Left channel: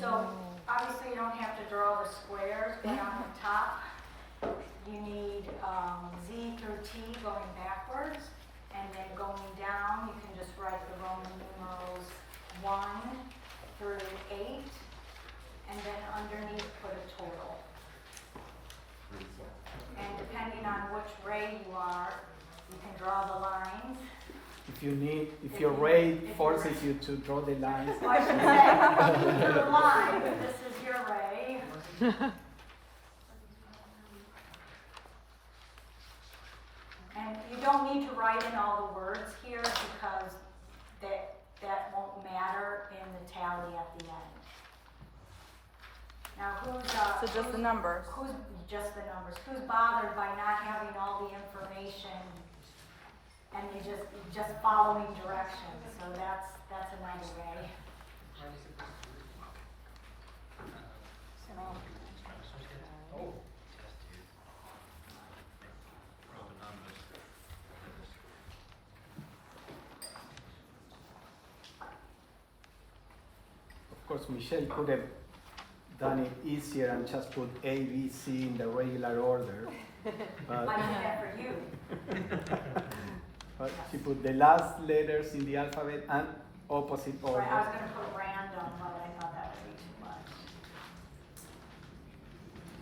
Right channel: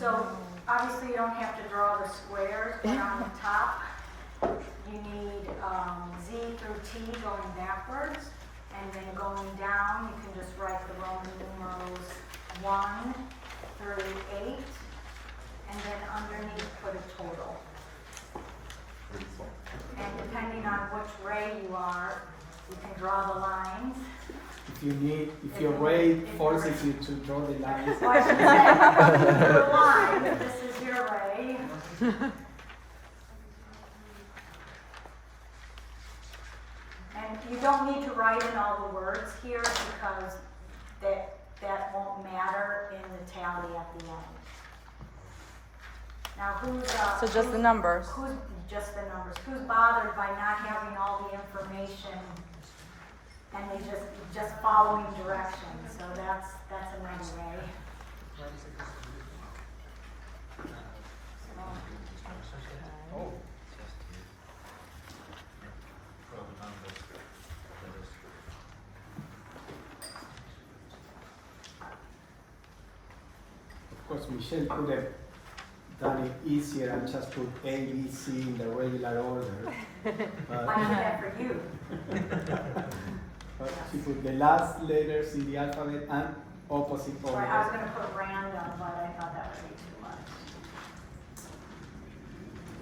So obviously you don't have to draw the squares, but on the top, you need Z through T going backwards, and then going down, you can just write the Roman numerals 1 through 8, and then underneath put a total. And depending on which ray you are, you can draw the lines. If your ray forces you to draw the lines. Well, I should say, your line, this is your ray. And you don't need to write in all the words here because that won't matter in the tally at the end. Now So just the numbers. Who's just the numbers? Who's bothered by not having all the information and they just following directions? So that's a nice way. Oh. Of course, Michele could have done it easier and just put A, B, C in the regular order. I did that for you. But she put the last letters in the alphabet and opposite order. I was going to put random, but I thought that would be too much.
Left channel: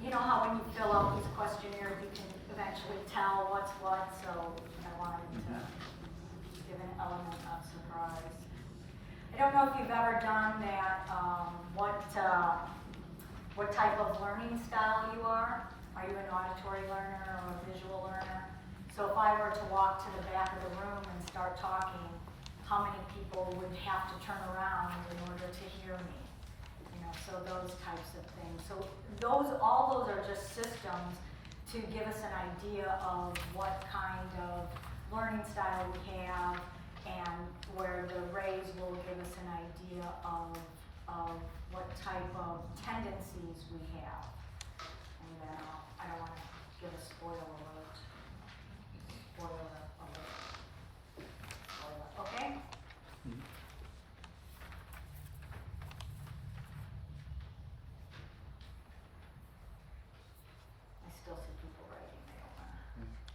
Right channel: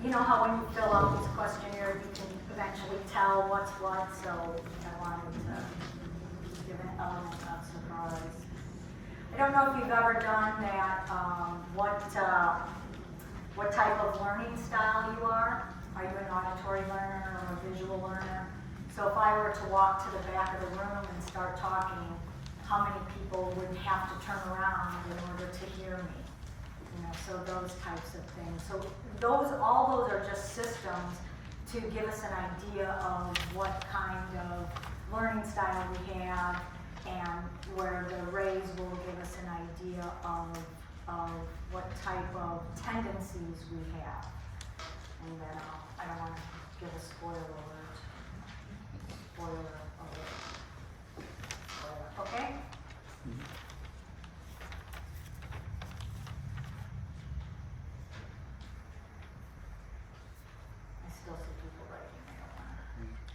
You know how when you fill out these questionnaires, you can eventually tell what's what, so I wanted to give an element of surprise. I don't know if you've ever done that, what type of learning style you are. Are you an auditory learner or a visual learner? So if I were to walk to the back of the room and start talking, how many people would have to turn around in order to hear me? You know, so those types of things. So all those are just systems to give us an idea of what kind of learning style we have, and where the rays will give us an idea of what type of tendencies we have. And then I don't want to give a spoiler alert. Okay? Mhm. I still see people writing there.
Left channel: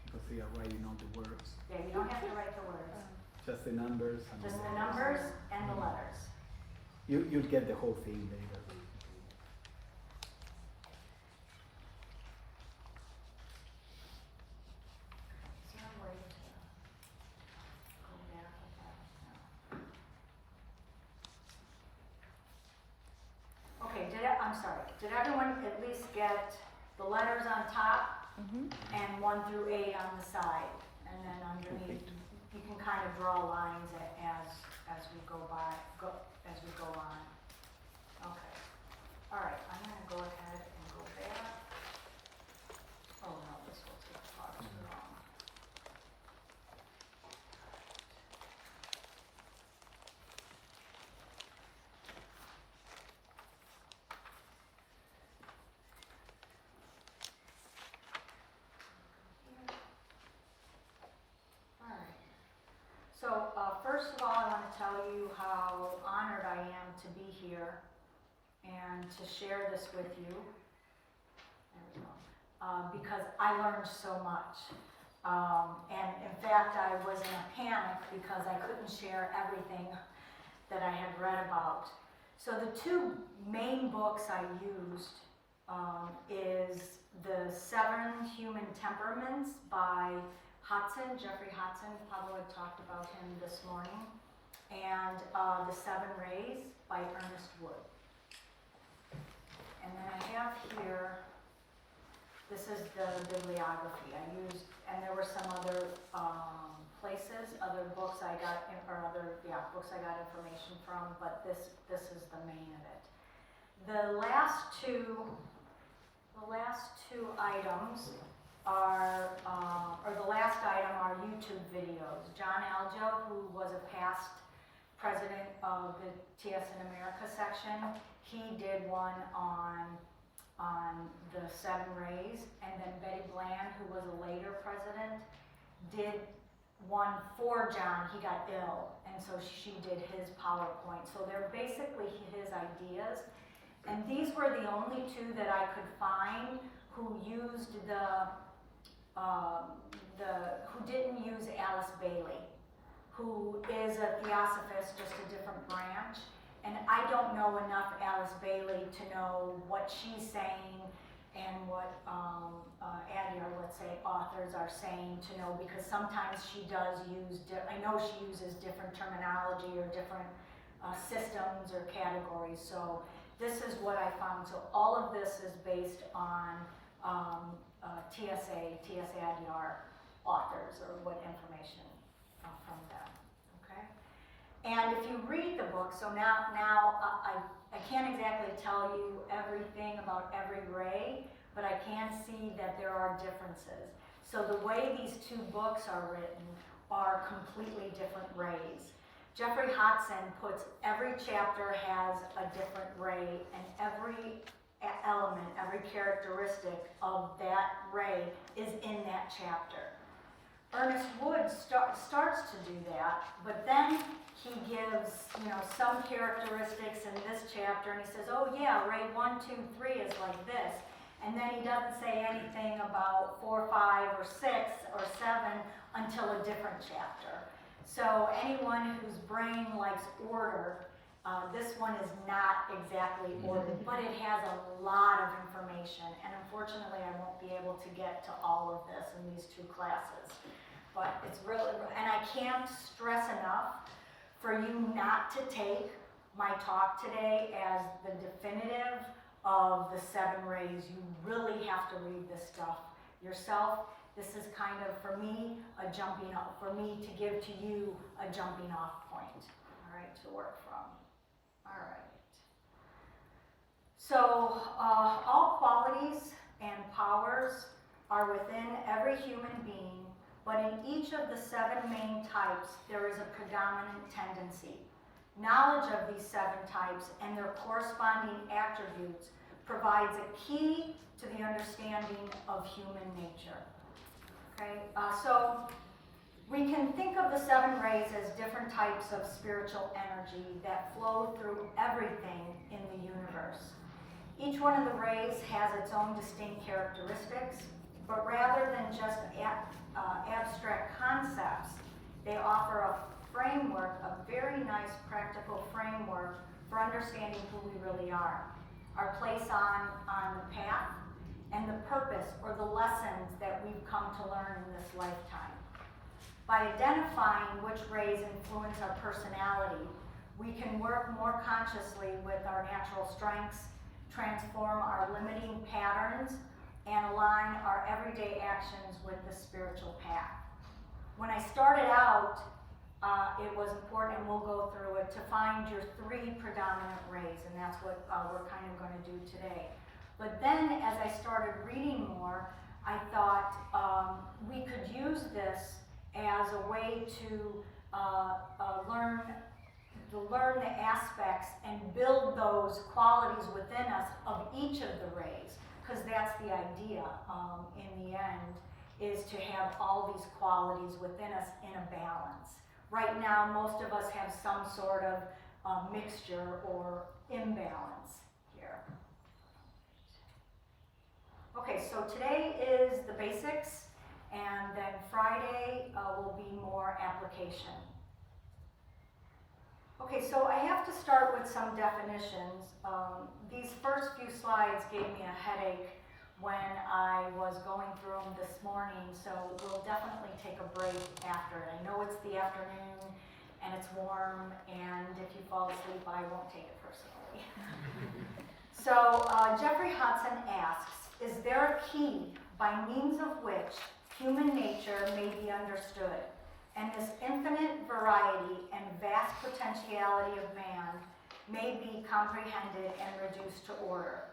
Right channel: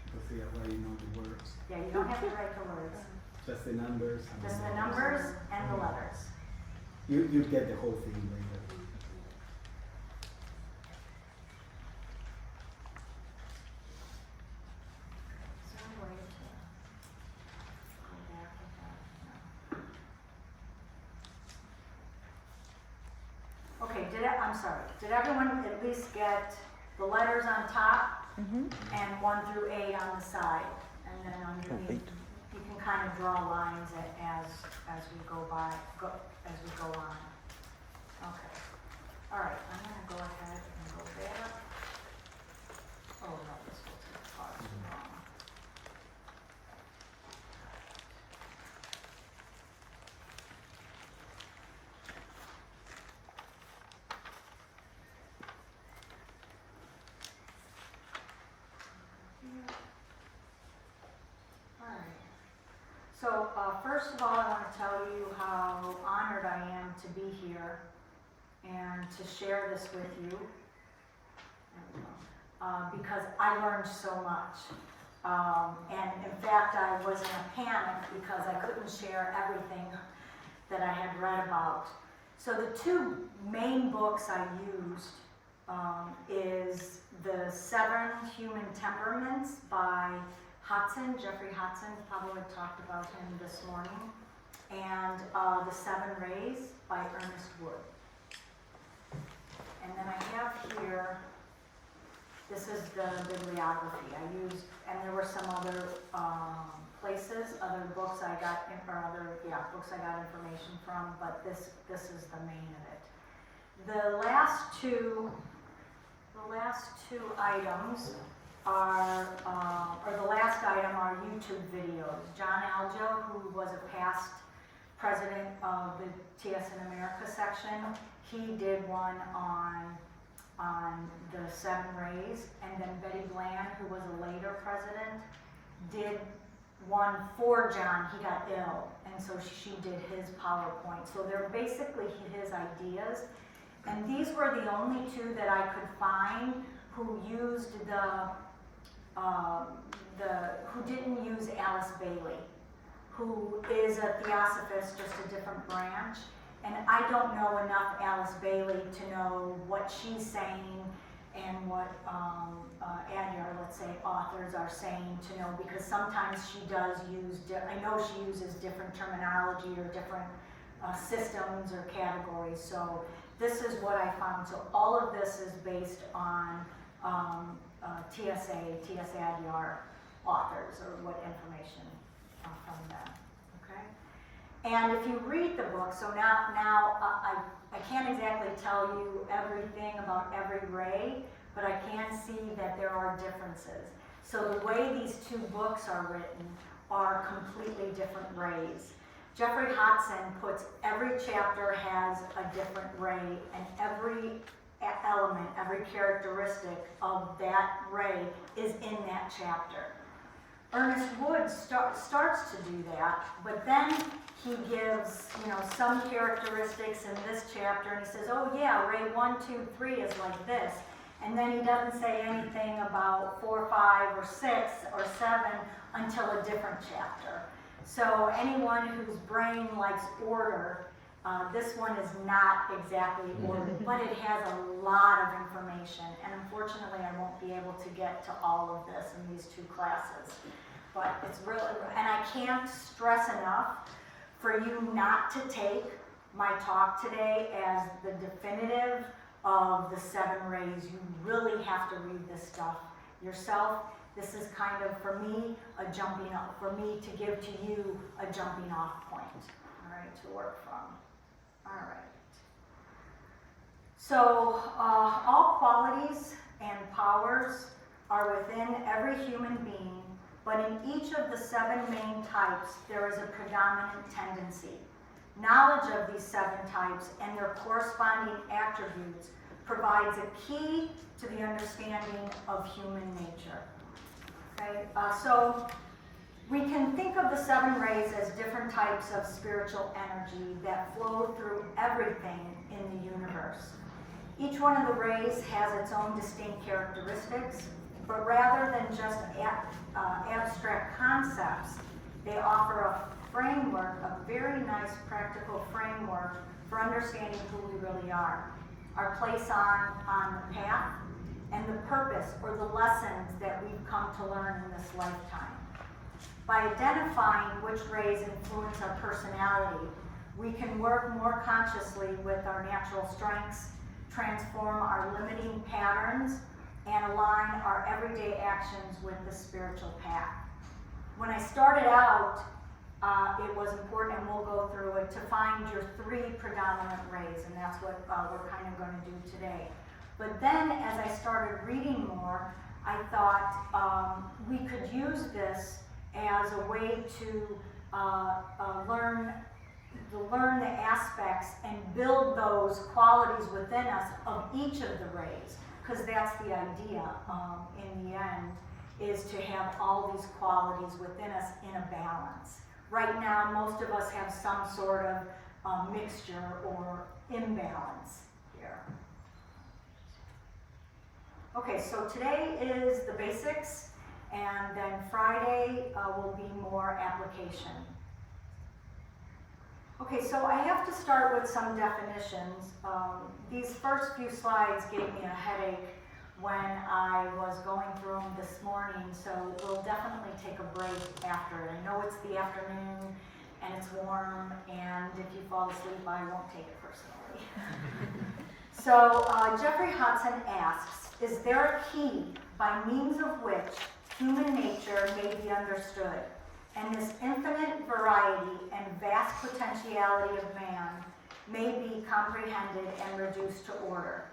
Because they are writing all the words. Yeah, you don't have to write the words. Just the numbers. And Just the letters. numbers and the letters. You'll get the whole thing later. Is there a way to go back with that? No. Okay, I'm sorry. Did everyone at least get the letters on top and 1 through 8 on the side? And then underneath, you can kind of draw lines as we go on. Okay. All right, I'm going to go ahead and go there. Oh no, this will take far too long. All right. So first of all, I want to tell you how honored I am to be here and to share this with you. There we go. Because I learned so much. And in fact, I was in a panic because I couldn't share everything that I had read about. So the two main books I used is the 7 Human Temperaments by Jeffrey Hudson, probably talked about him this morning, and the 7 Rays by Ernest Wood. And then I have here, this is the bibliography I used, and there were some other places, other books I got, books I got information from, but this is the main of it. The last two items are, or the last item are YouTube videos. John Aljo, who was a past president of the TS in America section, he did one on the 7 Rays, and then Betty Bland, who was a later president, did one for John. He got ill, and so she did his PowerPoint. So they're basically his ideas, And these were the only two that I could find who used who didn't use Alice Bailey, who is a Theosophist, just a different branch. And I don't know enough Alice Bailey to know what she's saying and what Adyar, let's say, authors are saying to know, because sometimes she does use, I know she uses different terminology or different systems or categories. So this is what I found. So all of this is based on TSA Adyar authors, or what information from them, okay? And if you read the book, so now I can't exactly tell you everything about every ray, but I can see that there are differences. So the way these two books are written are completely different rays. Jeffrey Hodson puts every chapter has a different ray, and every element, every characteristic of that ray is in that chapter. Ernest Wood starts to do that, but then he gives, some characteristics in this chapter, and he says, oh yeah, ray 1, 2, 3 is like this. And then he doesn't say anything about 4, 5, or 6, or 7 until a different chapter. So anyone whose brain likes order, this one is not exactly ordered, but it has a lot of information. And unfortunately, I won't be able to get to all of this in these two classes. But it's really, and I can't stress enough for you not to take my talk today as the definitive of the 7 rays. You really have to read this stuff yourself. This is kind of, for me, a jumping off, for me to give to you a jumping off point, all right, to work from. All right. So, all qualities and powers are within every human being, but in each of the 7 main types, there is a predominant tendency. Knowledge of these 7 types and their corresponding attributes provides a key to the understanding of human nature. Okay, so we can think of the 7 rays as different types of spiritual energy that flow through everything in the universe. Each one of the rays has its own distinct characteristics, but rather than just abstract concepts, they offer a framework, a very nice practical framework for understanding who we really are, our place on the path, and the purpose or the lessons that we've come to learn in this lifetime. By identifying which rays influence our personality, we can work more consciously with our natural strengths, transform our limiting patterns, and align our everyday actions with the spiritual path. When I started out, it was important, and we'll go through it, to find your 3 predominant rays, and that's what we're kind of going to do today. But then, as I started reading more, I thought we could use this as a way to learn the aspects and build those qualities within us of each of the rays, because that's the idea in the end, is to have all these qualities within us in a balance. Right now, most of us have some sort of mixture or imbalance here. Okay, so today is the basics, and then Friday will be more application. Okay, so I have to start with some definitions. These first few slides gave me a headache when I was going through them this morning, so we'll definitely take a break after it. I know it's the afternoon and it's warm, and if you fall asleep, I won't take it personally. So Jeffrey Hodson asks, is there a key by means of which human nature may be understood, and this infinite variety and vast potentiality of man may be comprehended and reduced to order?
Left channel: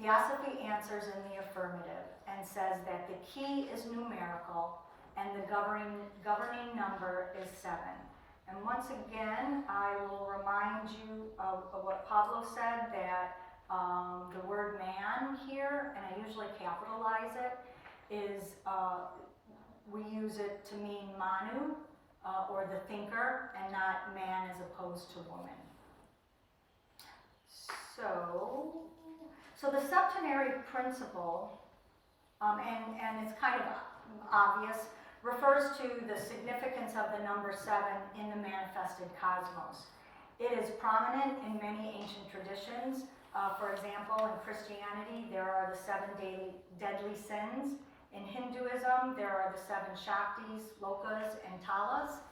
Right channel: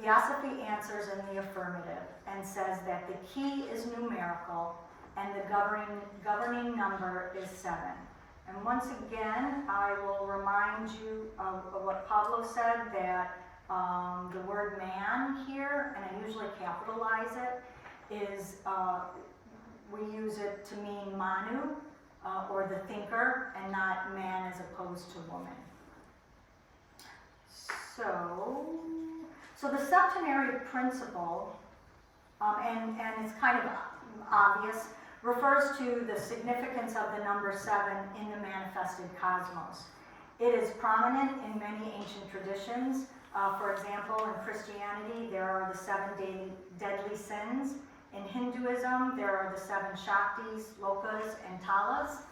Theosophy answers in the affirmative and says that the key is numerical and the governing number is 7. And once again, I will remind you of what Pablo said, that the word man here, and I usually capitalize it, is we use it to mean manu, or the thinker, and not man as opposed to woman. So the septenary principle, and it's kind of obvious, refers to the significance of the number 7 in the manifested cosmos. It is prominent in many ancient traditions. For example, in Christianity, there are the 7 deadly sins. In Hinduism, there are the 7 Shaktis, Lokas, and Talas.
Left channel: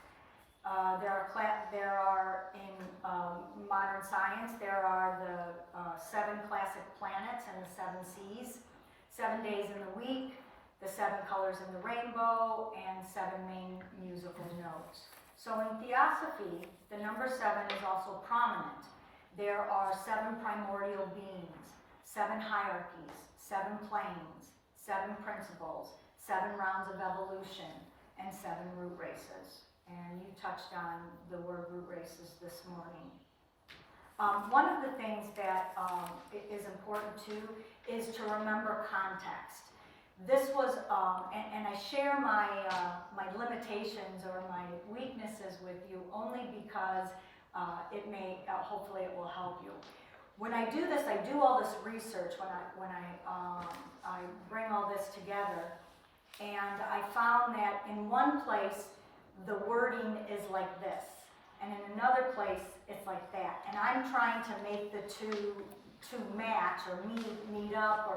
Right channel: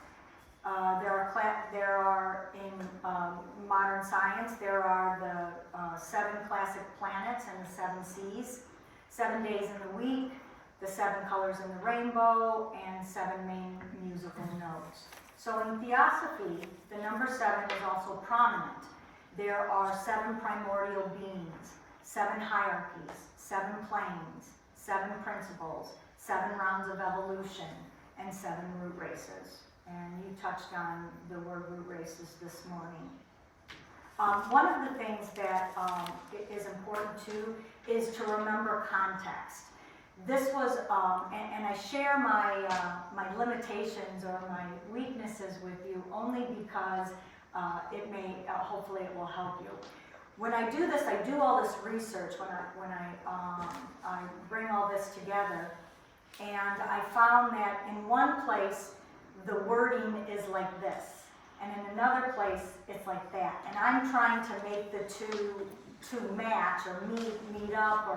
There are in modern science, there are the 7 classic planets and the 7 seas, 7 days in the week, the 7 colors in the rainbow, and 7 main musical notes. So in Theosophy, the number 7 is also prominent. There are 7 primordial beings, 7 hierarchies, 7 planes, 7 principles, 7 rounds of evolution, and 7 root races. And you touched on the word root races this morning. One of the things that is important too is to remember context. This was, and I share my limitations or my weaknesses with you only because it may, hopefully it will help you. When I do this, I do all this research when I bring all this together, and I found that in one place the wording is like this, and in another place it's like that, and I'm trying to make the two match or meet up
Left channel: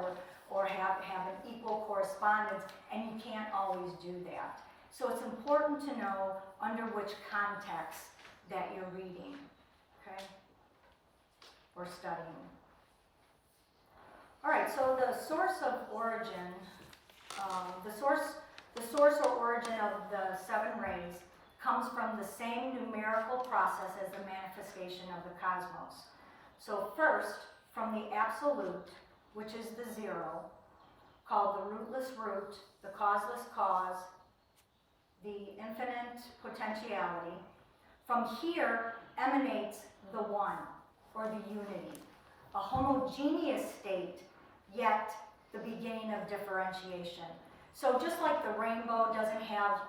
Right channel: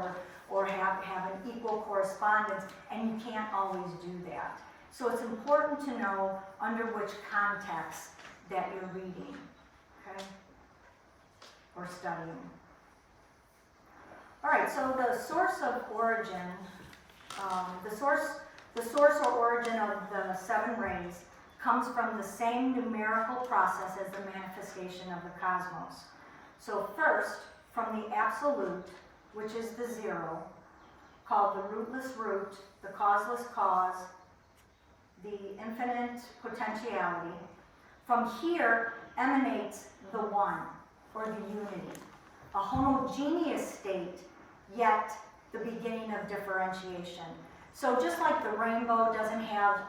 or have an equal correspondence, and you can't always do that. So it's important to know under which context that you're reading, okay, or studying. All right, so the source of origin, the source or origin of the 7 rays comes from the same numerical process as the manifestation of the cosmos. So first, from the absolute, which is the 0, called the rootless root, the causeless cause, the infinite potentiality. From here emanates the 1, or the unity, a homogeneous state, yet the beginning of differentiation. So just like the rainbow doesn't have,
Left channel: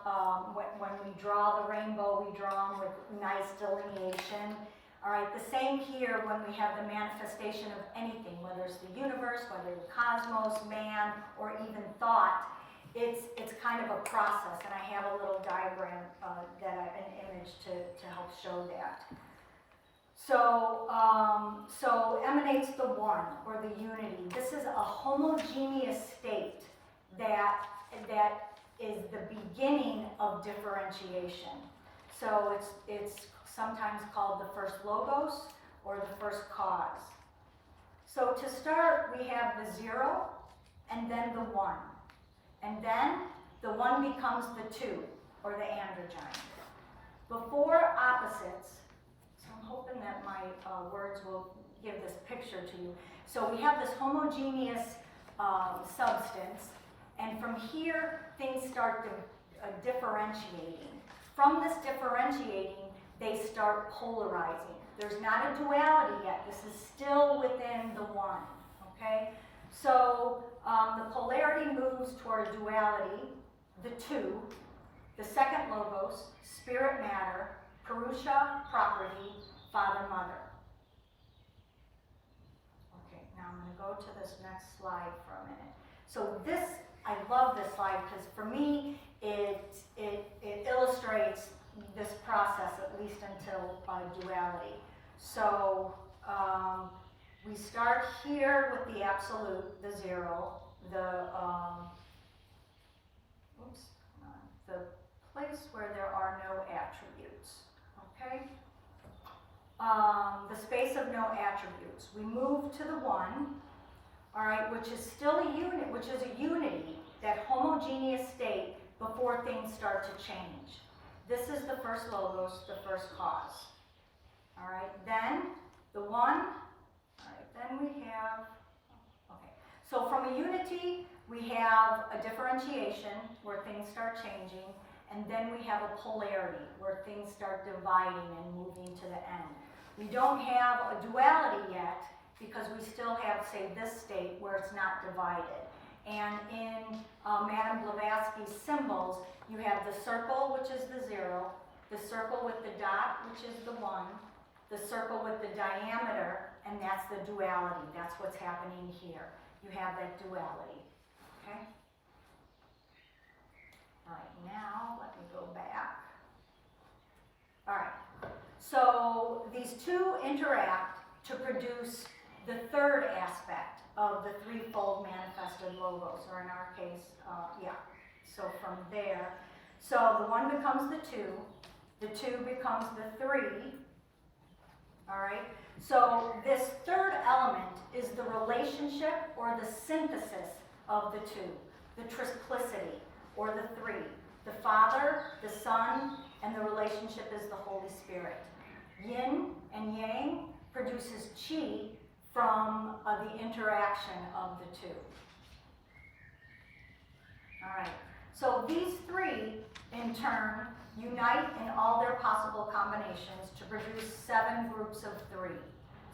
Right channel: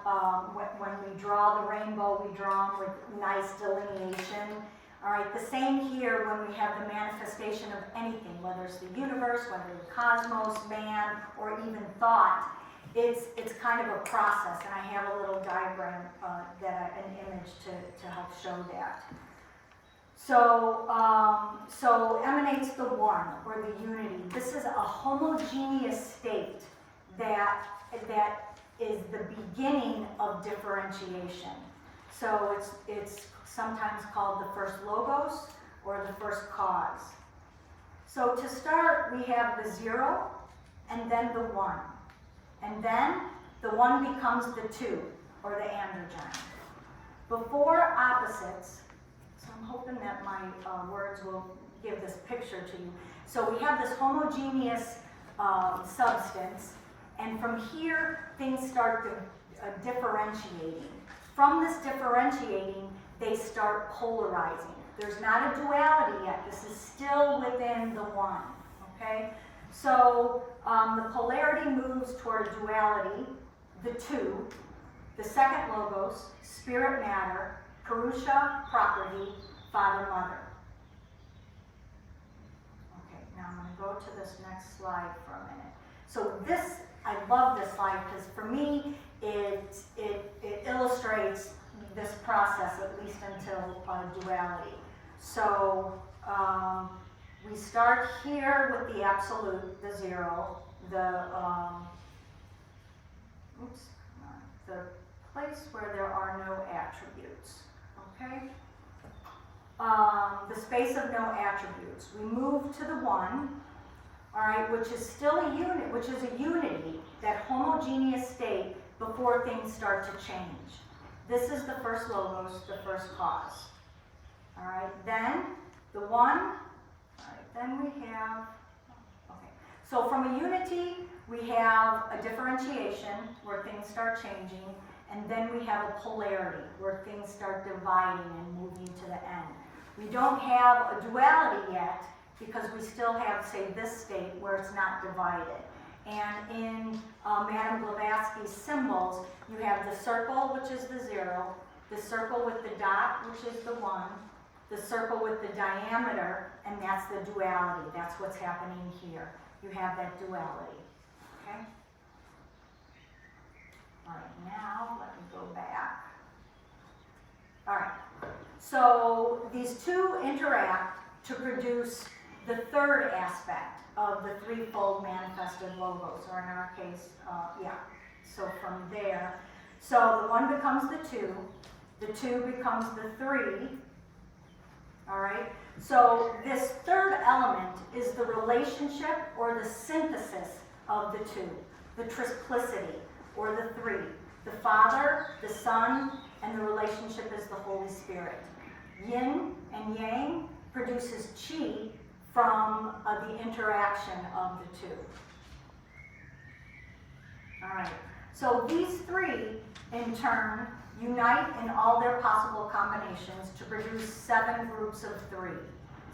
when we draw the rainbow, we draw them with nice delineation. All right, the same here when we have the manifestation of anything, whether it's the universe, whether the cosmos, man, or even thought, it's kind of a process, and I have a little diagram, an image to help show that. So emanates the 1, or the unity. This is a homogeneous state that is the beginning of differentiation. So it's sometimes called the first logos or the first cause. So to start, we have the 0 and then the 1. And then the 1 becomes the 2, or the androgyne. Before opposites, so I'm hoping that my words will give this picture to you. So we have this homogeneous substance, and from here things start differentiating. From this differentiating, they start polarizing. There's not a duality yet. This is still within the 1, okay? So the polarity moves toward a duality, the 2, the second logos, spirit matter, Purusha, property, father, mother. Okay, now I'm going to go to this next slide for a minute. So this, I love this slide because for me, it illustrates this process, at least until duality. So we start here with the absolute, the 0, the place where there are no attributes, okay? The space of no attributes. We move to the 1, all right, which is still a unit, which is a unity, that homogeneous state before things start to change. This is the first logos, the first cause. All right, then the 1, all right, then we have, okay. So from a unity, we have a differentiation where things start changing, and then we have a polarity where things start dividing and moving to the end. We don't have a duality yet because we still have, say, this state where it's not divided. And in Madame Blavatsky's symbols, you have the circle, which is the 0, the circle with the dot, which is the 1, the circle with the diameter, and that's the duality. That's what's happening here. You have that duality, okay? All right, now let me go back. All right, so these two interact to produce the third aspect of the threefold manifested logos, or in our case, so from there. So the one becomes the two becomes the three, all right? So this third element is the relationship or the synthesis of the two, the triplicity or the three, the Father, the Son, and the relationship is the Holy Spirit. Yin and Yang produces Qi from the interaction of the two. All right, so these three in turn unite in all their possible combinations to produce 7 groups of 3.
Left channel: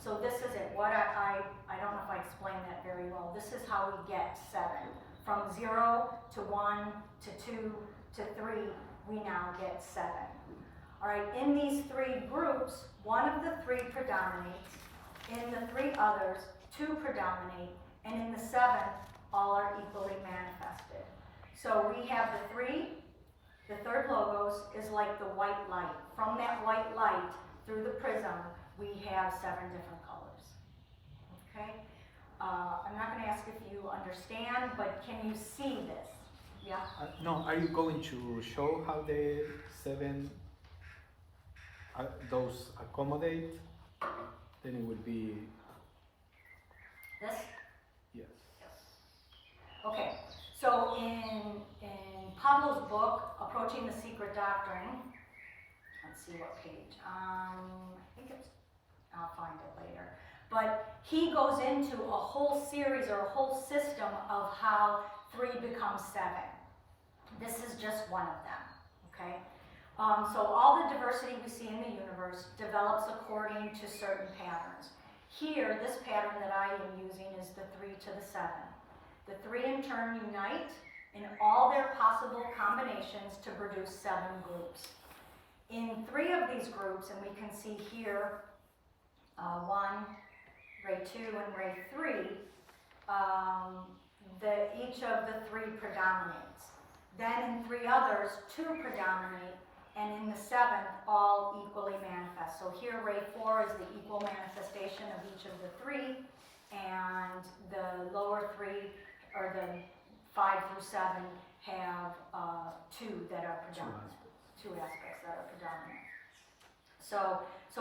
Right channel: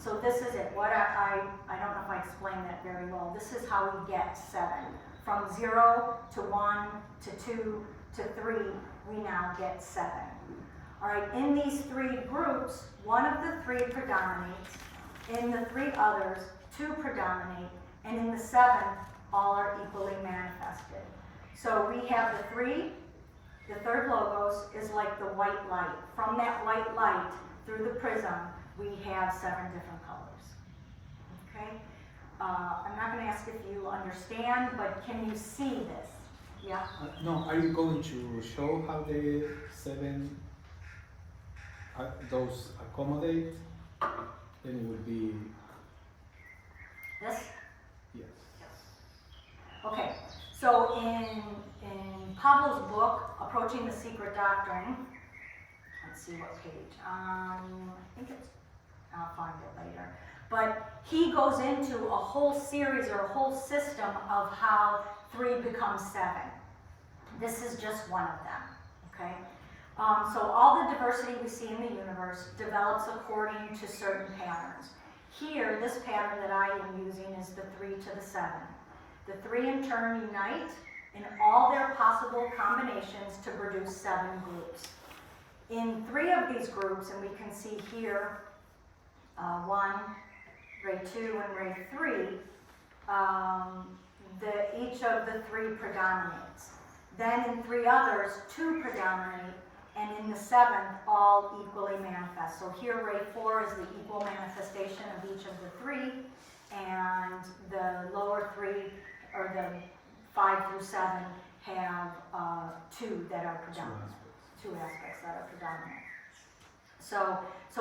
So this is it. What I don't know if I explained that very well. This is how we get 7. From 0 to 1 to 2 to 3, we now get 7. All right, in these 3 groups, one of the 3 predominates. In the 3 others, 2 predominate. And in the 7th, all are equally manifested. So we have the 3. The third logos is like the white light. From that white light, through the prism, we have 7 different colors. Okay? I'm not going to ask if you understand, but can you see this? Yeah? No, are you going to show how the 7 those accommodate? Then it would be This? yes. Okay. So in Pablo's book, Approaching the Secret Doctrine, let's see what page. I think it's, I'll find it later. But he goes into a whole series or a whole system of how 3 becomes 7. This is just one of them, okay? So all the diversity we see in the universe develops according to certain patterns. Here, this pattern that I am using is the 3 to the 7. The 3 in turn unite in all their possible combinations to produce 7 groups. In 3 of these groups, and we can see here, 1, ray 2, and ray 3, each of the 3 predominates. Then in 3 others, 2 predominate, and in the 7th, all equally manifest. So here, ray 4 is the equal manifestation of each of the 3, and the lower 3, or the 5 through 7, have 2 that are predominant. 2 aspects that are predominant. So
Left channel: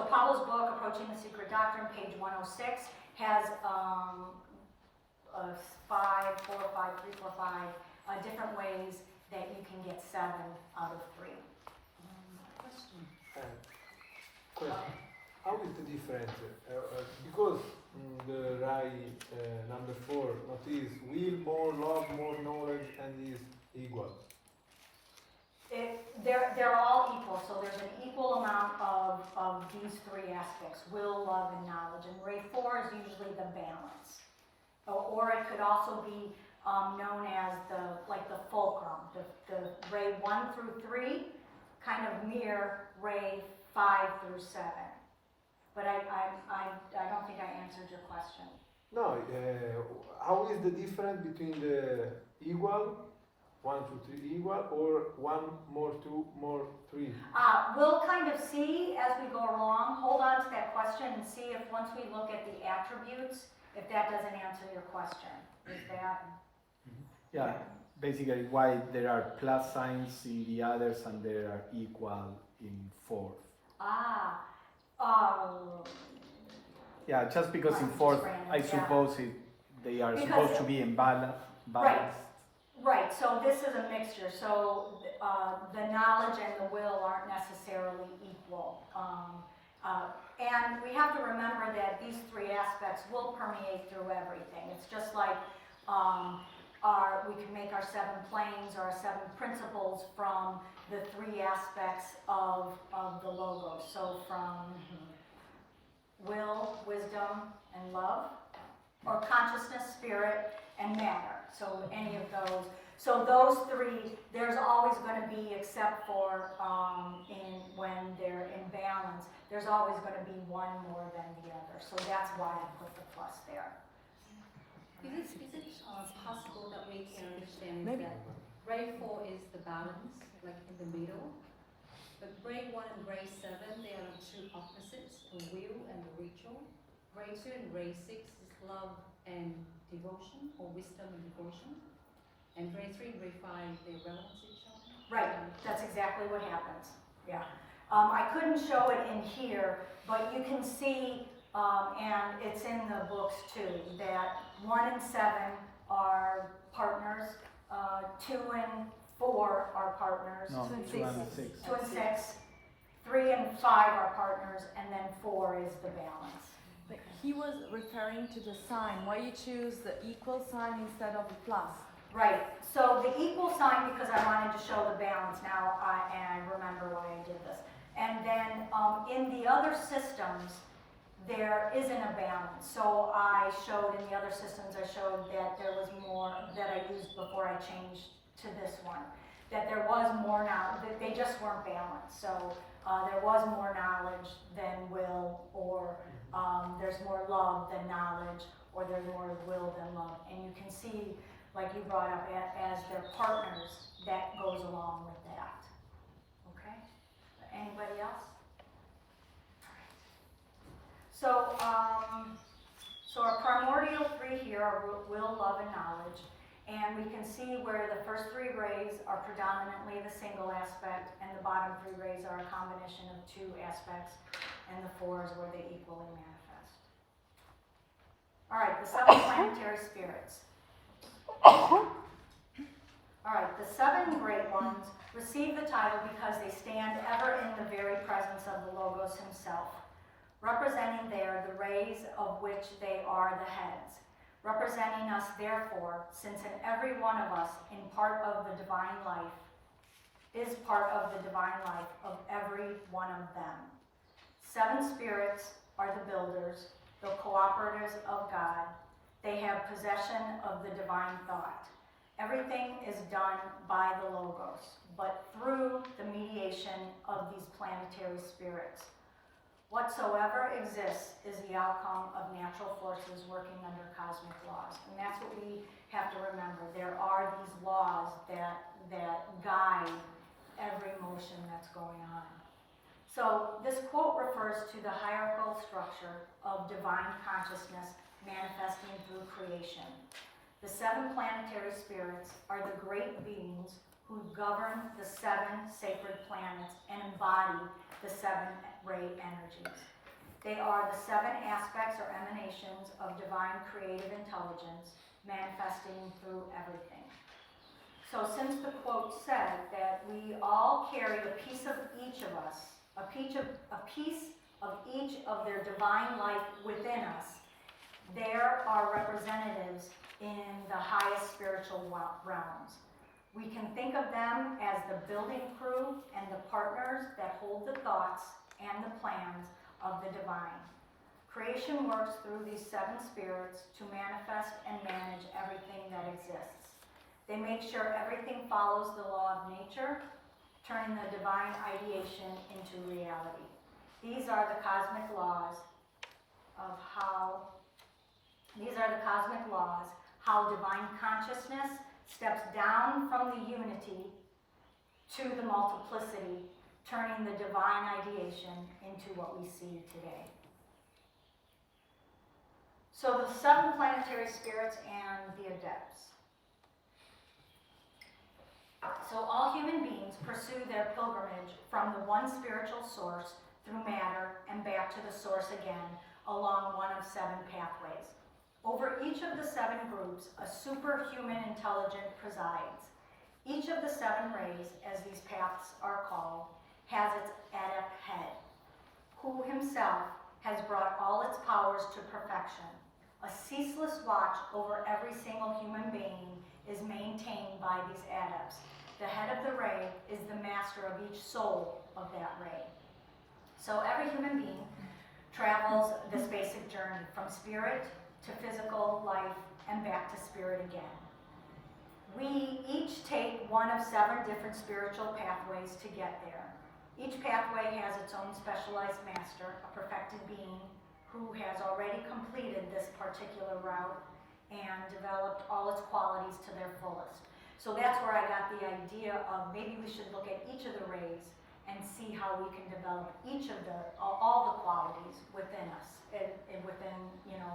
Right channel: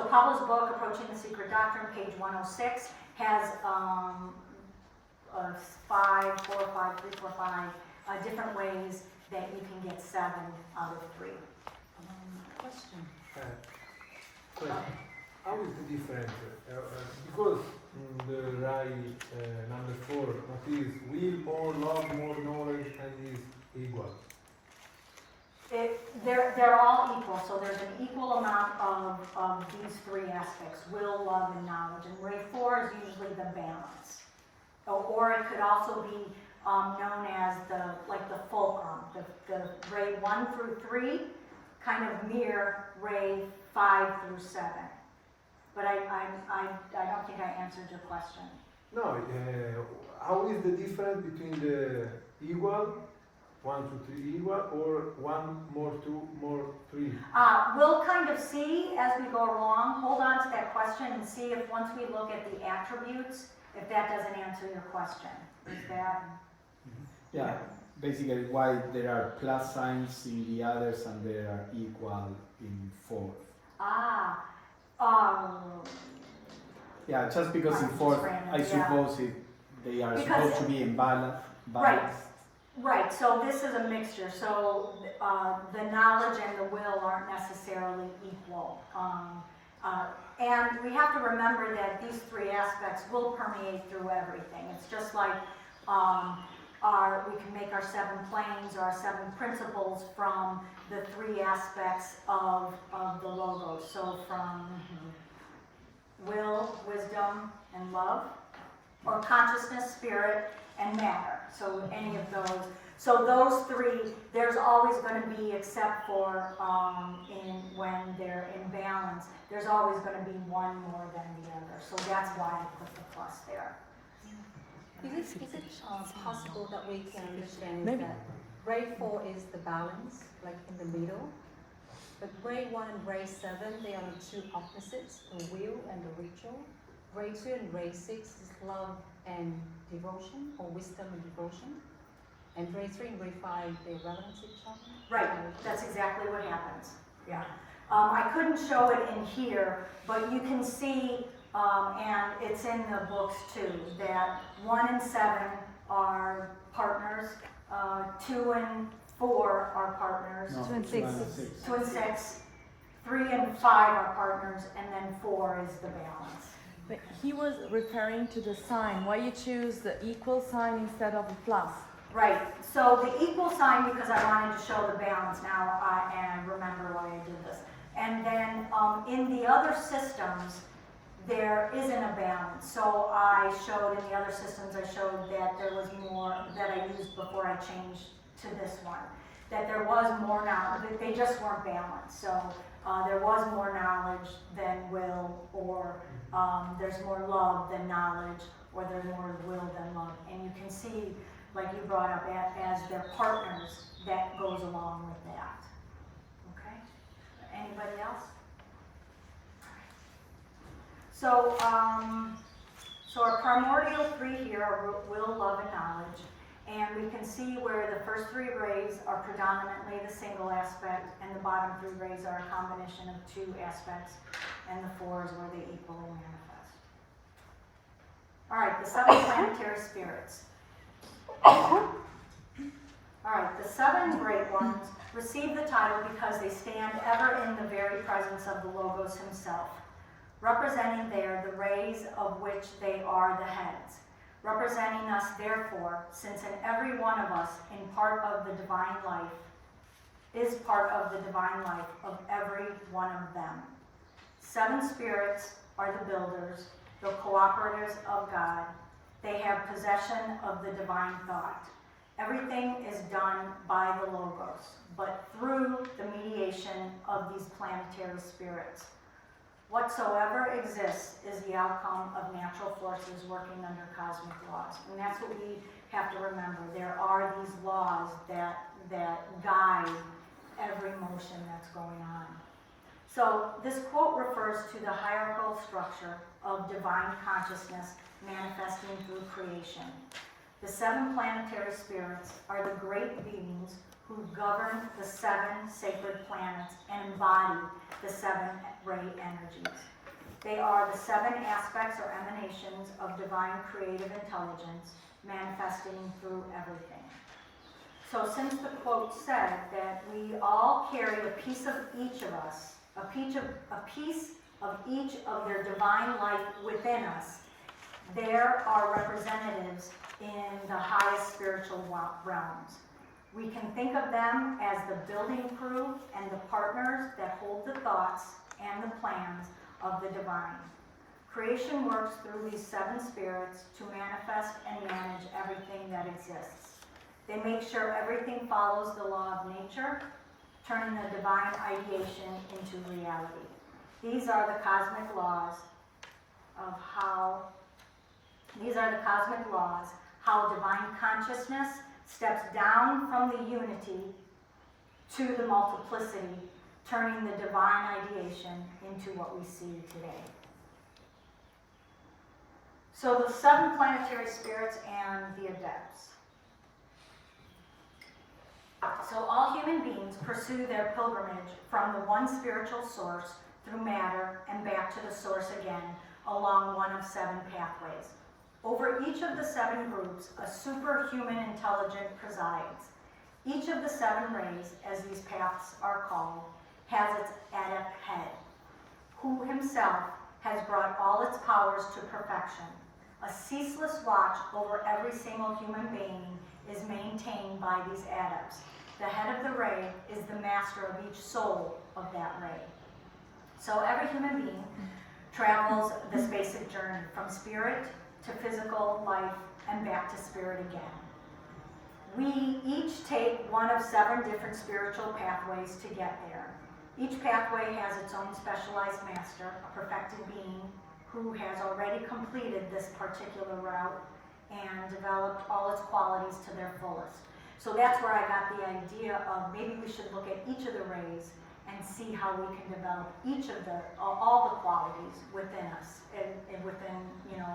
Pablo's book, Approaching the Secret Doctrine, page 106, has 5, 4, 5, 3, 4, 5 different ways that you can get 7 out of 3. Question? How is the difference? Because the right number 4, what is will, more love, more knowledge, and is equal. They're all equal, so there's an equal amount of these 3 aspects, will, love, and knowledge. And ray 4 is usually the balance. Or it could also be known as the fulcrum. The ray 1 through 3 kind of mirror ray 5 through 7. But I don't think I answered your question. No, how is the difference between the equal, 1 to 3 equal, or 1 more 2 more 3? We'll kind of see as we go along. Hold on to that question and see if once we look at the attributes, if that doesn't answer your question. Is that? Yeah, basically why there are plus signs in the others and they are equal in 4. Yeah, just because in 4, I suppose they are supposed to be in balance. Right, so this is a mixture. So the knowledge and the will aren't necessarily equal. And we have to remember that these 3 aspects will permeate through everything. It's just like we can make our 7 planes or our 7 principles from the 3 aspects of the logos. So from will, wisdom, and love, or consciousness, spirit, and matter. So any of those. So those 3, there's always going to be, except for when they're in balance, there's always going to be one more than the other. So that's why I put the plus there. Is it possible that we can understand Maybe. that ray 4 is the balance, like in the middle, but ray 1 and ray 7, they are the two opposites, the will and the ritual. Ray 2 and ray 6 is love and devotion, or wisdom and devotion. And ray 3 and ray 5, they balance each other. Right, that's exactly what happens. Yeah. I couldn't show it in here, but you can see, and it's in the books too, that 1 and 7 are partners, 2 and 4 are partners, No, 2 and 2 and 6. 2 and 6, 3 and 5 are partners, and then 4 is the balance. But he was referring to the sign. Why you choose the equal sign instead of the plus? Right, so the equal sign, because I wanted to show the balance now, and I remember why I did this. And then in the other systems, there isn't a balance. So I showed in the other systems, I showed that there was more that I used before I changed to this one. That there was more now, they just weren't balanced. So there was more knowledge than will, or there's more love than knowledge, or there's more will than love. And you can see, like you brought up, as their partners, that goes along with that. Okay? Anybody else? So, so our primordial 3 here are will, love, and knowledge. And we can see where the first 3 rays are predominantly the single aspect, and the bottom 3 rays are a combination of 2 aspects, and the 4s where they equally manifest. All right, the 7 planetary spirits. All right, the 7 great ones receive the title because they stand ever in the very presence of the Logos himself, representing there the rays of which they are the heads, representing us therefore, since in every one of us in part of the divine life is part of the divine life of every one of them. 7 spirits are the builders, the cooperators of God. They have possession of the divine thought. Everything is done by the Logos, but through the mediation of these planetary spirits. Whatsoever exists is the outcome of natural forces working under cosmic laws. And that's what we have to remember. There are these laws that guide every motion that's going on. So this quote refers to the hierarchical structure of divine consciousness manifesting through creation. The 7 planetary spirits are the great beings who govern the 7 sacred planets and embody the 7 ray energies. They are the 7 aspects or emanations of divine creative intelligence manifesting through everything. So since the quote said that we all carry a piece of each of us, a piece of each of their divine life within us, there are representatives in the highest spiritual realms. We can think of them as the building crew and the partners that hold the thoughts and the plans of the divine. Creation works through these 7 spirits to manifest and manage everything that exists. They make sure everything follows the law of nature, turning the divine ideation into reality. These are the cosmic laws of how divine consciousness steps down from the unity to the multiplicity, turning the divine ideation into what we see today. So the 7 planetary spirits and the adepts. So all human beings pursue their pilgrimage from the one spiritual source through matter and back to the source again along one of 7 pathways. Over each of the 7 groups, a superhuman intelligence presides. Each of the 7 rays, as these paths are called, has its adept head, who himself has brought all its powers to perfection. A ceaseless watch over every single human being is maintained by these adepts. The head of the ray is the master of each soul of that ray. So every human being travels this basic journey from spirit to physical life and back to spirit again. We each take one of 7 different spiritual pathways to get there. Each pathway has its own specialized master, a perfected being who has already completed this particular route and developed all its qualities to their fullest. So that's where I got the idea of maybe we should look at each of the rays and see how we can develop each of all the qualities within us and within, you know,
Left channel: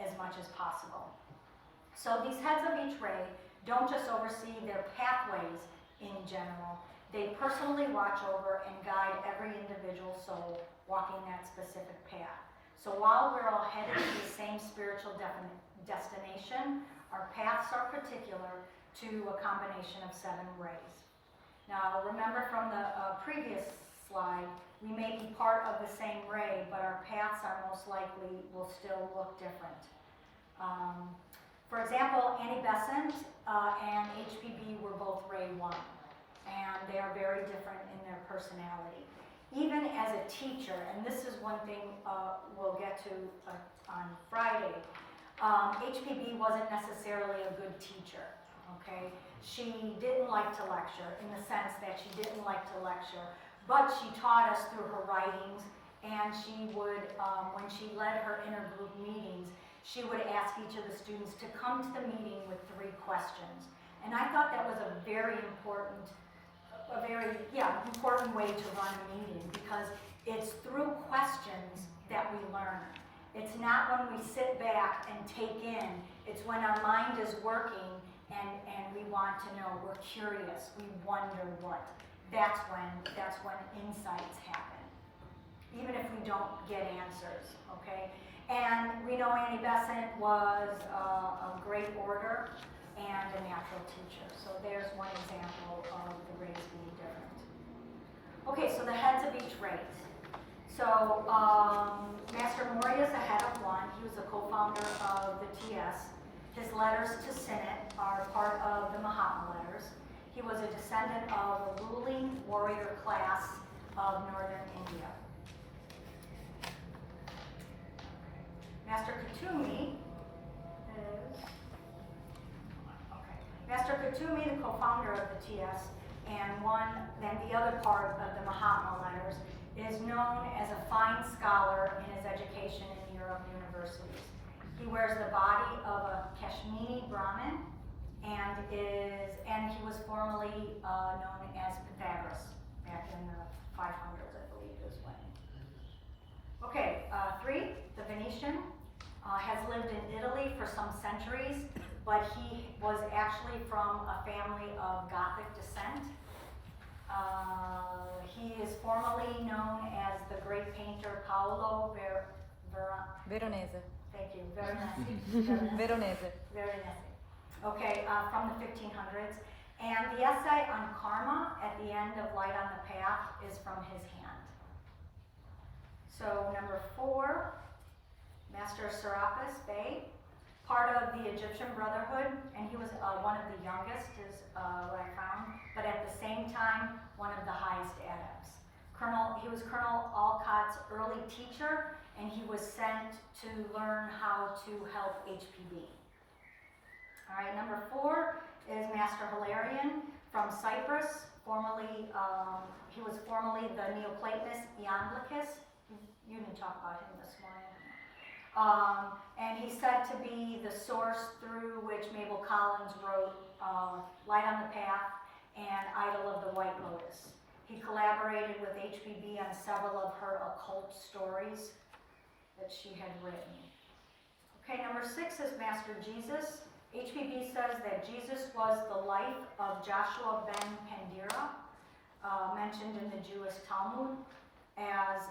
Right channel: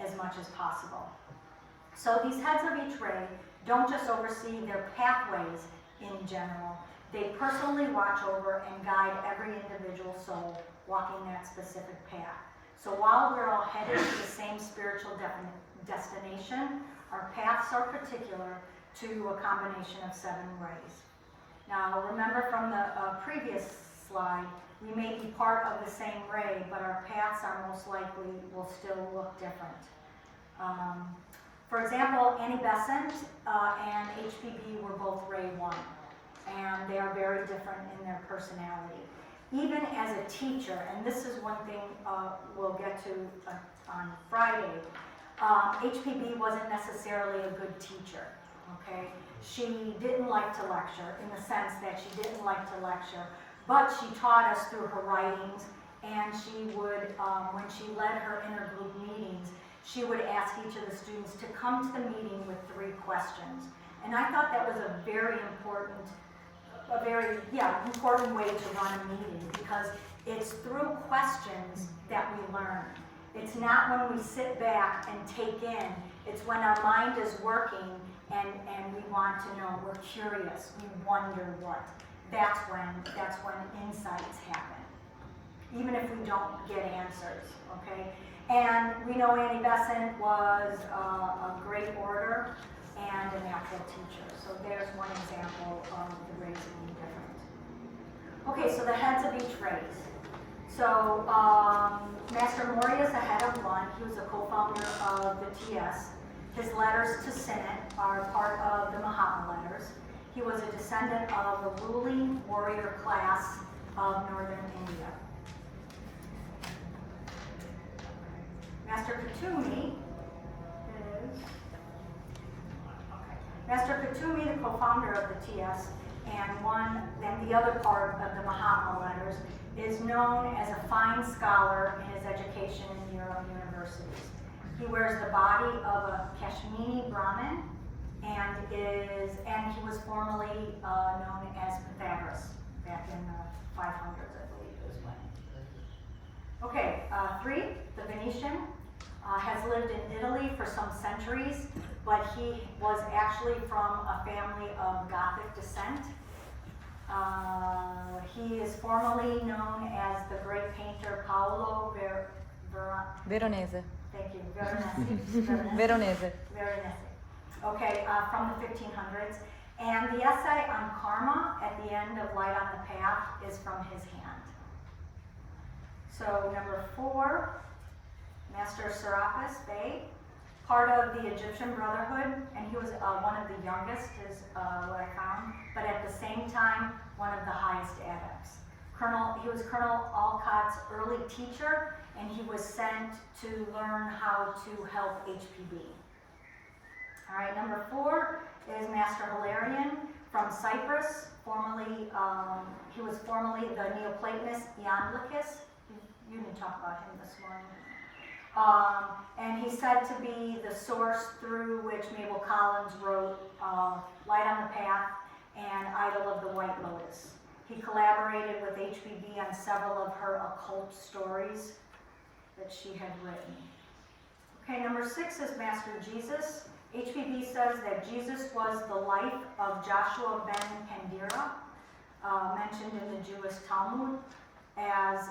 as much as possible. So these heads of each ray don't just oversee their pathways in general, they personally watch over and guide every individual soul walking that specific path. So while we're all headed to the same spiritual destination, our paths are particular to a combination of 7 rays. Now remember from the previous slide, we may be part of the same ray, but our paths are most likely will still look different. For example, Annie Besant and HPB were both ray 1, and they are very different in their personality. Even as a teacher, and this is one thing we'll get to on Friday, HPB wasn't necessarily a good teacher, okay? She didn't like to lecture in the sense that she didn't like to lecture, but she taught us through her writings, and she would, when she led her intergroup meetings, she would ask each of the students to come to the meeting with 3 questions. And I thought that was a very important way to run a meeting, because it's through questions that we learn. It's not when we sit back and take in, it's when our mind is working and we want to know, we're curious, we wonder what. That's when insights happen, even if we don't get answers, okay? And we know Annie Besant was a great orator and a natural teacher. So there's one example of the rays being different. Okay, so the heads of each race. So Master Moria is the head of 1. He was a co-founder of the TS. His letters to Synod are part of the Mahatma letters. He was a descendant of a ruling warrior class of northern India. Master Kutumi is Master Kutumi, the co-founder of the TS, and the other part of the Mahatma letters, is known as a fine scholar in his education in Europe universities. He wears the body of a Kashmiri Brahmin, and he was formerly known as Pythagoras back in the 500s, I believe it was when. Okay, 3, the Venetian, has lived in Italy for some centuries, but he was actually from a family of Gothic descent. He is formerly known as the great painter Paolo Veronese. Thank you, Veronese. Veronese. Veronese. Okay, from the 1500s. And the essay on karma at the end of Light on the Path is from his hand. So number 4, Master Serapis Bey, part of the Egyptian Brotherhood, and he was one of the youngest, is what I found, but at the same time, one of the highest adepts. He was Colonel Alcott's early teacher, and he was sent to learn how to help HPB. All right, number 4 is Master Hilarion from Cyprus. He was formerly the Neoplatonist Iamblichus. You didn't talk about him this morning. And he's said to be the source through which Mabel Collins wrote Light on the Path and Idol of the White Lotus. He collaborated with HPB on several of her occult stories that she had written. Okay, number 6 is Master Jesus. HPB says that Jesus was the life of Joshua ben Pandira, mentioned in the Jewish Talmud, as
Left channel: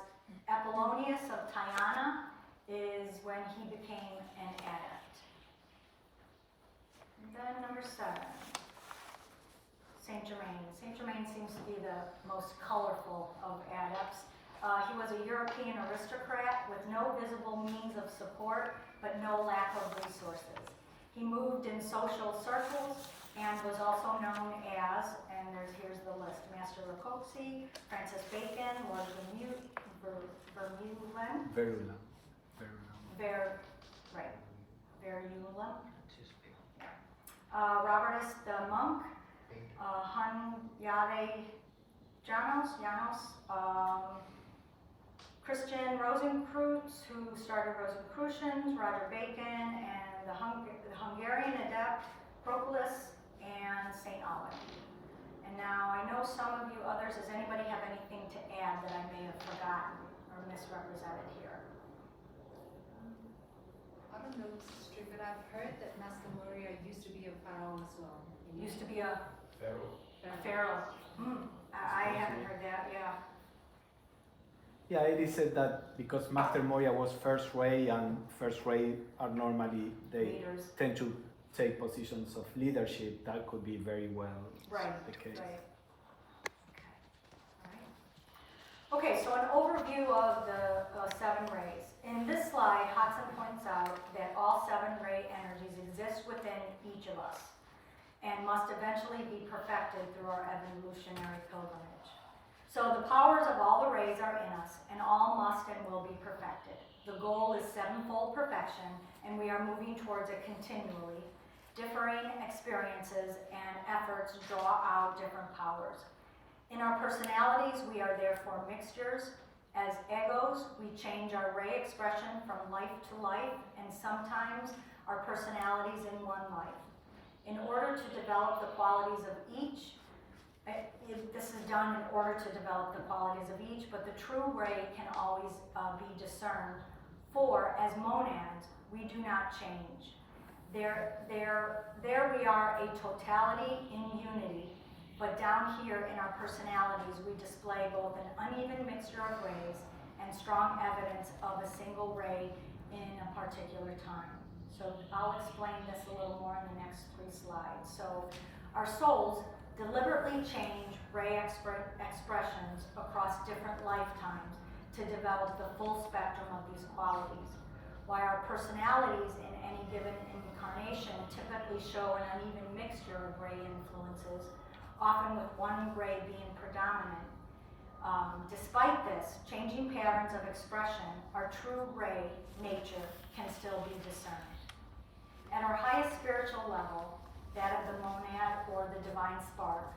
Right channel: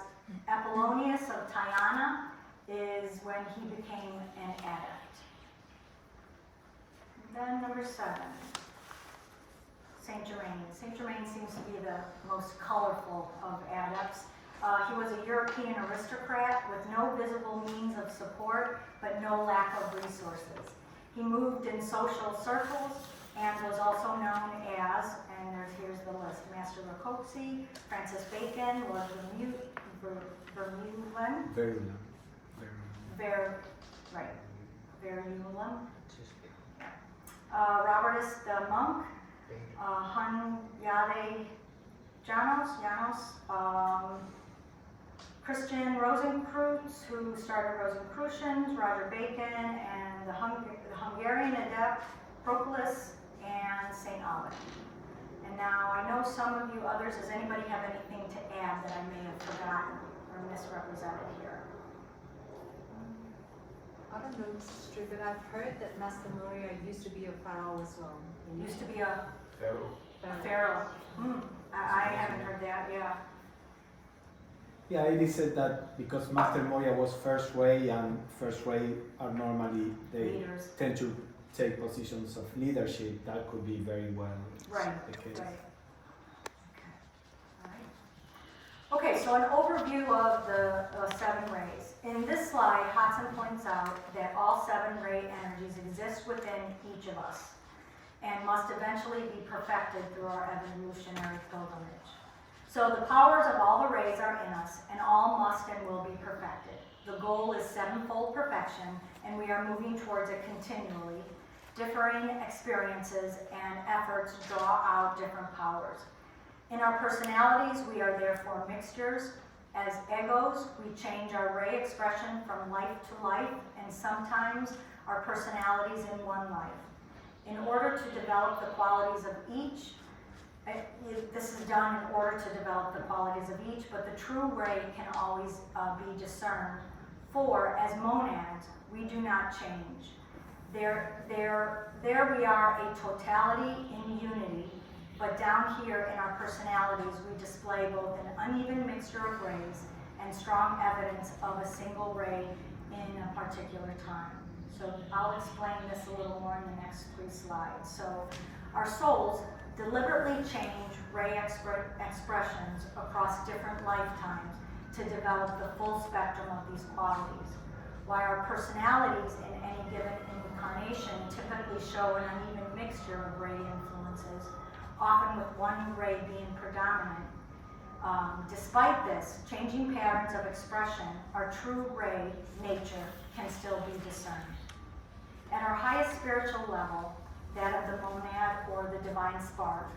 Apollonius of Tyana is when he became an adept. And then number 7, Saint Germain. Saint Germain seems to be the most colorful of adepts. He was a European aristocrat with no visible means of support, but no lack of resources. He moved in social circles and was also known as, and here's the list, Master Rocosi, Francis Bacon, Lord Vermeulen, Robertus the monk, Hunyade Janos, Christian Rosenkreutz, who started Rosicrucians, Roger Bacon, and the Hungarian adept Proclus, and St. Alban. And now I know some of you others, does anybody have anything to add that I may have forgotten or misrepresented here? I don't know if it's true, but I've heard that Master Moria used to be a pharaoh as well. Used to be a Pharaoh. pharaoh. I haven't heard that, yeah. Yeah, it is said that because Master Moria was first ray, and first ray are normally, they Leaders. tend to take positions of leadership, that could be very well Right, the case. right. Okay, so an overview of the 7 rays. In this slide, Hodson points out that all 7 ray energies exist within each of us and must eventually be perfected through our evolutionary pilgrimage. So the powers of all the rays are in us, and all must and will be perfected. The goal is 7-fold perfection, and we are moving towards it continually. Differing experiences and efforts draw out different powers. In our personalities, we are therefore mixtures. As egos, we change our ray expression from life to life, and sometimes our personalities in one life. In order to develop the qualities of each, this is done in order to develop the qualities of each, but the true ray can always be discerned. For, as monads, we do not change. There we are a totality in unity, but down here in our personalities, we display both an uneven mixture of rays and strong evidence of a single ray in a particular time. So I'll explain this a little more in the next 3 slides. So our souls deliberately change ray expressions across different lifetimes to develop the full spectrum of these qualities. While our personalities in any given incarnation typically show an uneven mixture of ray influences, often with one ray being predominant. Despite this, changing patterns of expression, our true ray nature can still be discerned. At our highest spiritual level, that of the monad or the divine spark,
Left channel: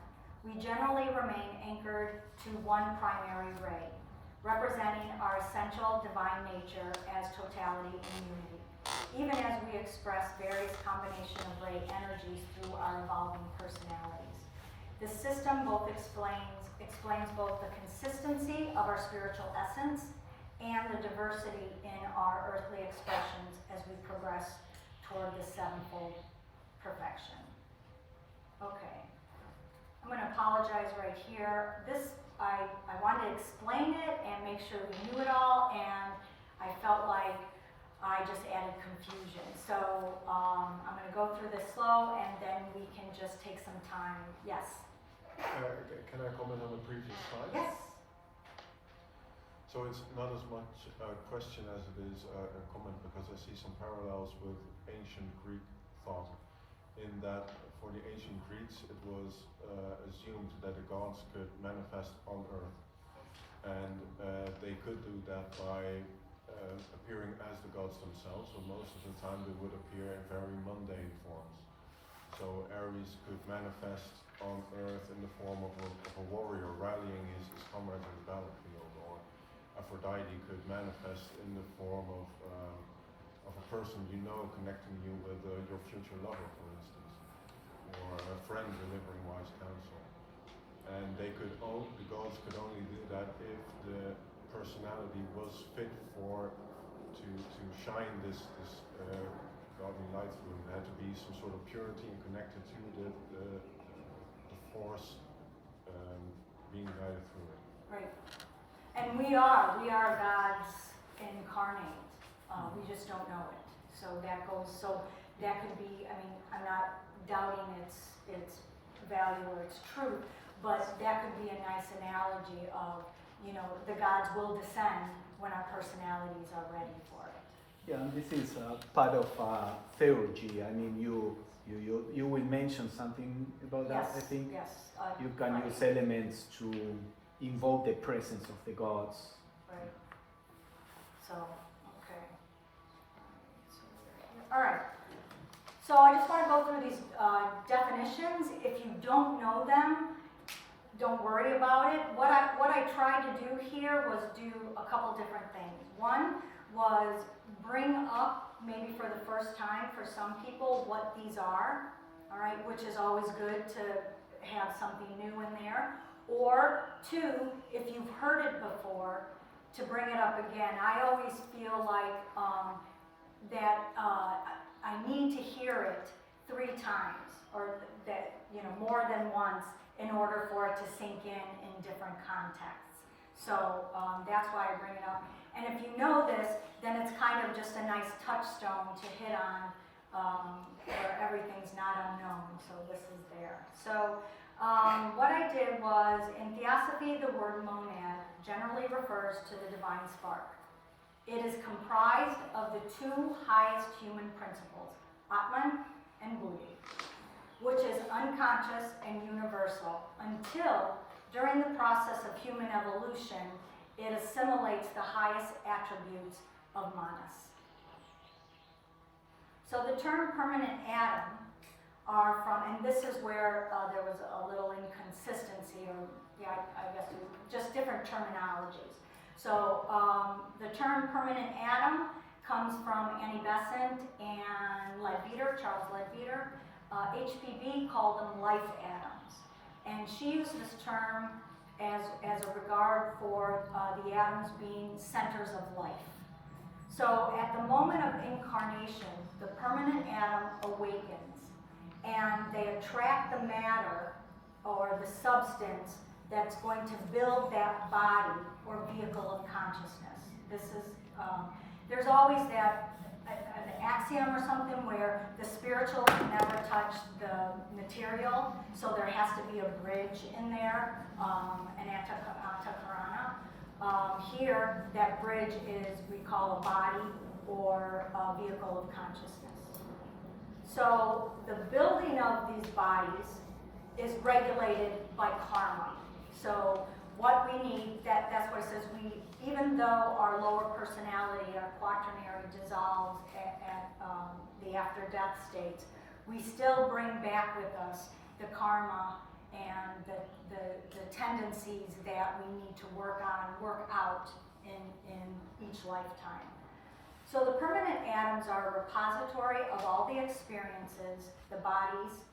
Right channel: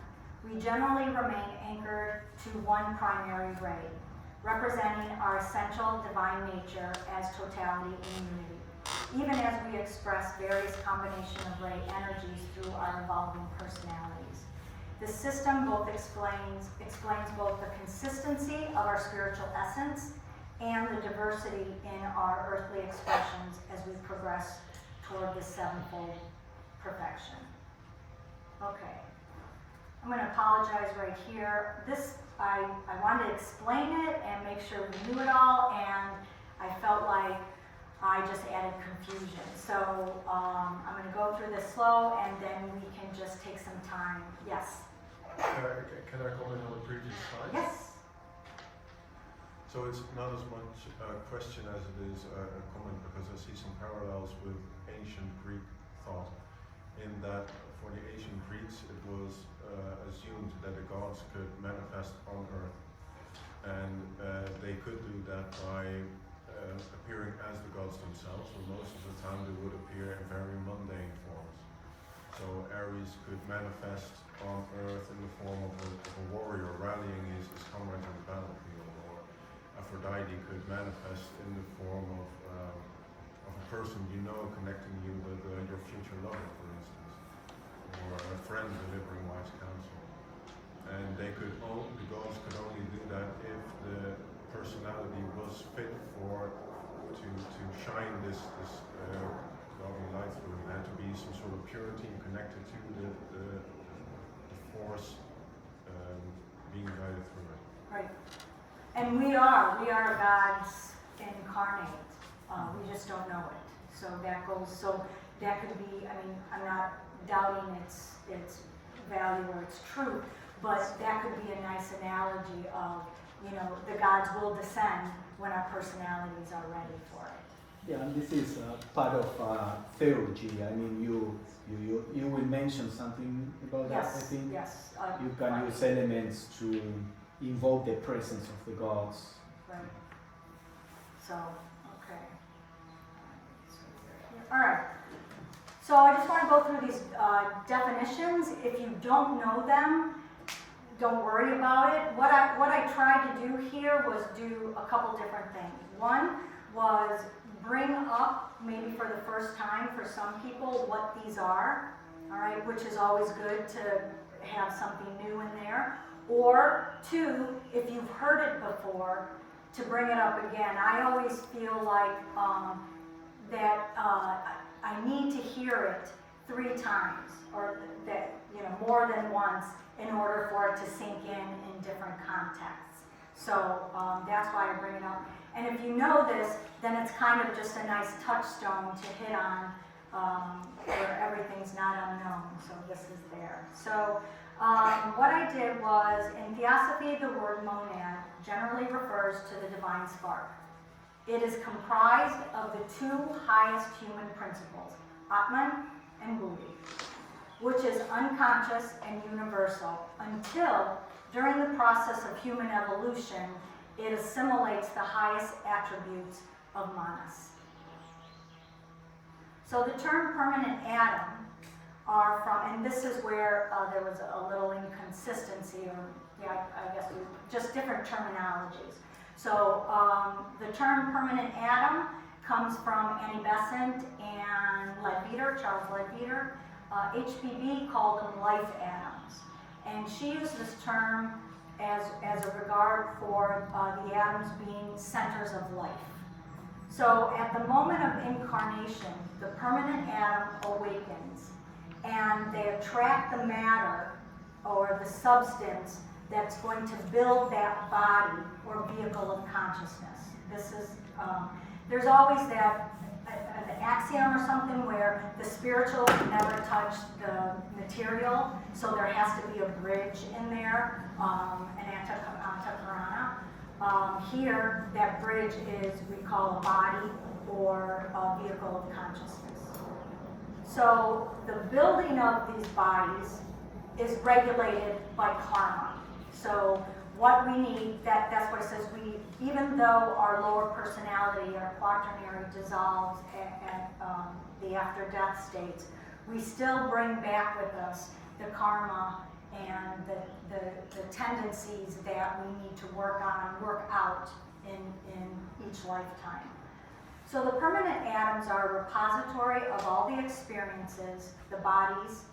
we generally remain anchored to one primary ray, representing our essential divine nature as totality and unity, even as we express various combinations of ray energies through our evolving personalities. This system both explains both the consistency of our spiritual essence and the diversity in our earthly expressions as we progress toward the 7-fold perfection. Okay, I'm going to apologize right here. I wanted to explain it and make sure we knew it all, and I felt like I just added confusion. So I'm going to go through this slow, and then we can just take some time. Yes? Can I comment on the previous slide? Yes? So it's not as much a question as it is a comment, because I see some parallels with ancient Greek thought, in that for the ancient Greeks it was assumed that the gods could manifest on earth, and they could do that by appearing as the gods themselves, so most of the time they would appear in very mundane forms. So Ares could manifest on earth in the form of a warrior rallying his comrades on the battlefield, or Aphrodite could manifest in the form of a person you know, connecting you with your future lover, for instance, or a friend delivering wise counsel. And the gods could only do that if the personality was fit to shine this godly light through. There had to be some sort of purity and connected to the force being guided through it. Right. And we are gods incarnate. We just don't know it. So that could be, I mean, I'm not doubting its value or its truth, but that could be a nice analogy of, the gods will descend when our personalities are ready for it. Yeah, and this is part of theurgy. I mean, you will mention something about that, I think. Yes. You can use elements to invoke the presence of the gods. Right. So, okay. All right. So I just want to go through these definitions. If you don't know them, don't worry about it. What I tried to do here was do a couple different things. One was bring up, maybe for the first time for some people, what these are, all right, which is always good to have something new in there. Or two, if you've heard it before, to bring it up again. I always feel like that I need to hear it 3 times, or that, you know, more than once, in order for it to sink in different contexts. So that's why I bring it up. And if you know this, then it's kind of just a nice touchstone to hit on where everything's not unknown. So this is there. So what I did was, in Theosophy, the word monad generally refers to the divine spark. It is comprised of the 2 highest human principles, Atman and Buddhi, which is unconscious and universal until, during the process of human evolution, it assimilates the highest attributes of manas. So the term permanent atom are from, and this is where there was a little inconsistency, or yeah, I guess just different terminologies. So the term permanent atom comes from Annie Besant and Leadbeater, Charles Leadbeater. HPB called them life atoms. And she used this term as a regard for the atoms being centers of life. So at the moment of incarnation, the permanent atom awakens, and they attract the matter or the substance that's going to build that body or vehicle of consciousness. This is, there's always that an axiom or something where the spiritual can never touch the material, so there has to be a bridge in there, an antakarana. Here, that bridge is, we call a body or a vehicle of consciousness. So the building of these bodies is regulated by karma. So what we need, that's what it says, even though our lower personality, our quaternary dissolves at the after-death states, we still bring back with us the karma and the tendencies that we need to work out in each lifetime. So the permanent atoms are a repository of all the experiences the bodies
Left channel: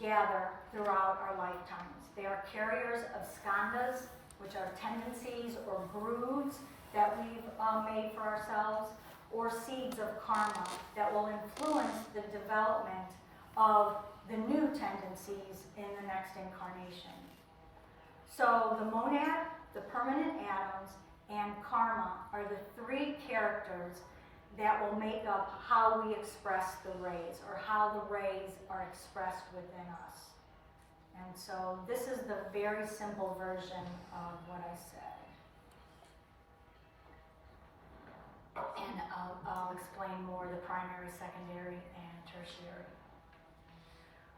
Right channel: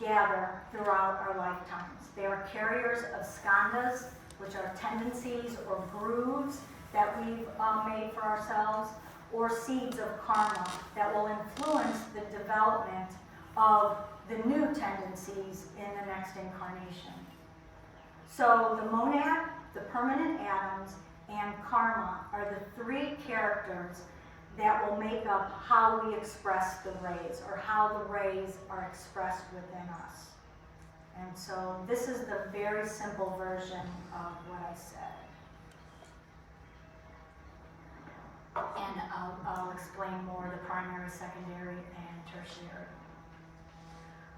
gather throughout our lifetimes. They are carriers of skandhas, which are tendencies or grooves that we've made for ourselves, or seeds of karma that will influence the development of the new tendencies in the next incarnation. So the monad, the permanent atoms, and karma are the 3 characters that will make up how we express the rays, or how the rays are expressed within us. And so this is the very simple version of what I said. And I'll explain more the primary, secondary, and tertiary.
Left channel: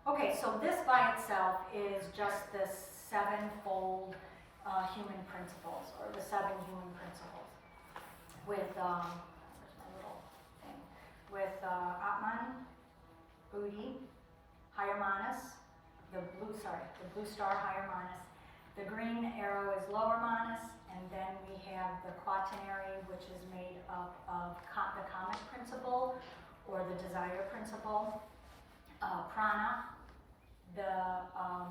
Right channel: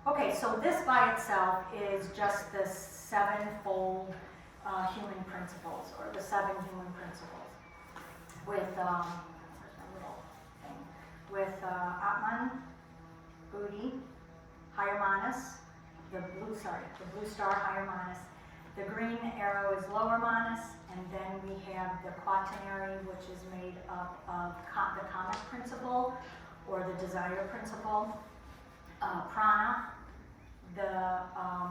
Okay, so this by itself is just the 7-fold human principles, or the 7 human principles, with with Atman, Buddhi, higher manas, the blue star higher manas. The green arrow is lower manas, and then we have the quaternary, which is made up of the comic principle, or the desire principle. Prana,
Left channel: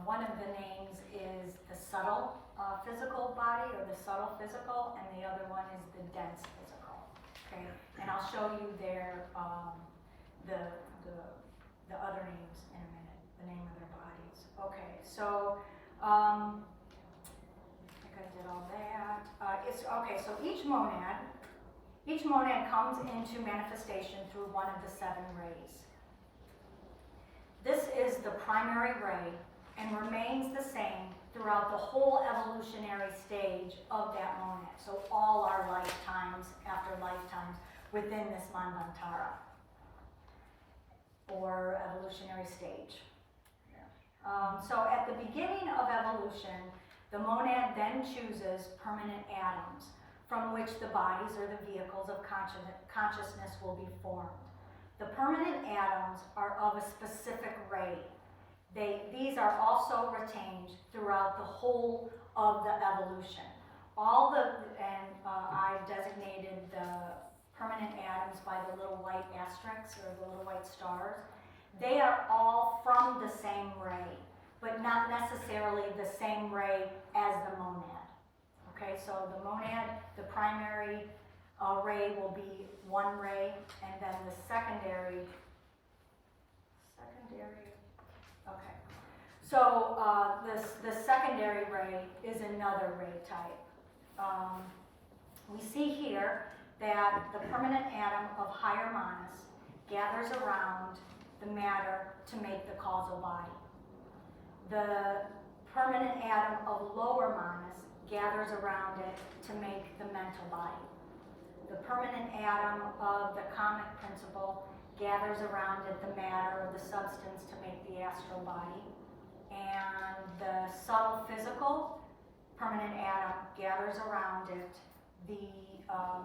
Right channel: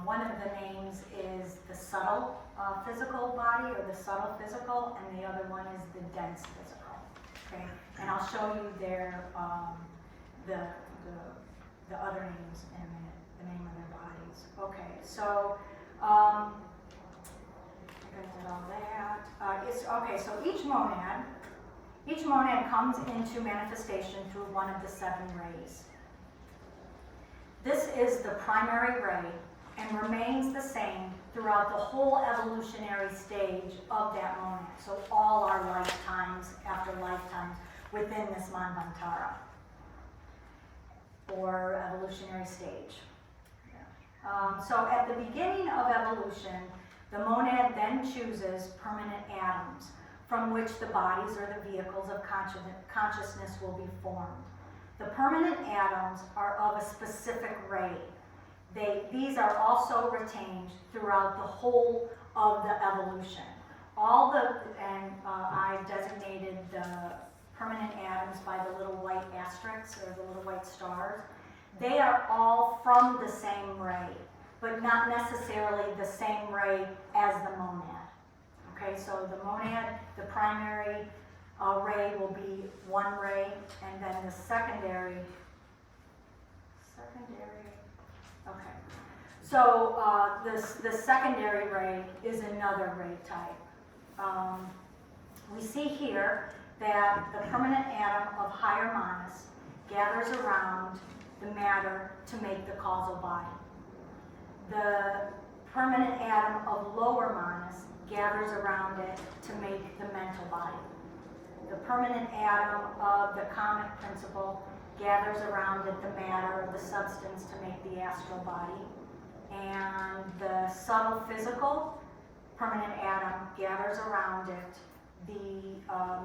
one of the names is the subtle physical body, or the subtle physical, and the other one is the dense physical. Okay, and I'll show you their the other names in a minute, the name of their bodies. Okay, so I think I did all that. So each monad comes into manifestation through one of the 7 rays. This is the primary ray and remains the same throughout the whole evolutionary stage of that monad. So all our lifetimes after lifetimes within this manvantara, or evolutionary stage. So at the beginning of evolution, the monad then chooses permanent atoms from which the bodies or the vehicles of consciousness will be formed. The permanent atoms are of a specific ray. These are also retained throughout the whole of the evolution. I designated the permanent atoms by the little white asterisks or the little white stars. They are all from the same ray, but not necessarily the same ray as the monad. Okay, so the monad, the primary ray will be one ray, and then the secondary, okay. So the secondary ray is another ray type. We see here that the permanent atom of higher monas gathers around the matter to make the causal body. The permanent atom of lower monas gathers around it to make the mental body. The permanent atom of the comic principle gathers around it the matter, the substance, to make the astral body. And the subtle physical permanent atom gathers around it the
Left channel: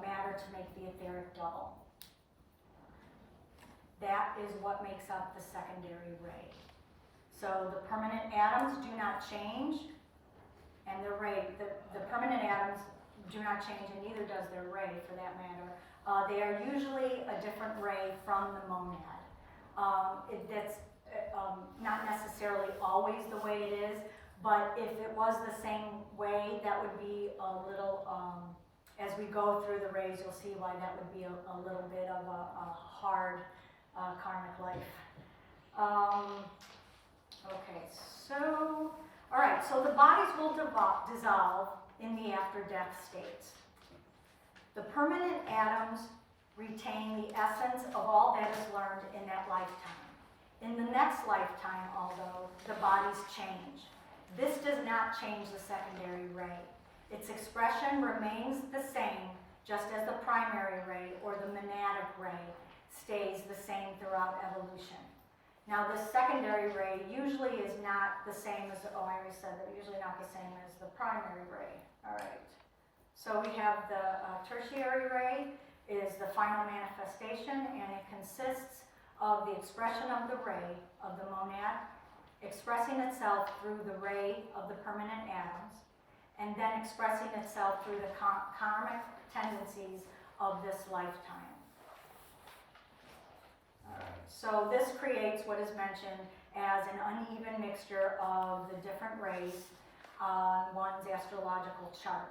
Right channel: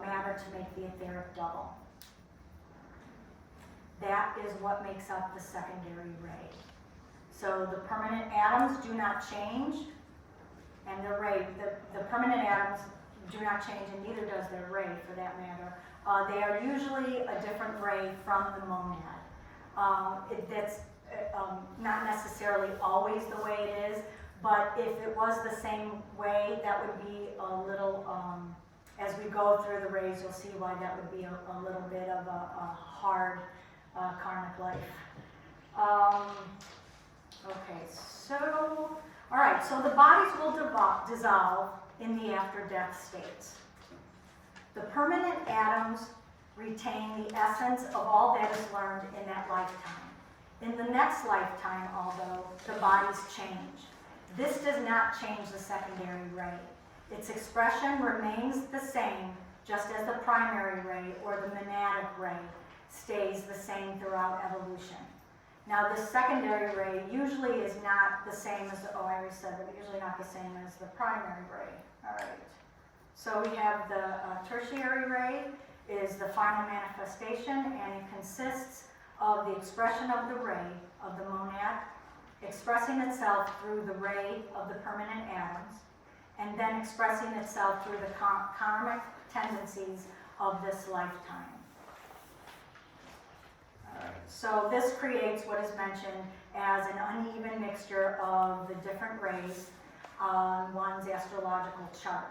matter to make the etheric double. That is what makes up the secondary ray. So the permanent atoms do not change, and the permanent atoms do not change, and neither does their ray for that matter. They are usually a different ray from the monad. That's not necessarily always the way it is, but if it was the same way, that would be a little, as we go through the rays, you'll see why that would be a little bit of a hard karmic life. Okay, so, all right, so the bodies will dissolve in the after-death states. The permanent atoms retain the essence of all that is learned in that lifetime. In the next lifetime, although, the bodies change. This does not change the secondary ray. Its expression remains the same, just as the primary ray or the monadic ray stays the same throughout evolution. Now, the secondary ray usually is not the same as I already said that, usually not the same as the primary ray. All right. So we have the tertiary ray is the final manifestation, and it consists of the expression of the ray of the monad, expressing itself through the ray of the permanent atoms, and then expressing itself through the karmic tendencies of this lifetime. So this creates what is mentioned as an uneven mixture of the different rays on one's astrological chart.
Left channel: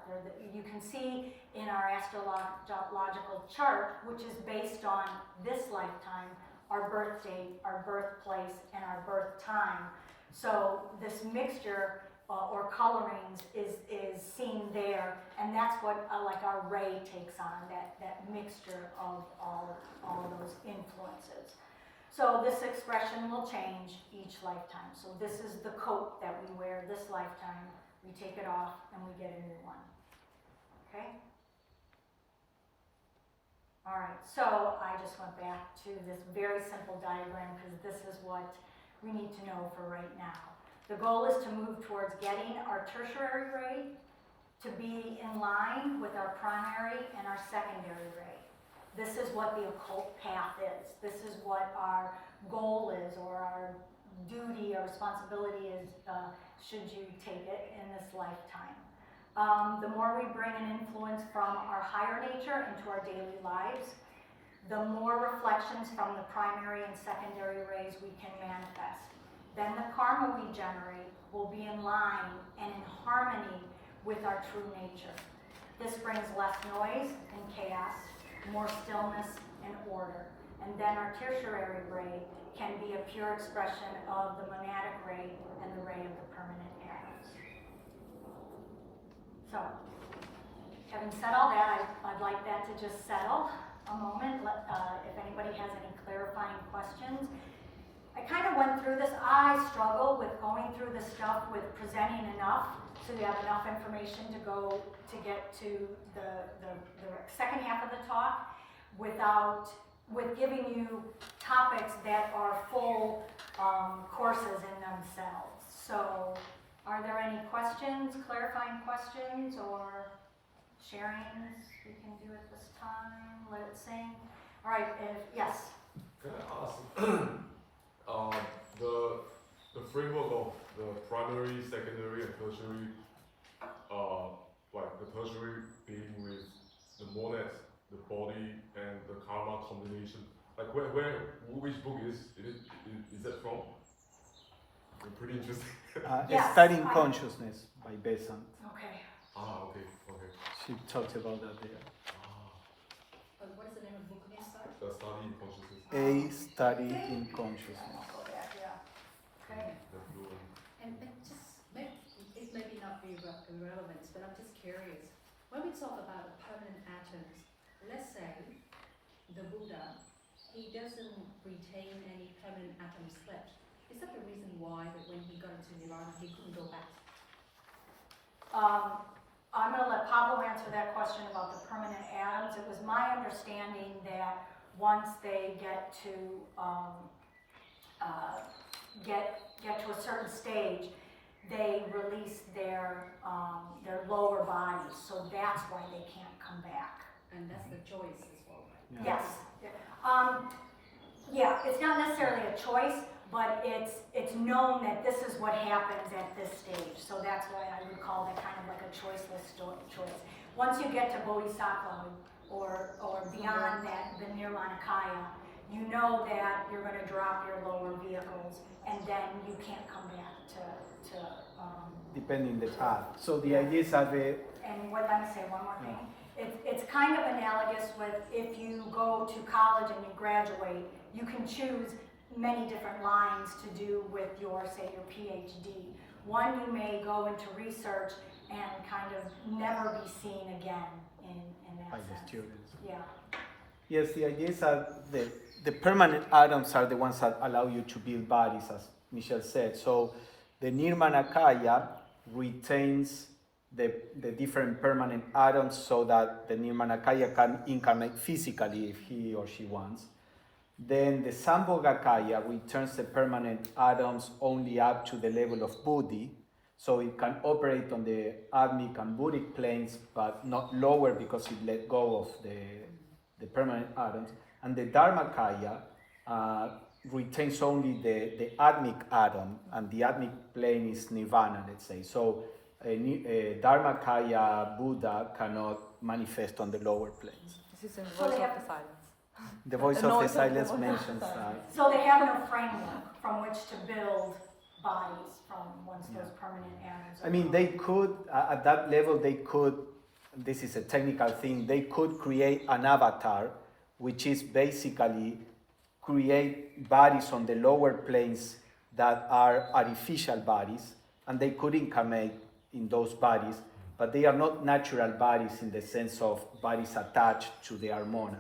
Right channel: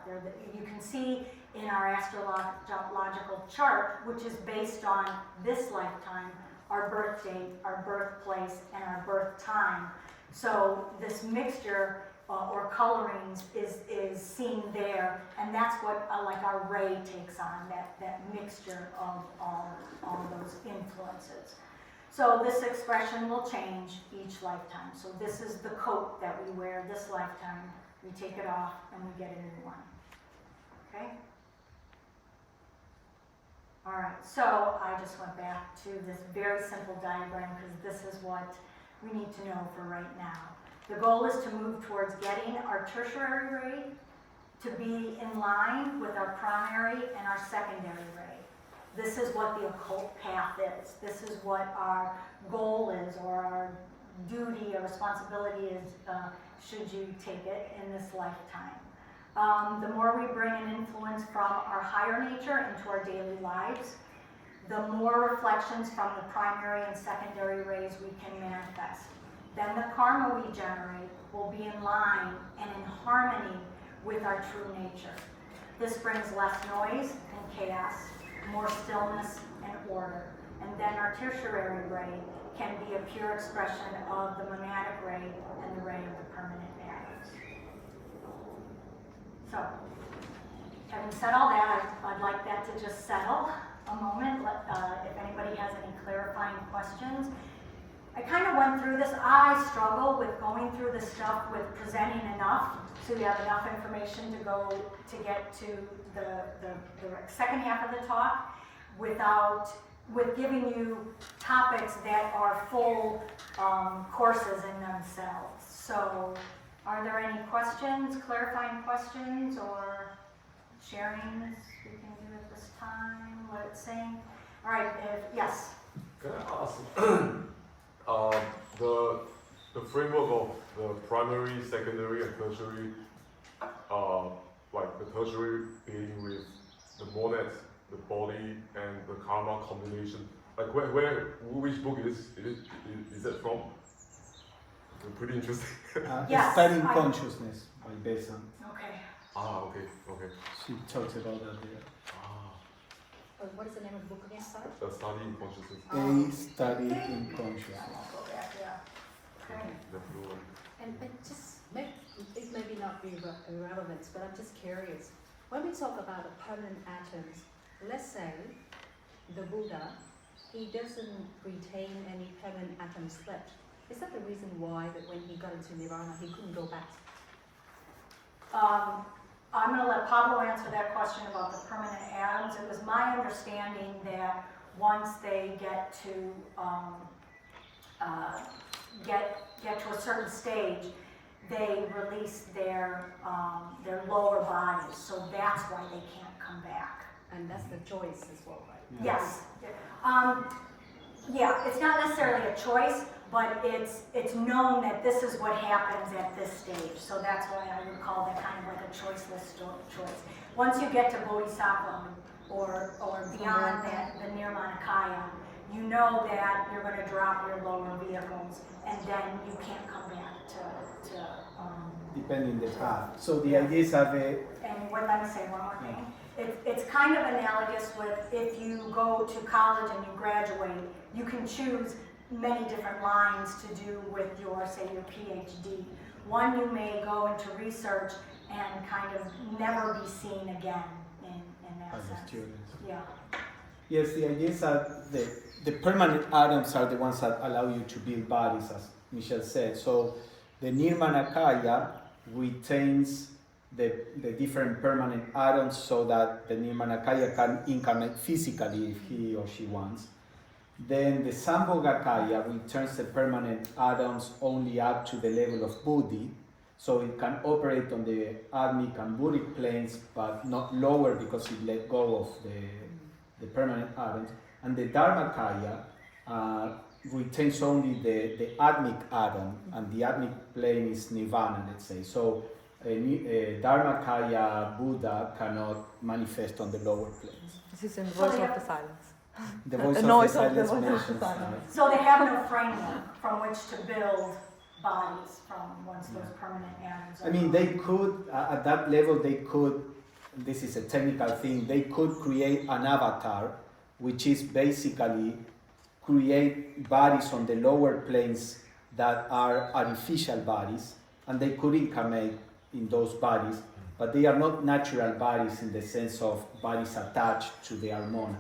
You can see in our astrological chart, which is based on this lifetime, our birth date, our birthplace, and our birth time. So this mixture or colorings is seen there, and that's what like our ray takes on, that mixture of all of those influences. So this expression will change each lifetime. So this is the coat that we wear this lifetime. We take it off and we get a new one. Okay? All right, so I just went back to this very simple diagram because this is what we need to know for right now. The goal is to move towards getting our tertiary ray to be in line with our primary and our secondary ray. This is what the occult path is. This is what our goal is, or our duty or responsibility is, should you take it in this lifetime. The more we bring an influence from our higher nature into our daily lives, the more reflections from the primary and secondary rays we can manifest. Then the karma we generate will be in line and in harmony with our true nature. This brings less noise and chaos, more stillness and order. And then our tertiary ray can be a pure expression of the monadic ray and the ray of the permanent atoms. So, having said all that, I'd like that to just settle a moment. If anybody has any clarifying questions. I kind of went through this. I struggle with going through the stuff with presenting enough so you have enough information to go to get to the second half of the talk with giving you topics that are full courses in themselves. So are there any questions, clarifying questions, or sharings we can do at this time? Let it sing. All right, yes? Can I ask, the framework of the primary, secondary, and tertiary, like the tertiary being with the monads, the body, and the karma combination. Like which book is that from? Pretty interesting. Yes, Studying I- Consciousness by Besant. Okay. Okay. She talks about that there. What is the name of the book again, sorry? Studying Consciousness. A Study in Consciousness. Okay. The blue one. And just it may be not be irrelevant, but I'm just curious. When we talk about the permanent atoms, let's say the Buddha, he doesn't retain any permanent atoms left. Is that the reason why that when he got into Nirvana, he couldn't go back? I'm going to let Pablo answer that question about the permanent atoms. It was my understanding that once they get to get to a certain stage, they release their lower bodies, so that's why they can't come back. And that's the choice as well, right? Yes. Yeah, it's not necessarily a choice, but it's known that this is what happens at this stage. So that's why I would call that kind of like a choiceless choice. Once you get to Bodhisattva or beyond that, the Nirmanakaya, you know that you're going to drop your lower vehicles, and then you can't come back to Depending the path. So the ideas are and let me say one more thing. It's kind of analogous with if you go to college and you graduate, you can choose many different lines to do with your, say, your PhD. One, you may go into research and kind of never be seen again in that as a sense. student. Yeah. Yes, the ideas are the permanent atoms are the ones that allow you to build bodies, as Michele said. So the Nirmanakaya retains the different permanent atoms so that the Nirmanakaya can incarnate physically if he or she wants. Then the Sambhogakaya returns the permanent atoms only up to the level of Buddhi, so it can operate on the Atmic and Buddhic planes, but not lower because it let go of the permanent atoms. And the Dharmakaya retains only the Atmic atom, and the Atmic plane is Nirvana, let's say. So a Dharmakaya Buddha cannot manifest on the lower planes. This is in So Voice they of have- the Silence. The voice The of the noise of the silence voice of the mentions silence. So they have no framework from which to build bodies from once those permanent atoms. I mean, they could, at that level, they could, this is a technical thing, they could create an avatar, which is basically create bodies on the lower planes that are artificial bodies, and they could incarnate in those bodies, but they are not natural bodies in the sense of bodies attached to their monad.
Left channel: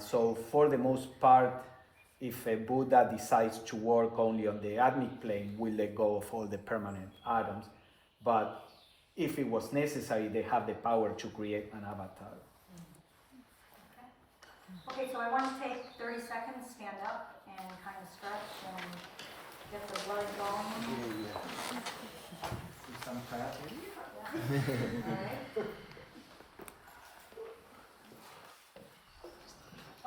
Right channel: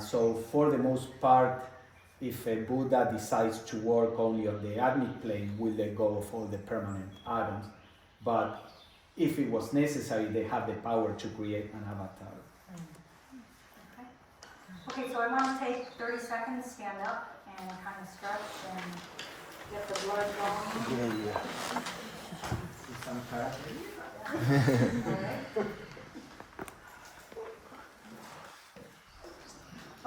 So for the most part, if a Buddha decides to work only on the Atmic plane, will let go of all the permanent atoms. But if it was necessary, they have the power to create an avatar. Okay, so I want to take 30 seconds, stand up, and kind of stretch and get the blood going. Some karate?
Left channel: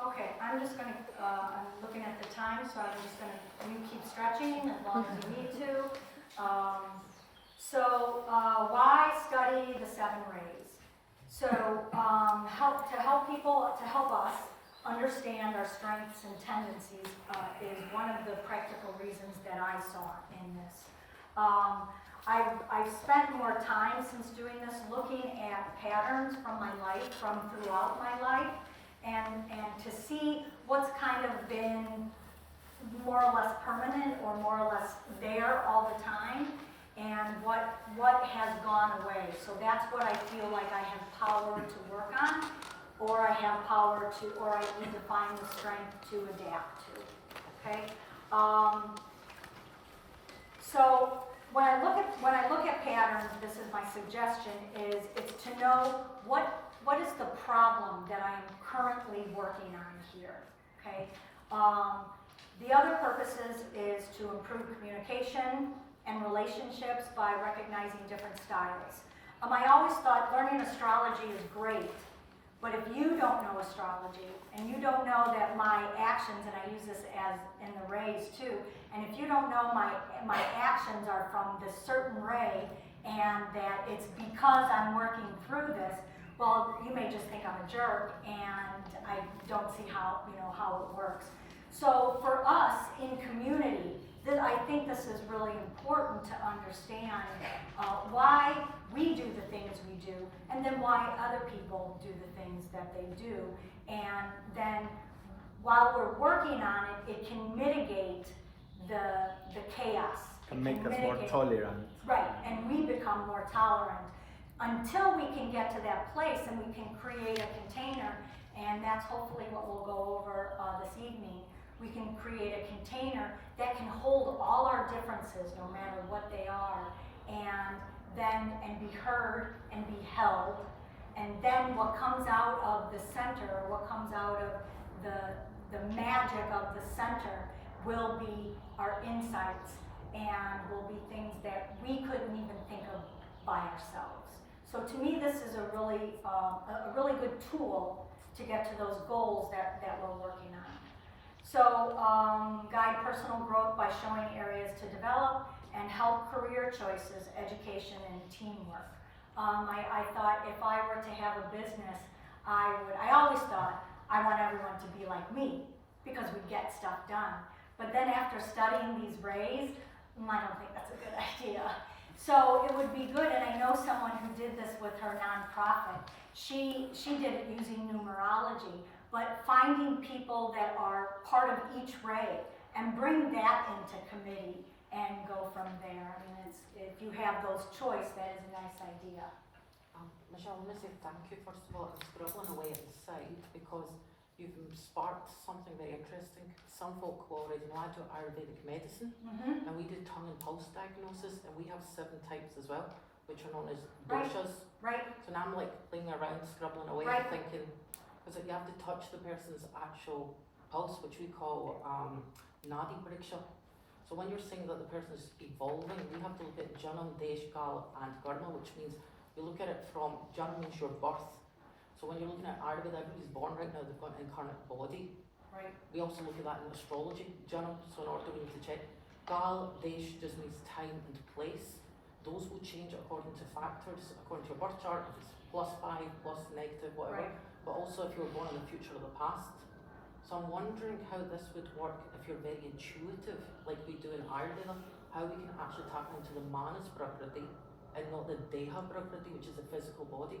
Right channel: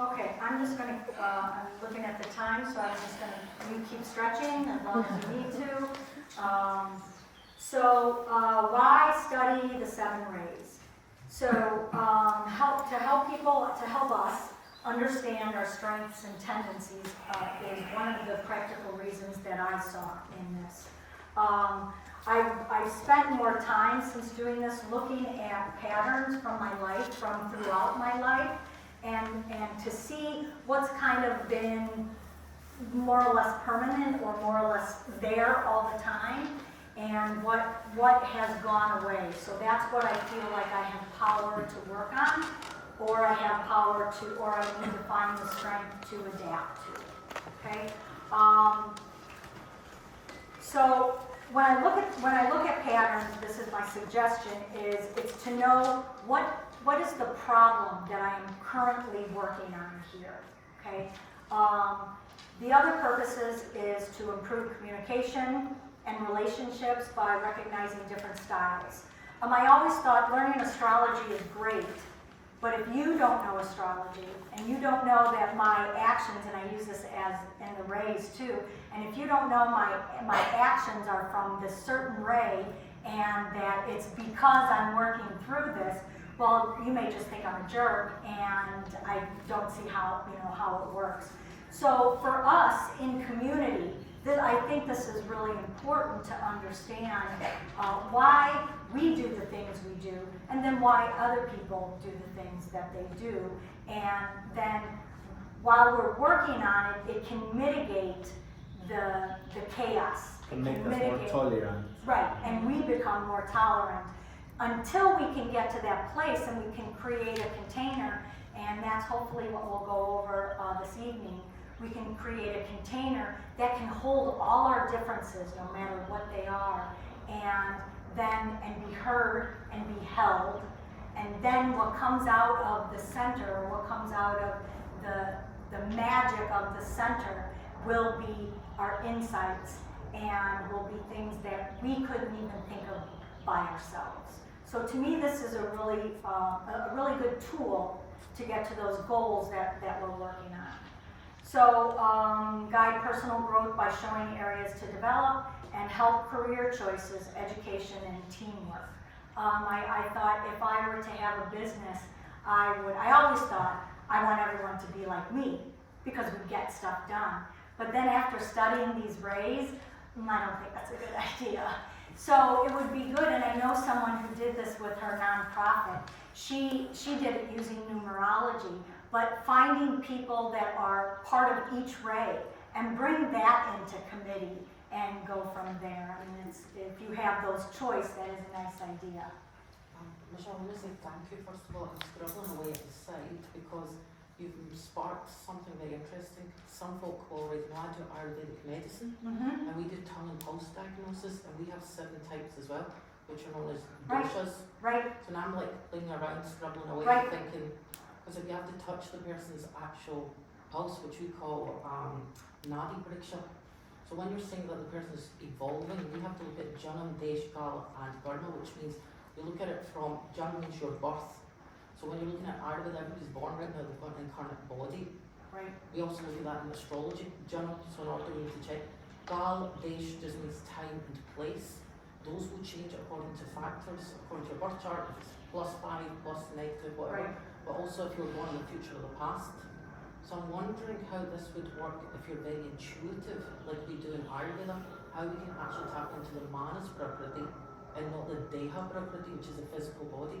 Okay, I'm just going to, I'm looking at the time, so I'm just going to, you keep stretching as long as you need to. Why study the 7 rays? So, to help us understand our strengths and tendencies is one of the practical reasons that I saw in this. I've spent more time since doing this looking at patterns from my life, from throughout my life, and to see what's kind of been more or less permanent or more or less there all the time, and what has gone away. So that's what I feel like I have power to work on, or I have power to, or I need to find the strength to adapt to. Okay. So when I look at patterns, this is my suggestion: is it's to know what is the problem that I am currently working on here. Okay. The other purposes is to improve communication and relationships by recognizing different styles. I always thought learning astrology is great, But if you don't know astrology, and you don't know that my actions, and I use this as in the rays too, and if you don't know my actions are from this certain ray, and that it's because I'm working through this, well, you may just think I'm a jerk, and I don't see how, how it works. So for us in community, I think this is really important to understand why we do the things we do, and then why other people do the things that they do. And then while we're working on it, it can mitigate the chaos. And make us more tolerant. Right, and we become more tolerant until we can get to that place and we can create a container, and that's hopefully what we'll go over this evening. We can create a container that can hold all our differences, no matter what they are, and be heard and be held. And then what comes out of the center, what comes out of the magic of the center will be our insights, and will be things that we couldn't even think of by ourselves. So to me, this is a really good tool to get to those goals that we're working on. So guide personal growth by showing areas to develop, and help career choices, education, and teamwork. I thought if I were to have a business, I always thought I want everyone to be like me, because we get stuff done. But then after studying these rays, I don't think that's a good idea. So it would be good, and I know someone who did this with her nonprofit. She did it using numerology, but finding people that are part of each ray and bring that into committee and go from there. I mean, if you have those choice, that is a nice idea. Michele, I want to say thank you first of all. I'm scribbling away at the side because you've sparked something very interesting. Some folk will already know Ayurvedic medicine, and we do tongue and pulse diagnosis, and we have 7 types as well, which are known as doshas. Right. So now I'm like playing around, scribbling away, thinking, because if you have to touch the person's actual pulse, which we call Naarden. So when you're saying that the person is evolving, we have to look at Janam, Desh, Kal, and Karma, which means we look at it from Janam means your birth. So when you're looking at Ayurveda, everybody's born right now, they've got an incarnate body. Right. We also look at that in astrology. Janam, so in order we need to check. Kal, Desh just means time and place. Those will change according to factors, according to your birth chart, if it's +5, plus negative, whatever. Right. But also if you're born in the future or the past. So I'm wondering how this would work if you're very intuitive, like we do in Ayurveda, how we can actually tap into the Manas Prakriti and not the Deha Prakriti, which is the physical body.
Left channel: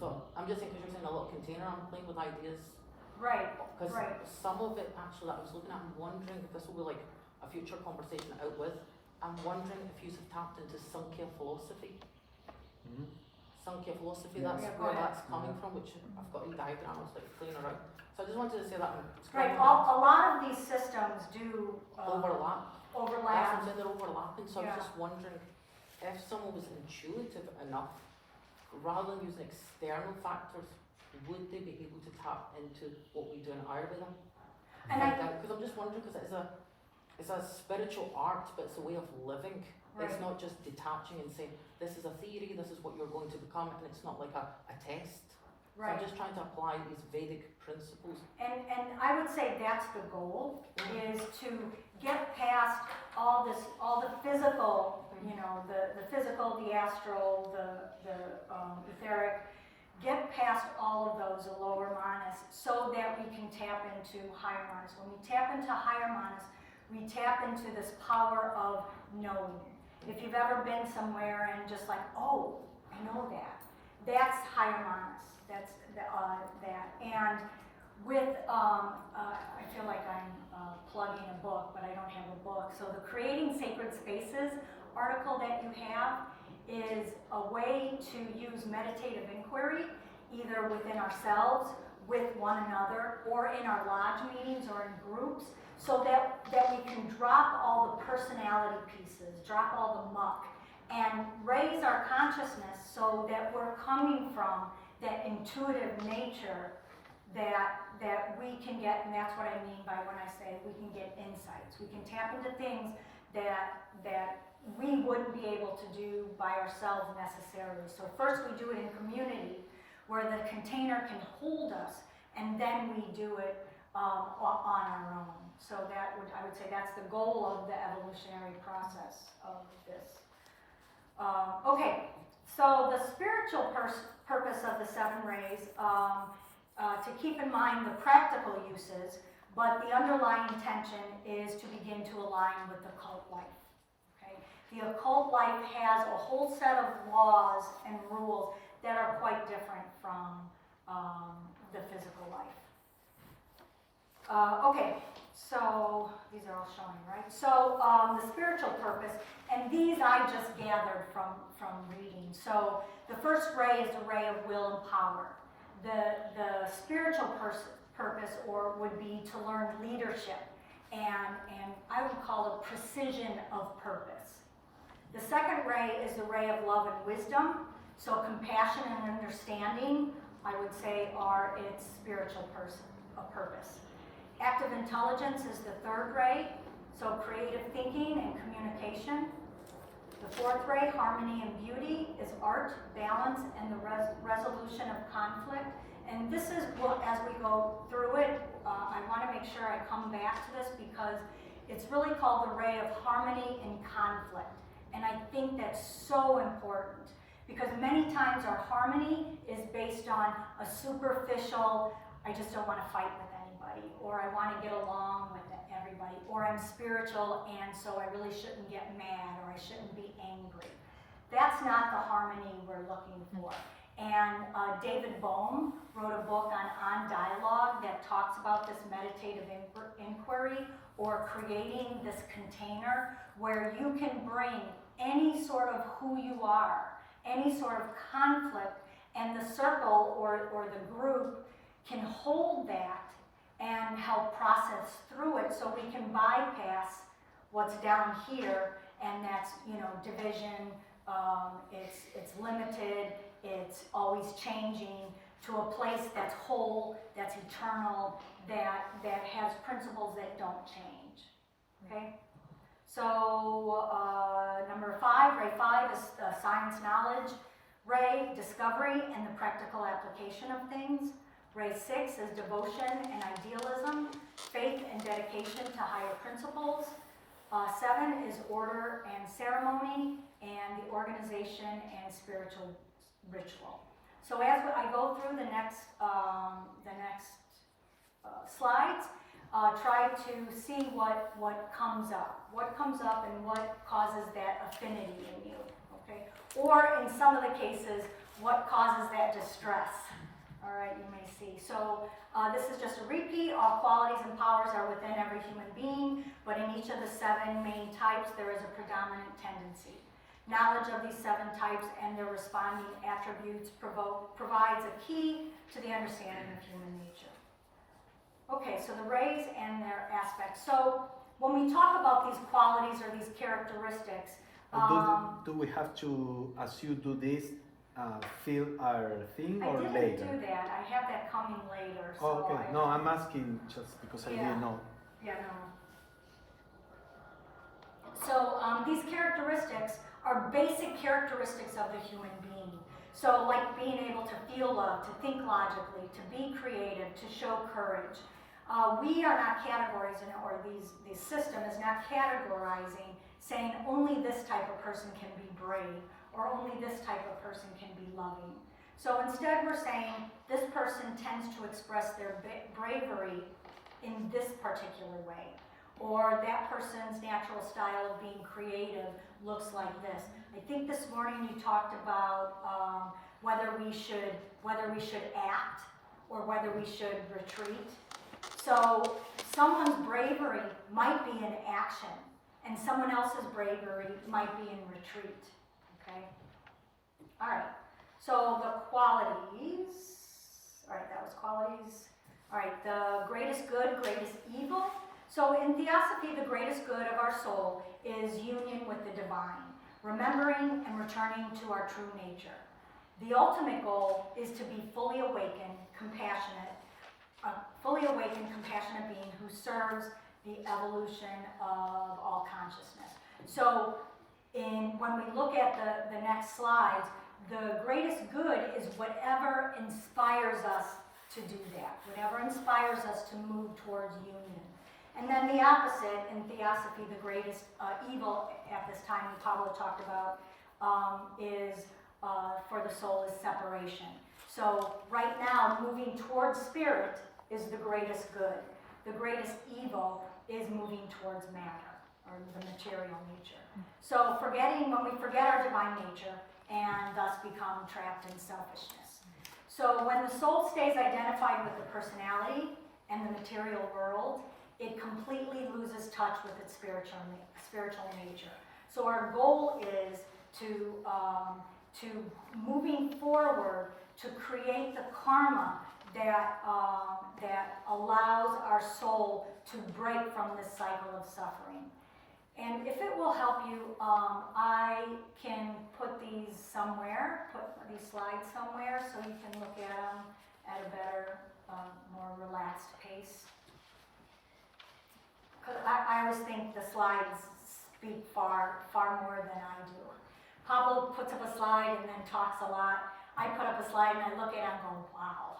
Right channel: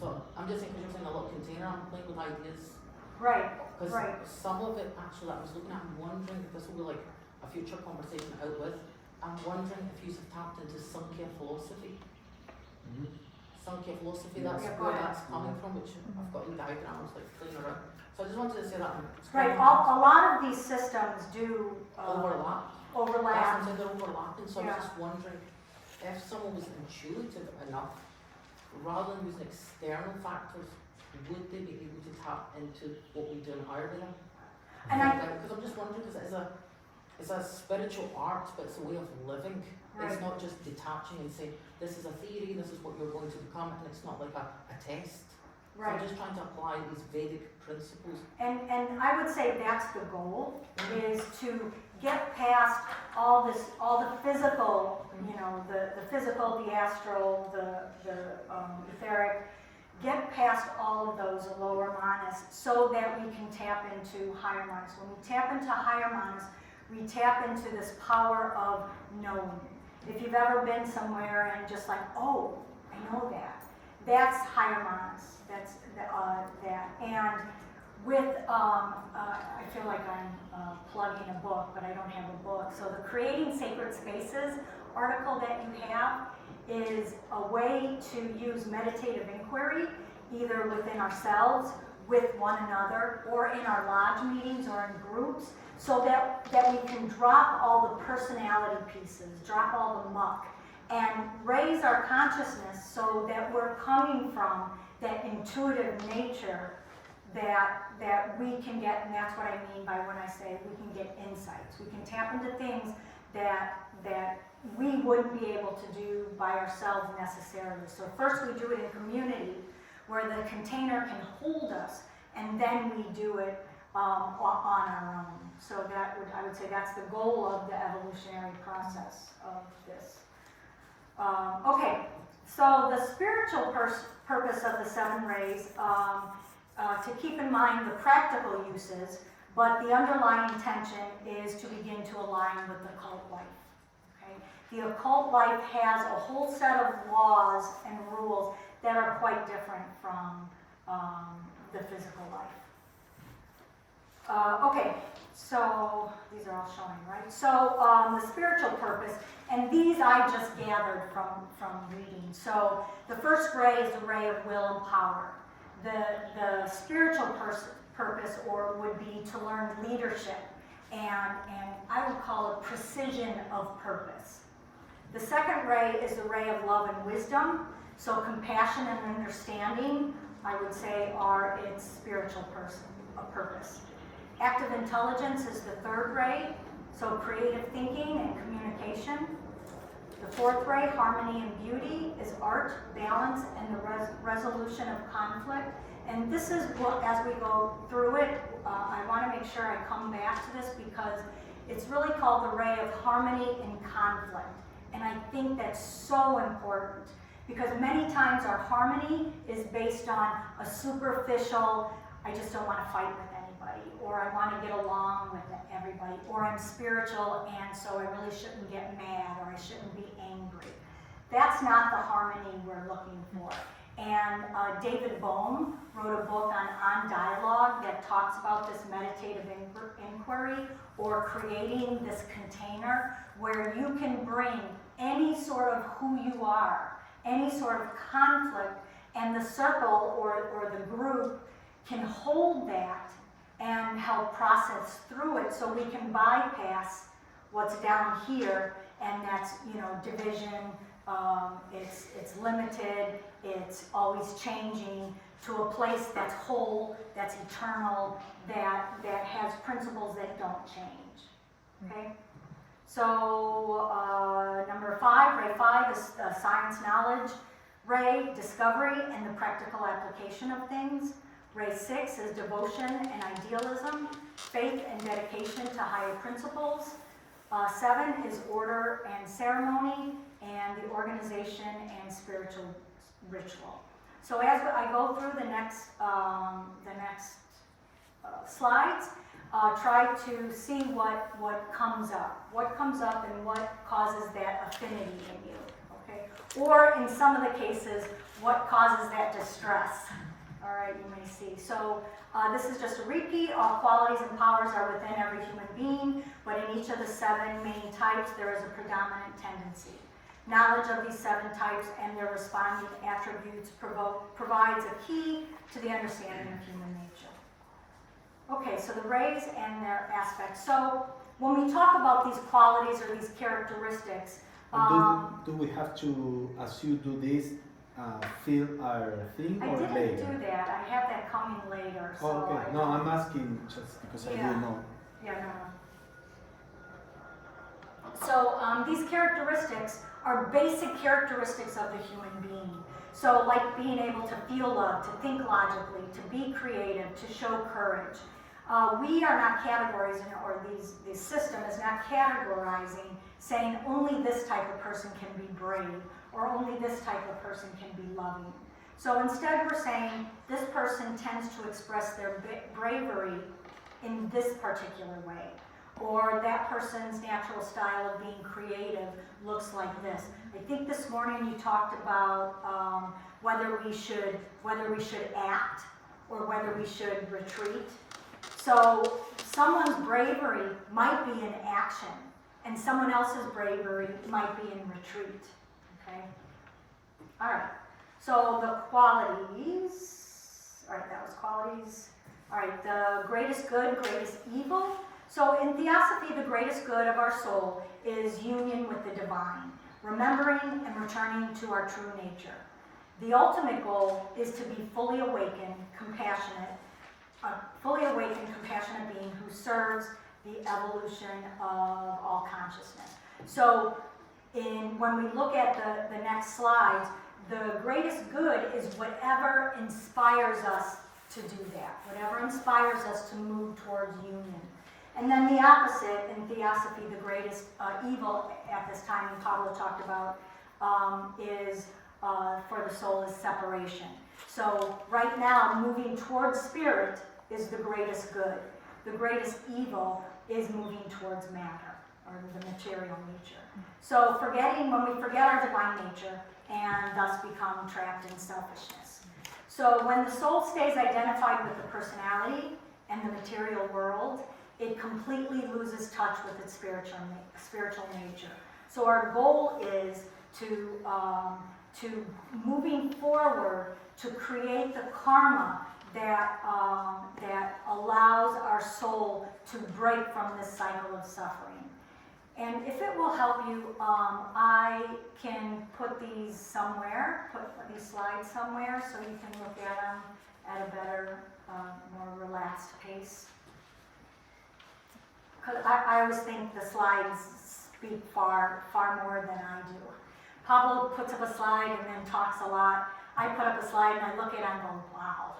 So I'm just thinking, you're saying a little container, I'm playing with ideas. Right. Because Right. some of it actually I was looking at, I'm wondering if this will be like a future conversation out with. I'm wondering if you've tapped into Sankhya philosophy. Sankhya philosophy, Yeah. that's Yeah, where go ahead. that's coming from, which I've got a diagram, I was like playing around. So I just wanted to say that. Right. A lot of these systems do overlap. overlap. Sometimes they're overlapping, so I Yeah. was just wondering if someone was intuitive enough, rather than using external factors, would they be able to tap into what we do in Ayurveda? And Because I'm just wondering, because it's a spiritual art, but it's a way of living. Right. It's not just detaching and saying, this is a theory, this is what you're going to become, and it's not like a test. So Right. I'm just trying to apply these Vedic principles. And I would say that's the goal, is to get past all the physical, the physical, the astral, the etheric, get past all of those lower manas so that we can tap into higher manas. When we tap into higher manas, we tap into this power of knowing. If you've ever been somewhere and just like, oh, I know that. That's higher manas. That's that. And with, I feel like I'm plugging a book, but I don't have a book. So the Creating Sacred Spaces article that you have is a way to use meditative inquiry, either within ourselves, with one another, or in our lodge meetings or in groups, so that we can drop all the personality pieces, drop all the muck, and raise our consciousness so that we're coming from that intuitive nature that we can get, and that's what I mean by when I say we can get insights. We can tap into things that we wouldn't be able to do by ourselves necessarily. So first we do it in community, where the container can hold us, and then we do it on our own. So that would, I would say that's the goal of the evolutionary process of this. Okay, so the spiritual purpose of the 7 rays, to keep in mind the practical uses, but the underlying intention is to begin to align with the occult life. Okay? The occult life has a whole set of laws and rules that are quite different from the physical life. Okay, so these are all showing, right? So the spiritual purpose, and these I just gathered from reading. So the first ray is the ray of will and power. The spiritual purpose or would be to learn leadership, and I would call it precision of purpose. The second ray is the ray of love and wisdom. So compassion and understanding, I would say, are its spiritual purpose. Active intelligence is the third ray, so creative thinking and communication. The fourth ray, harmony and beauty, is art, balance, and the resolution of conflict. And this is what, as we go through it, I want to make sure I come back to this because it's really called the ray of harmony and conflict. And I think that's so important because many times our harmony is based on a superficial, I just don't want to fight with anybody, or I want to get along with everybody, or I'm spiritual and so I really shouldn't get mad or I shouldn't be angry. That's not the harmony we're looking for. And David Bohm wrote a book on dialogue that talks about this meditative inquiry or creating this container where you can bring any sort of who you are, any sort of conflict, and the circle or the group can hold that and help process through it so we can bypass what's down here, and that's, you know, division, it's limited, it's always changing, to a place that's whole, that's eternal, that has principles that don't change. Okay? So number 5, ray 5 is science knowledge. Ray, discovery and the practical application of things. Ray 6 is devotion and idealism, faith and dedication to higher principles. 7 is order and ceremony, and the organization and spiritual ritual. So as I go through the next slides, try to see what comes up and what causes that affinity in you, okay? Or in some of the cases, what causes that distress. All right, you may see. So this is just a repeat. All qualities and powers are within every human being, but in each of the 7 main types, there is a predominant tendency. Knowledge of these 7 types and their responding attributes provides a key to the understanding of human nature. Okay, so the rays and their aspects. So when we talk about these qualities or these characteristics, do we have to, as you do this, fill our thing or later? I didn't do that. I have that coming later. So okay, no, I'm asking just because I didn't know. Yeah, no. So these characteristics are basic characteristics of the human being. So like being able to feel love, to think logically, to be creative, to show courage. We are not categorizing, or this system is not categorizing, saying only this type of person can be brave, or only this type of person can be loving. So instead we're saying this person tends to express their bravery in this particular way, or that person's natural style of being creative looks like this. I think this morning you talked about whether we should act or whether we should retreat. So someone's bravery might be in action, and someone else's bravery might be in retreat. Okay? All right. So the qualities. All right, that was qualities. All right, the greatest good, greatest evil. So in Theosophy, the greatest good of our soul is union with the divine, remembering and returning to our true nature. The ultimate goal is to be fully awakened, compassionate being who serves the evolution of all consciousness. So when we look at the next slides, the greatest good is whatever inspires us to do that, whatever inspires us to move towards union. And then the opposite, in Theosophy, the greatest evil at this time, and Pablo talked about, is for the soul is separation. So right now, moving towards spirit is the greatest good. The greatest evil is moving towards matter, or the material nature. So when we forget our divine nature, and thus become trapped in selfishness. So when the soul stays identified with the personality and the material world, it completely loses touch with its spiritual nature. So our goal is to moving forward to create the karma that allows our soul to break from this cycle of suffering. And if it will help you, I can put these somewhere, put these slides somewhere, so you can look at them at a better, more relaxed pace. Because I always think the slides speak far more than I do. Pablo puts up a slide and then talks a lot. I put up a slide and I look at it and go, wow,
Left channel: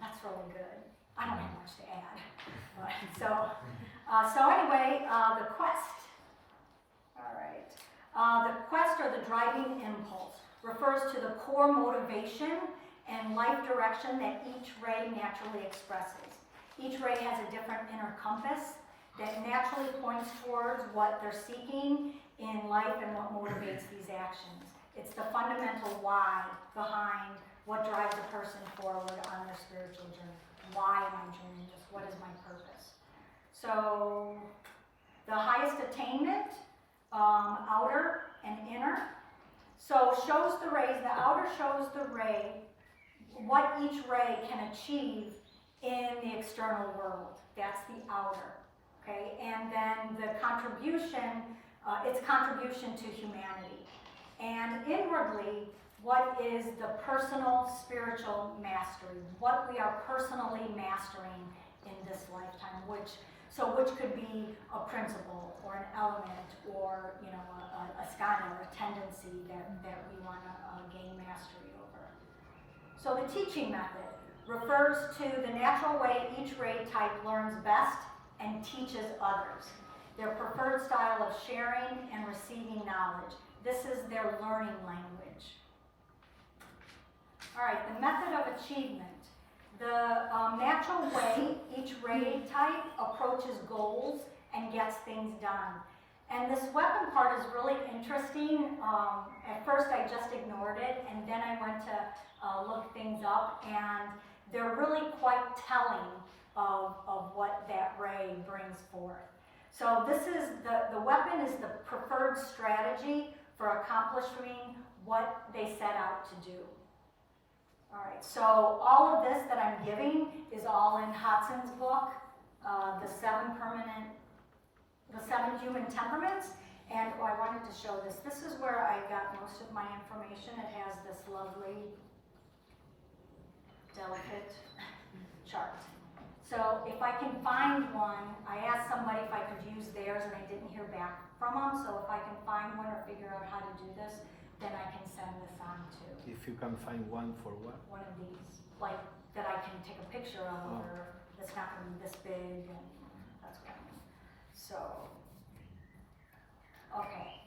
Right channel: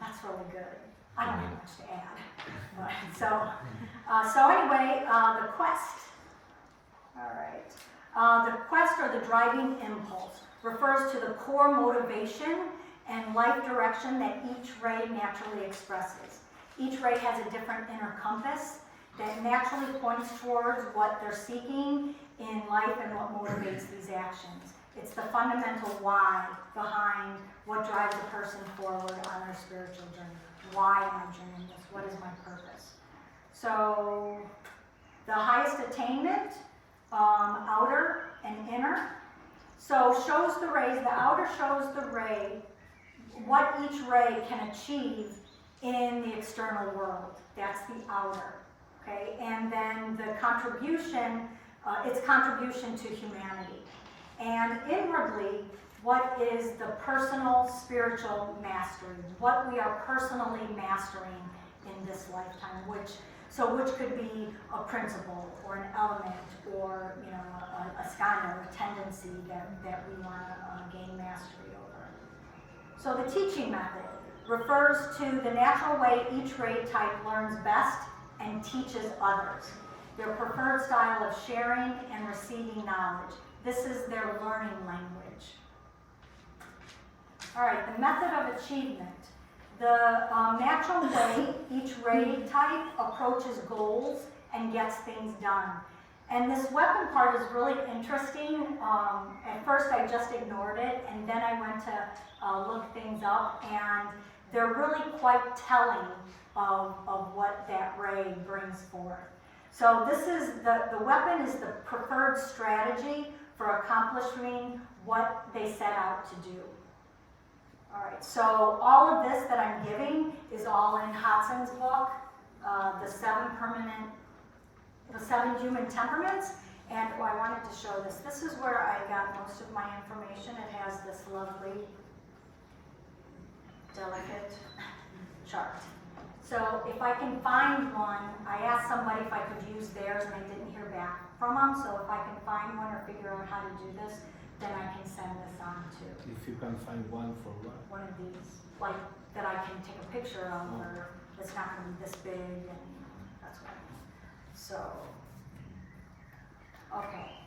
that's really good. I don't have much to add. But, so anyway, the quest. All right. The quest, or the driving impulse, refers to the core motivation and life direction that each ray naturally expresses. Each ray has a different inner compass that naturally points towards what they're seeking in life and what motivates these actions. It's the fundamental why behind what drives a person forward on their spiritual journey. Why am I doing this? What is my purpose? So the highest attainment, outer and inner. So shows the rays, the outer shows the ray, what each ray can achieve in the external world. That's the outer, okay? And then the contribution, its contribution to humanity. And inwardly, what is the personal spiritual mastery? What we are personally mastering in this lifetime, which could be a principle or an element or a skanda or a tendency that we want to gain mastery over. So the teaching method refers to the natural way each ray type learns best and teaches others. Their preferred style of sharing and receiving knowledge. This is their learning language. All right, the method of achievement. The natural way each ray type approaches goals and gets things done. And this weapon part is really interesting. At first I just ignored it, and then I went to look things up, and they're really quite telling of what that ray brings forth. So this is, the weapon is the preferred strategy for accomplishing what they set out to do. All right, so all of this that I'm giving is all in Hodson's book, the seven human temperaments. And I wanted to show this. This is where I got most of my information. It has this lovely, delicate chart. So if I can find one, I asked somebody if I could use theirs and I didn't hear back from them. So if I can find one or figure out how to do this, then I can send this on to. If you can find one for what? One of these, like that I can take a picture of, or it's not going to be this big, and that's what I mean. So, okay.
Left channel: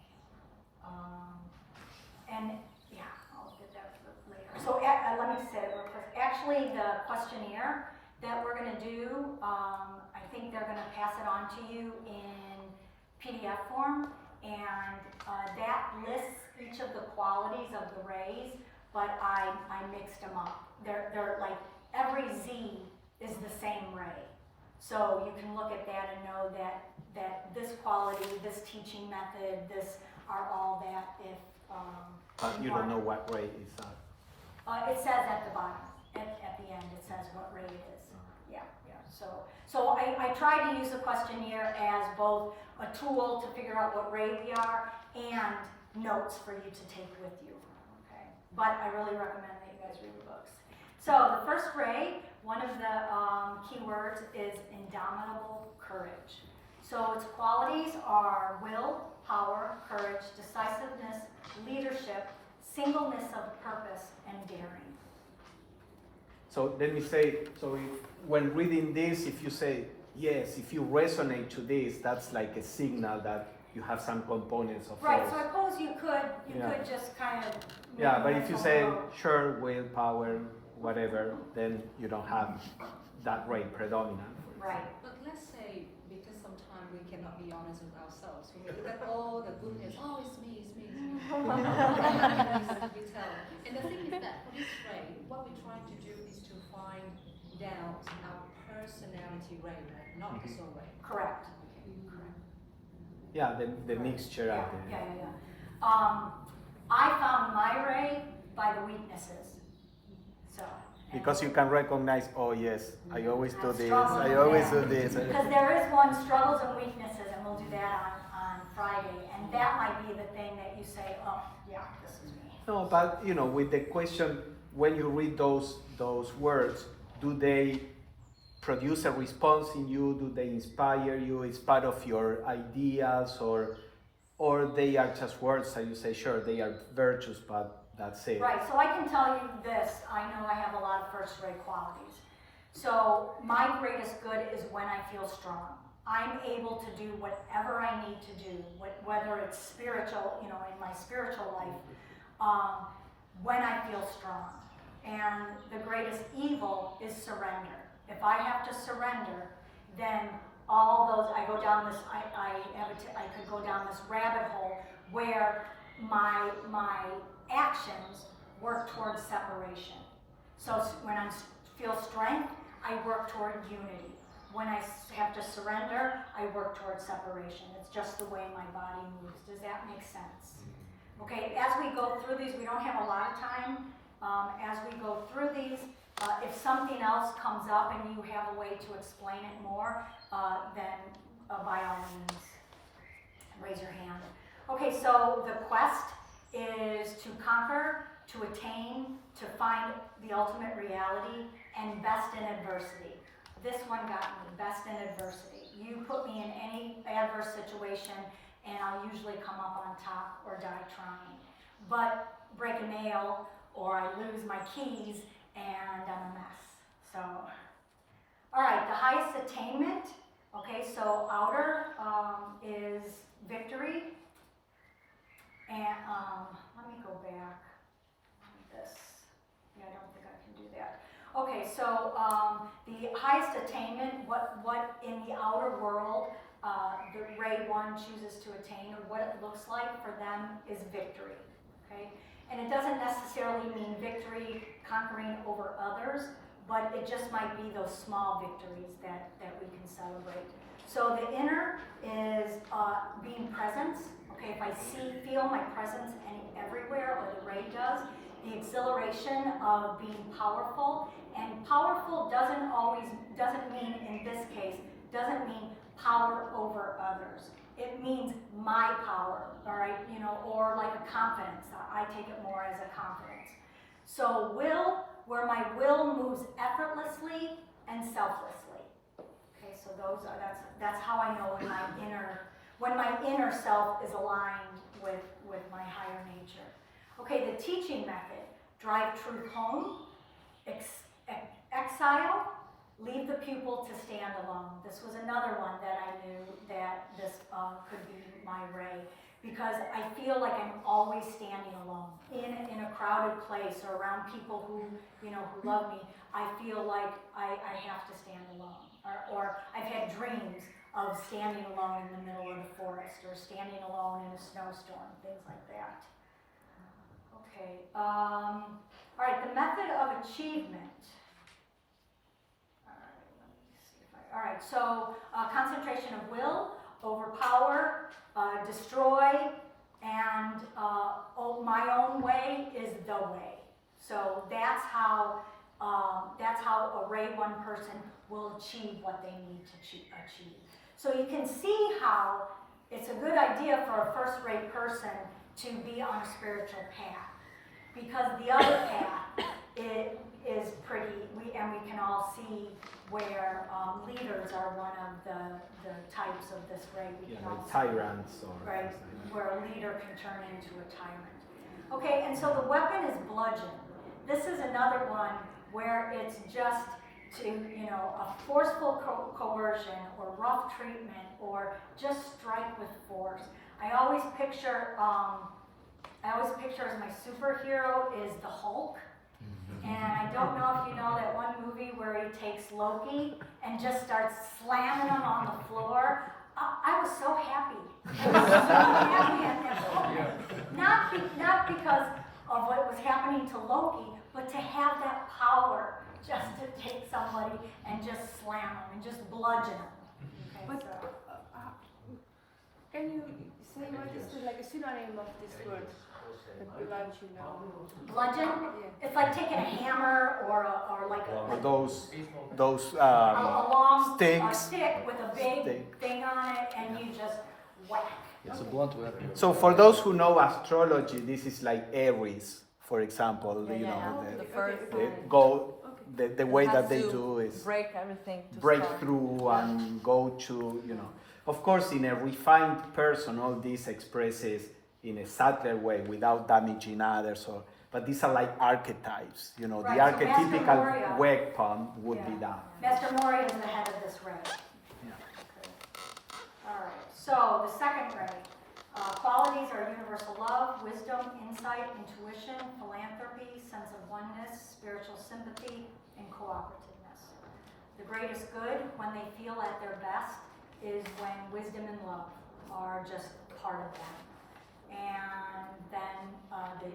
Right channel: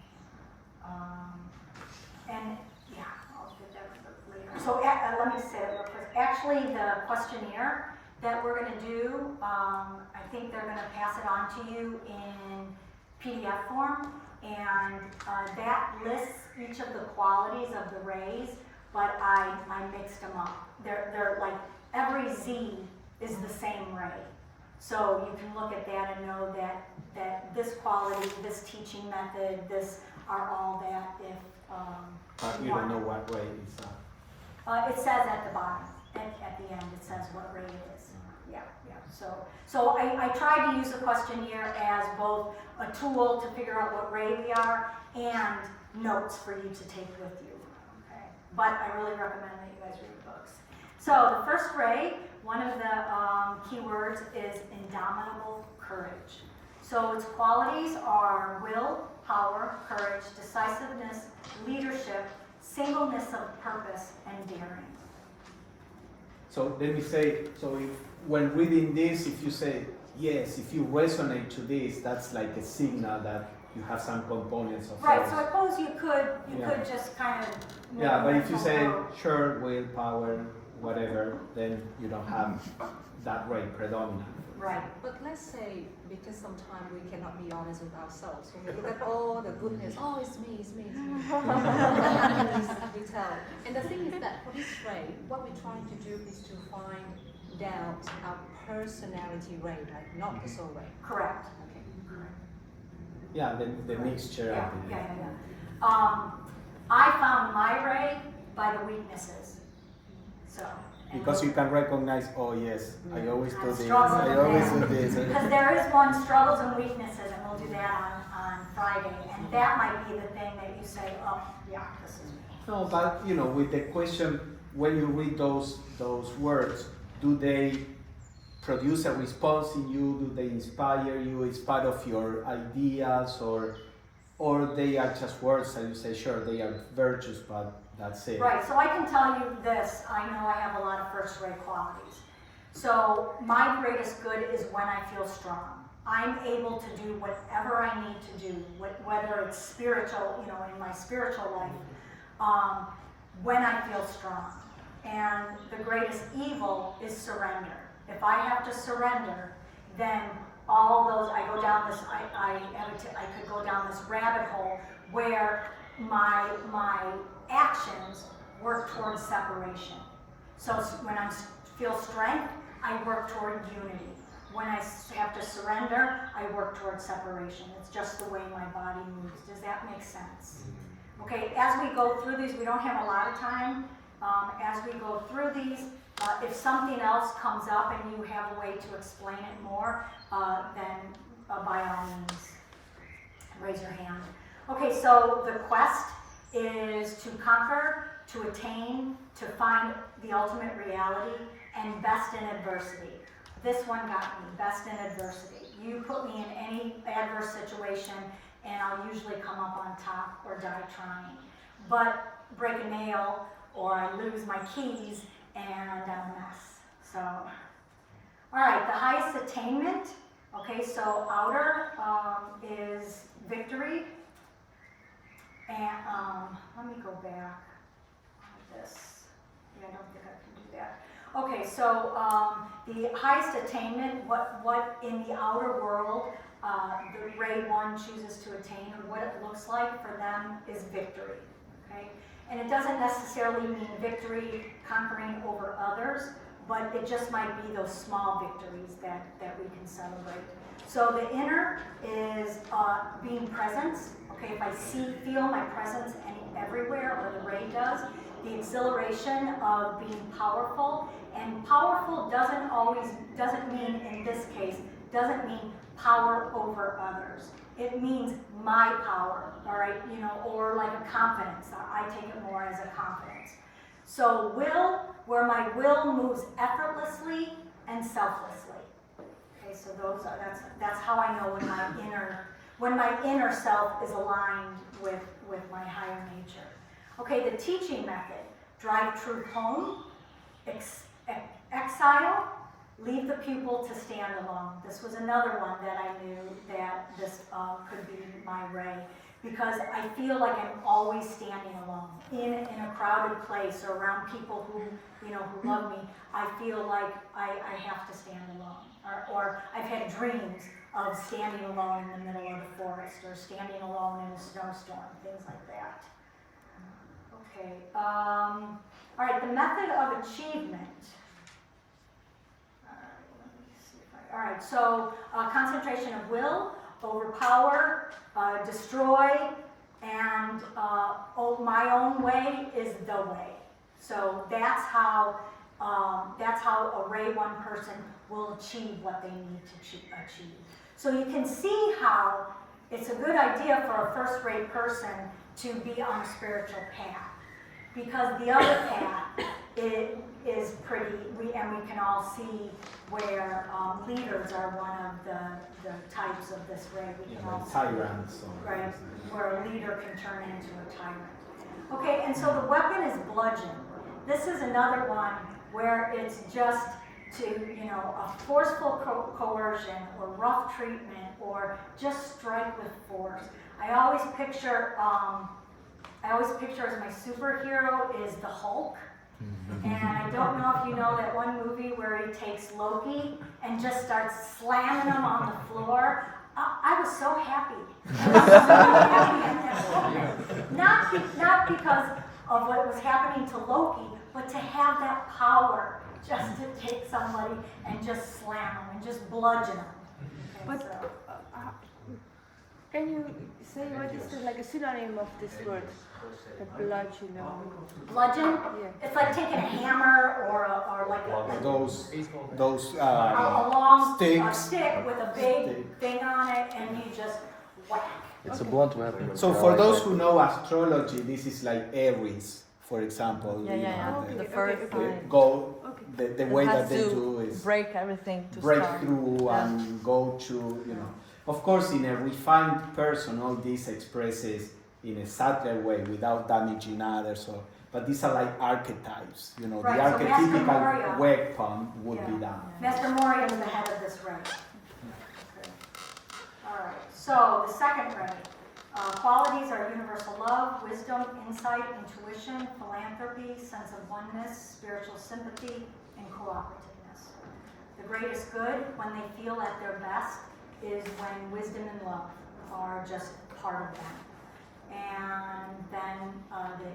And yeah, I'll get that later. So let me say that real quick. Actually, the questionnaire that we're going to do, I think they're going to pass it on to you in PDF form, and that lists each of the qualities of the rays, but I mixed them up. They're like, every Z is the same ray. So you can look at that and know that this quality, this teaching method, this are all that if You don't know what ray is that? it says at the bottom, at the end, it says what ray it is. Yeah. So I try to use the questionnaire as both a tool to figure out what ray we are and notes for you to take with you. Okay. But I really recommend that you guys read the books. So the first ray, one of the keywords is indomitable courage. So its qualities are will, power, courage, decisiveness, leadership, singleness of purpose, and daring. So let me say, so if, when reading this, if you say, yes, if you resonate to this, that's like a signal that you have some components of Right, those. so I suppose you could Yeah. just kind of. Yeah, but if you say, Oh, sure, willpower, whatever, then you don't have that ray predominant. right, But let's say, because sometimes we cannot be honest with ourselves, so we look at all the goodness, oh, it's me, it's me, it's me. we tell. And the thing is that for this ray, what we're trying to do is to find out our personality ray, right? Not the soul ray. correct. Yeah, the mixture Yeah, of the, yeah. I found my ray by the weaknesses, so. because you can recognize, oh yes, I always do this, Struggles, I always yeah. do this. Because there is one, struggles and weaknesses, and we'll do that on Friday, and that might be the thing that you say, oh, yeah, this is me. No, but you know, with the question, when you read those words, do they produce a response in you? Do they inspire you? Is part of your ideas, or they are just words that you say, sure, they are virtues, but that's it. Right, so I can tell you this, I know I have a lot of first-rate qualities. So my greatest good is when I feel strong. I'm able to do whatever I need to do, whether it's spiritual, you know, in my spiritual life, when I feel strong. And the greatest evil is surrender. If I have to surrender, then all those, I go down this, I could go down this rabbit hole where my actions work towards separation. So when I feel strength, I work toward unity. When I have to surrender, I work towards separation. It's just the way my body moves. Does that make sense? Okay, as we go through these, we don't have a lot of time. As we go through these, if something else comes up and you have a way to explain it more, then by all means, raise your hand. Okay, so the quest is to conquer, to attain, to find the ultimate reality, and best in adversity. This one got me, best in adversity. You put me in any adverse situation, and I'll usually come up on top or die trying. But break a nail, or I lose my keys, and I'm a mess. So, all right, the highest attainment. Okay, so outer is victory. And let me go back on this. Yeah, I don't think I can do that. Okay, so the highest attainment, what in the outer world the Ray 1 chooses to attain, or what it looks like for them, is victory. Okay, and it doesn't necessarily mean victory conquering over others, but it just might be those small victories that we can celebrate. So the inner is being present. Okay, if I feel my presence everywhere, or the Ray does, the exhilaration of being powerful. And powerful doesn't mean, in this case, doesn't mean power over others. It means my power, all right, you know, or like a confidence. I take it more as a confidence. So will, where my will moves effortlessly and selflessly. Okay, so that's how I know when my inner self is aligned with my higher nature. Okay, the teaching method: drive truth home, exile, leave the pupil to stand alone. This was another one that I knew that this could be my Ray, because I feel like I'm always standing alone in a crowded place or around people who love me. I feel like I have to stand alone, or I've had dreams of standing alone in the middle of the forest, or standing alone in a snowstorm, things like that. Okay. All right. The method of achievement. All right, so concentration of will, overpower, destroy, and my own way is the way. So that's how a Ray 1 person will achieve what they need to achieve. So you can see how it's a good idea for a first-rate person to be on a spiritual path, because the other path is pretty, and we can all see where leaders are one of the types of this Ray. We can all see, Tyrants, or right, where a leader can turn into a tyrant. Okay, and so the weapon is bludgeon. This is another one where it's just to, a forceful coercion or rough treatment or just strike with force. I always picture as my superhero is the Hulk. And I don't know if you know that one movie where he takes Loki and just starts slamming him on the floor. I was so happy. I was so happy in that moment. Not because of what was happening to Loki, but to have that power just to take somebody and just slam them and just bludgeon them. Okay, But so. can you say what is like a synonym of this word? The bludgeon. Bludgeon? Yeah. It's like taking a hammer or like Those a long sticks. stick with a big Stick. thing on it, and you just whack. It's a blunt weapon. So for those who know astrology, this is like Aries, for example. Yeah, you yeah, know, yeah. the- The first the line. go Okay. the way It has that they to do is break everything to break start. through Yeah. and go to, Of course, in a refined person, all this expresses in a subtler way without damaging others. But these are like archetypes, Right, the so Master archetypical Moria- weapon would be Yeah. that. Master Moria is the head of this ray. Okay. All right. So the second ray, qualities are universal love, wisdom, insight, intuition, philanthropy, sense of oneness, spiritual sympathy, and cooperativeness. The greatest good, when they feel at their best, is when wisdom and love are just part of them. And then the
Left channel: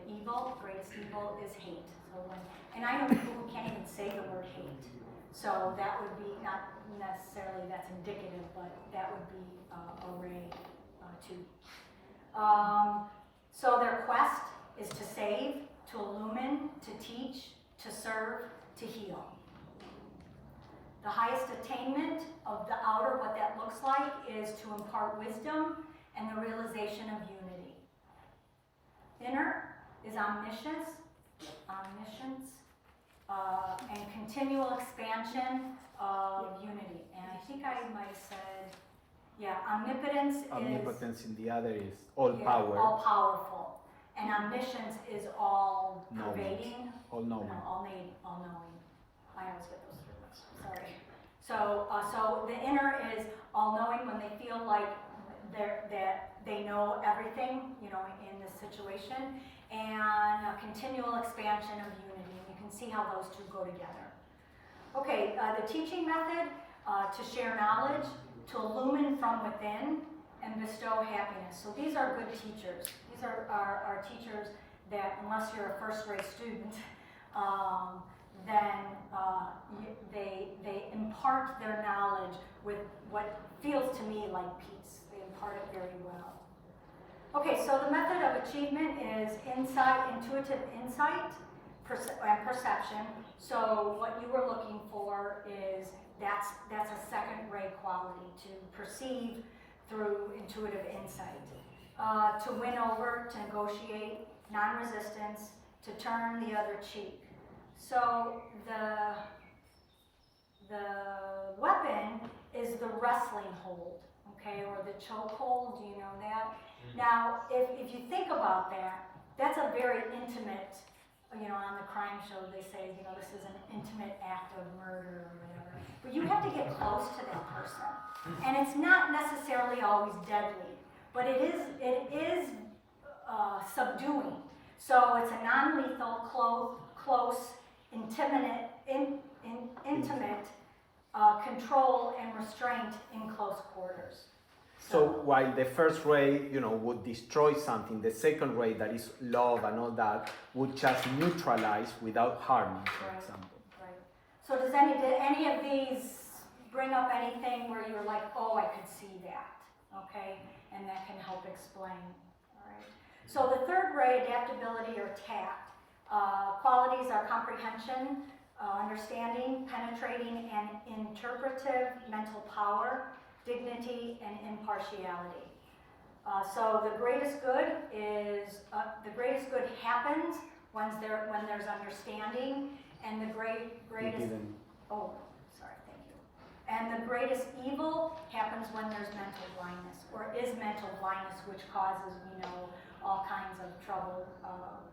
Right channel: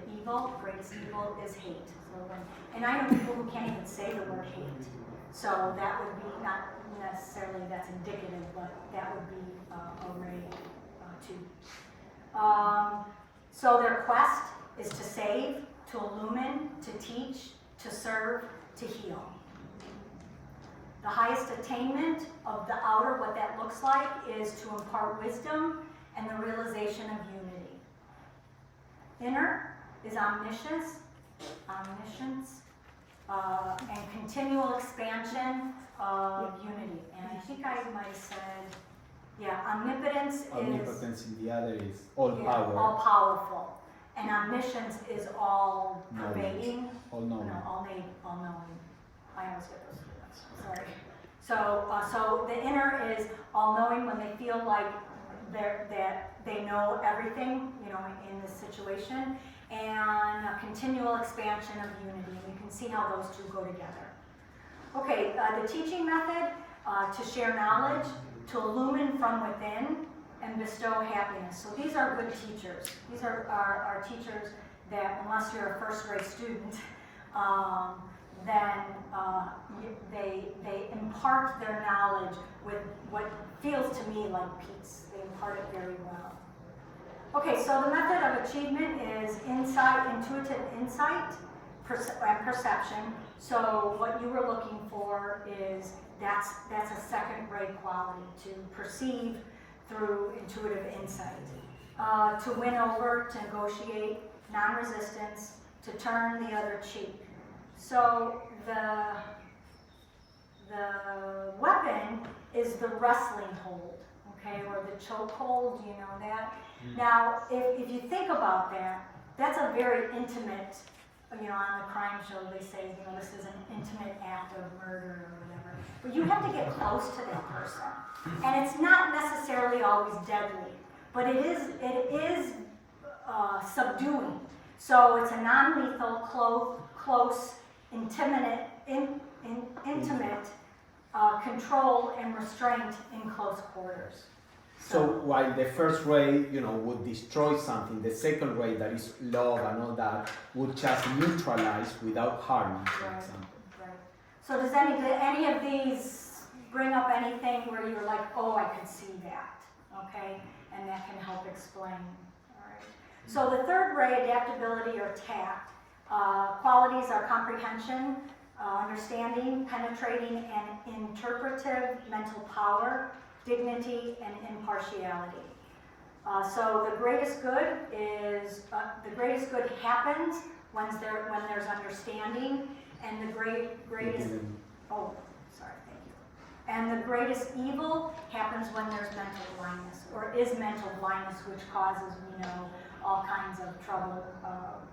greatest evil is hate. And I know people who can't even say the word hate. So that would be not necessarily that's indicative, but that would be a ray too. So their quest is to save, to illumine, to teach, to serve, to heal. The highest attainment of the outer, what that looks like, is to impart wisdom and the realization of unity. Inner is omniscience, and continual expansion of unity. And I think I might have said, omnipotence Omnipotence in the other is all is power, all powerful, and omniscience is all pervading. all knowing. No, all knowing. I always get those two ones. Sorry. So the inner is all knowing when they feel like they know everything, in this situation, and a continual expansion of unity. And you can see how those two go together. Okay, the teaching method, to share knowledge, to illumine from within, and bestow happiness. So these are good teachers. These are teachers that, unless you're a first-grade student, then they impart their knowledge with what feels to me like peace. They impart it very well. Okay, so the method of achievement is intuitive insight, and perception. So what you were looking for is that's a second ray quality, to perceive through intuitive insight, to win over, to negotiate, non-resistance, to turn the other cheek. So the weapon is the wrestling hold, okay, or the choke hold. Do you know that? Now, if you think about that, that's a very intimate. On the crime show they say, this is an intimate act of murder or whatever. But you have to get close to that person, and it's not necessarily always deadly, but it is subduing. So it's a non-lethal, close, intimate control and restraint in close quarters. So while the first ray, would destroy something, the second ray, that is love and all that, would just neutralize without harming, for Right. example. Right. So did any of these bring up anything where you're like, oh, I could see that, okay? And that can help explain, all right? So the third ray, adaptability or tact, qualities are comprehension, understanding, penetrating, and interpretive mental power, dignity, and impartiality. So the greatest good happens when there's understanding, and the greatest and the greatest evil happens when there's mental blindness, or is mental blindness, which causes all kinds of trouble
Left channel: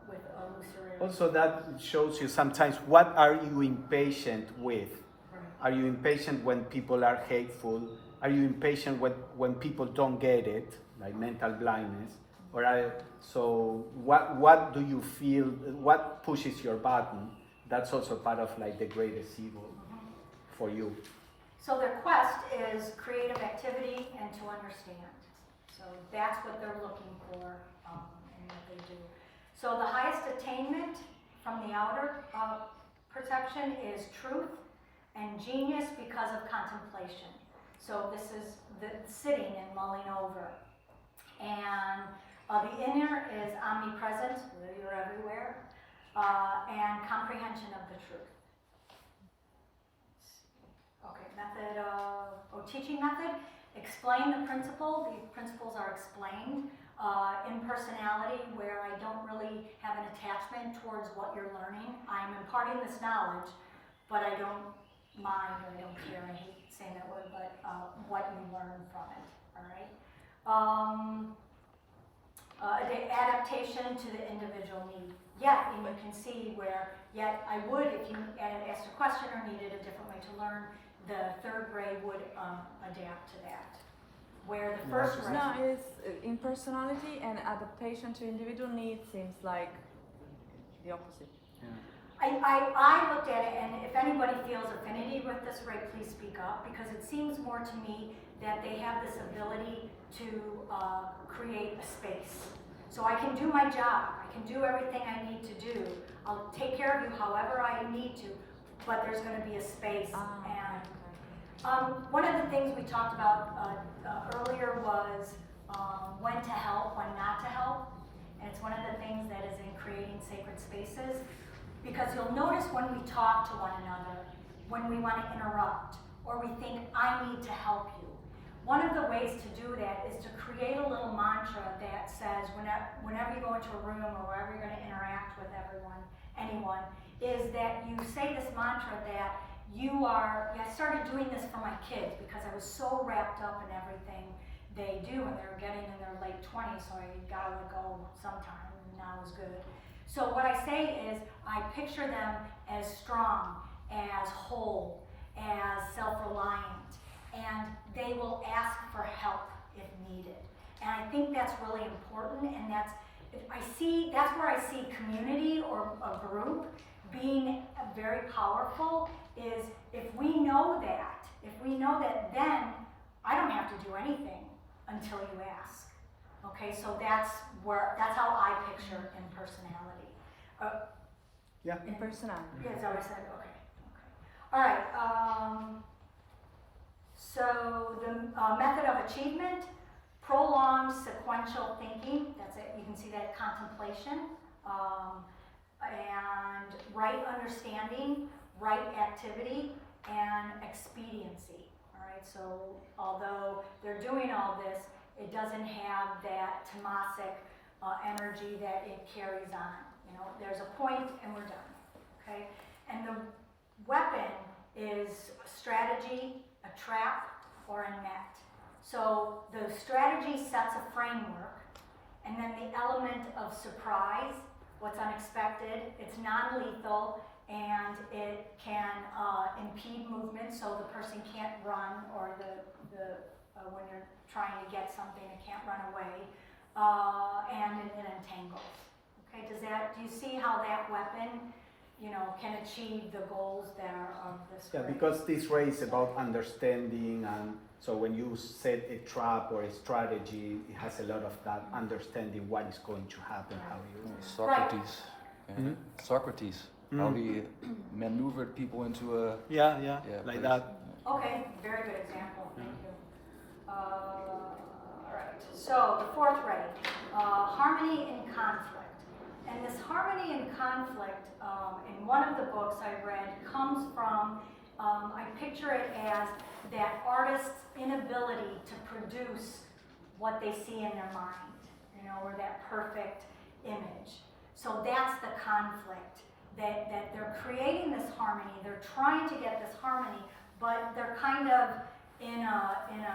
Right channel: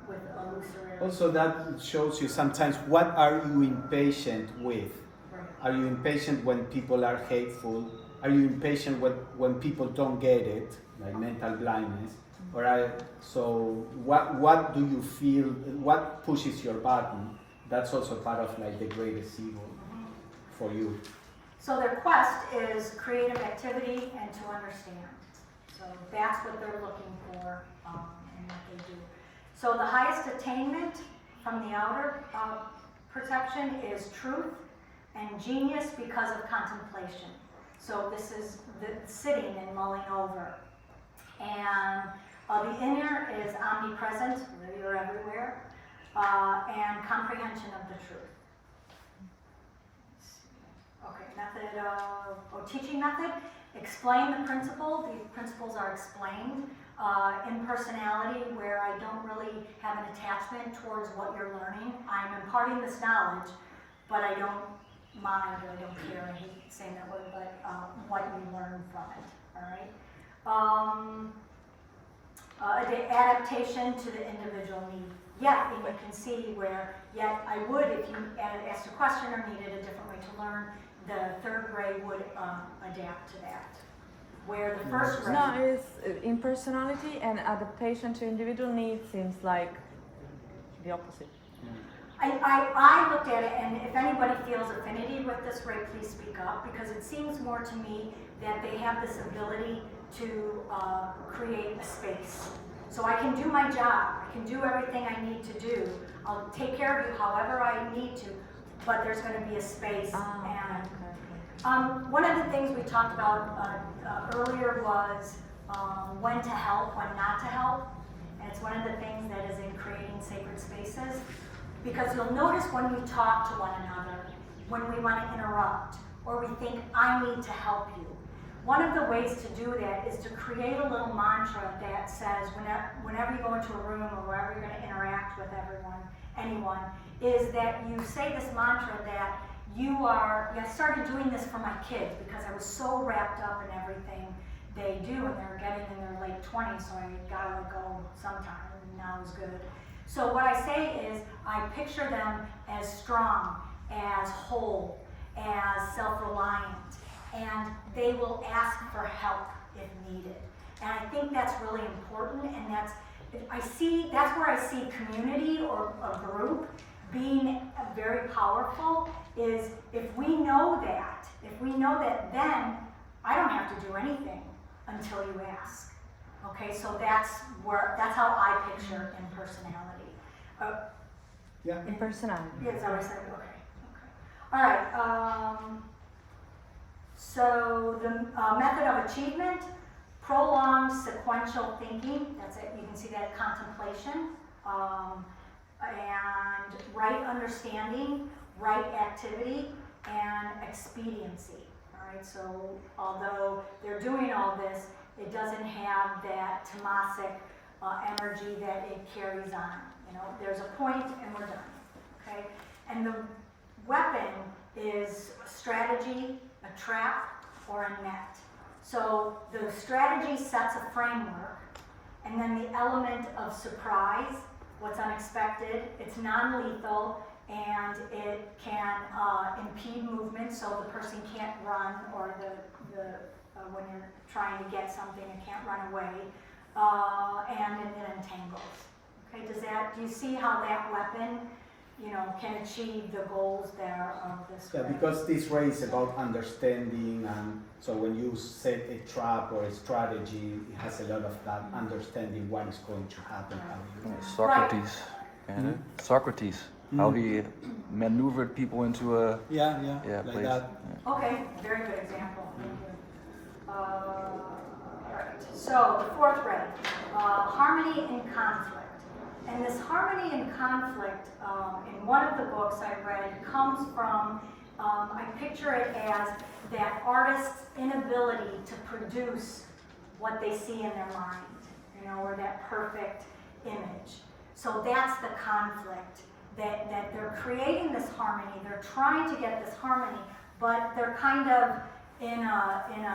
with illusory. Also, that shows you sometimes what are you impatient with? Right. Are you impatient when people are hateful? Are you impatient when people don't get it, like mental blindness? So what do you feel, what pushes your button? That's also part of like the greatest evil for you. So their quest is creative activity and to understand. So that's what they're looking for in what they do. So the highest attainment from the outer perception is truth and genius because of contemplation. So this is the sitting and mulling over. And the inner is omnipresent, you're everywhere, and comprehension of the truth. Okay, method or teaching method. Explain the principle. The principles are explained. Impersonality, where I don't really have an attachment towards what you're learning. I'm imparting this knowledge, but I don't mind or I don't care. I hate saying that word, but what you learn from it. All right. Adaptation to the individual need. Yeah, and you can see where, yet I would, if you asked a question or needed a different way to learn, the third grade would adapt to that. Where the first grade... No, it's impersonality and adaptation to individual needs seems like the opposite. I looked at it, and if anybody feels affinity with this, Ray, please speak up, because it seems more to me that they have this ability to create a space. So I can do my job, I can do everything I need to do, I'll take care of you however I need to, but there's going to be a space. And one of the things we talked about earlier was when to help, when not to help, and it's one of the things that is in creating sacred spaces, because you'll notice when we talk to one another, when we want to interrupt, or we think, I need to help you. One of the ways to do that is to create a little mantra that says, whenever you go into a room or wherever you're going to interact with anyone, is that you say this mantra that I started doing this for my kids because I was so wrapped up in everything they do, and they're getting in their late 20s, so I gotta let go sometime, and now is good. So what I say is, I picture them as strong, as whole, as self-reliant, and they will ask for help if needed. And I think that's really important, and that's where I see community or a group being very powerful, is if we know that, then I don't have to do anything until you ask. Okay, so that's how I picture impersonality. Yeah. Impersonality. Yeah, is that what I said? Okay. All right. So the method of achievement, prolonged sequential thinking. That's it. You can see that contemplation, and right understanding, right activity, and expediency. All right. So although they're doing all this, it doesn't have that tamasic energy that it carries on. You know, there's a point and we're done. Okay. And the weapon is strategy, a trap, or a net. So the strategy sets a framework, and then the element of surprise, what's unexpected, it's non-lethal, and it can impede movement, so the person can't run, or when you're trying to get something, it can't run away, and it entangles. Okay, do you see how that weapon, can achieve the goals there of this? Yeah, because this way is about understanding, and so when you set a trap or a strategy, it has a lot of that understanding what is going to happen. Socrates. Right. Yeah. Socrates. How he maneuvered people into a like place. that. Okay, very good example. Thank you. Alright, so the fourth ray, harmony in conflict. And this harmony in conflict, in one of the books I read, comes from, I picture it as that artist's inability to produce what they see in their mind, or that perfect image. So that's the conflict, that they're creating this harmony, they're trying to get this harmony, but they're kind of in a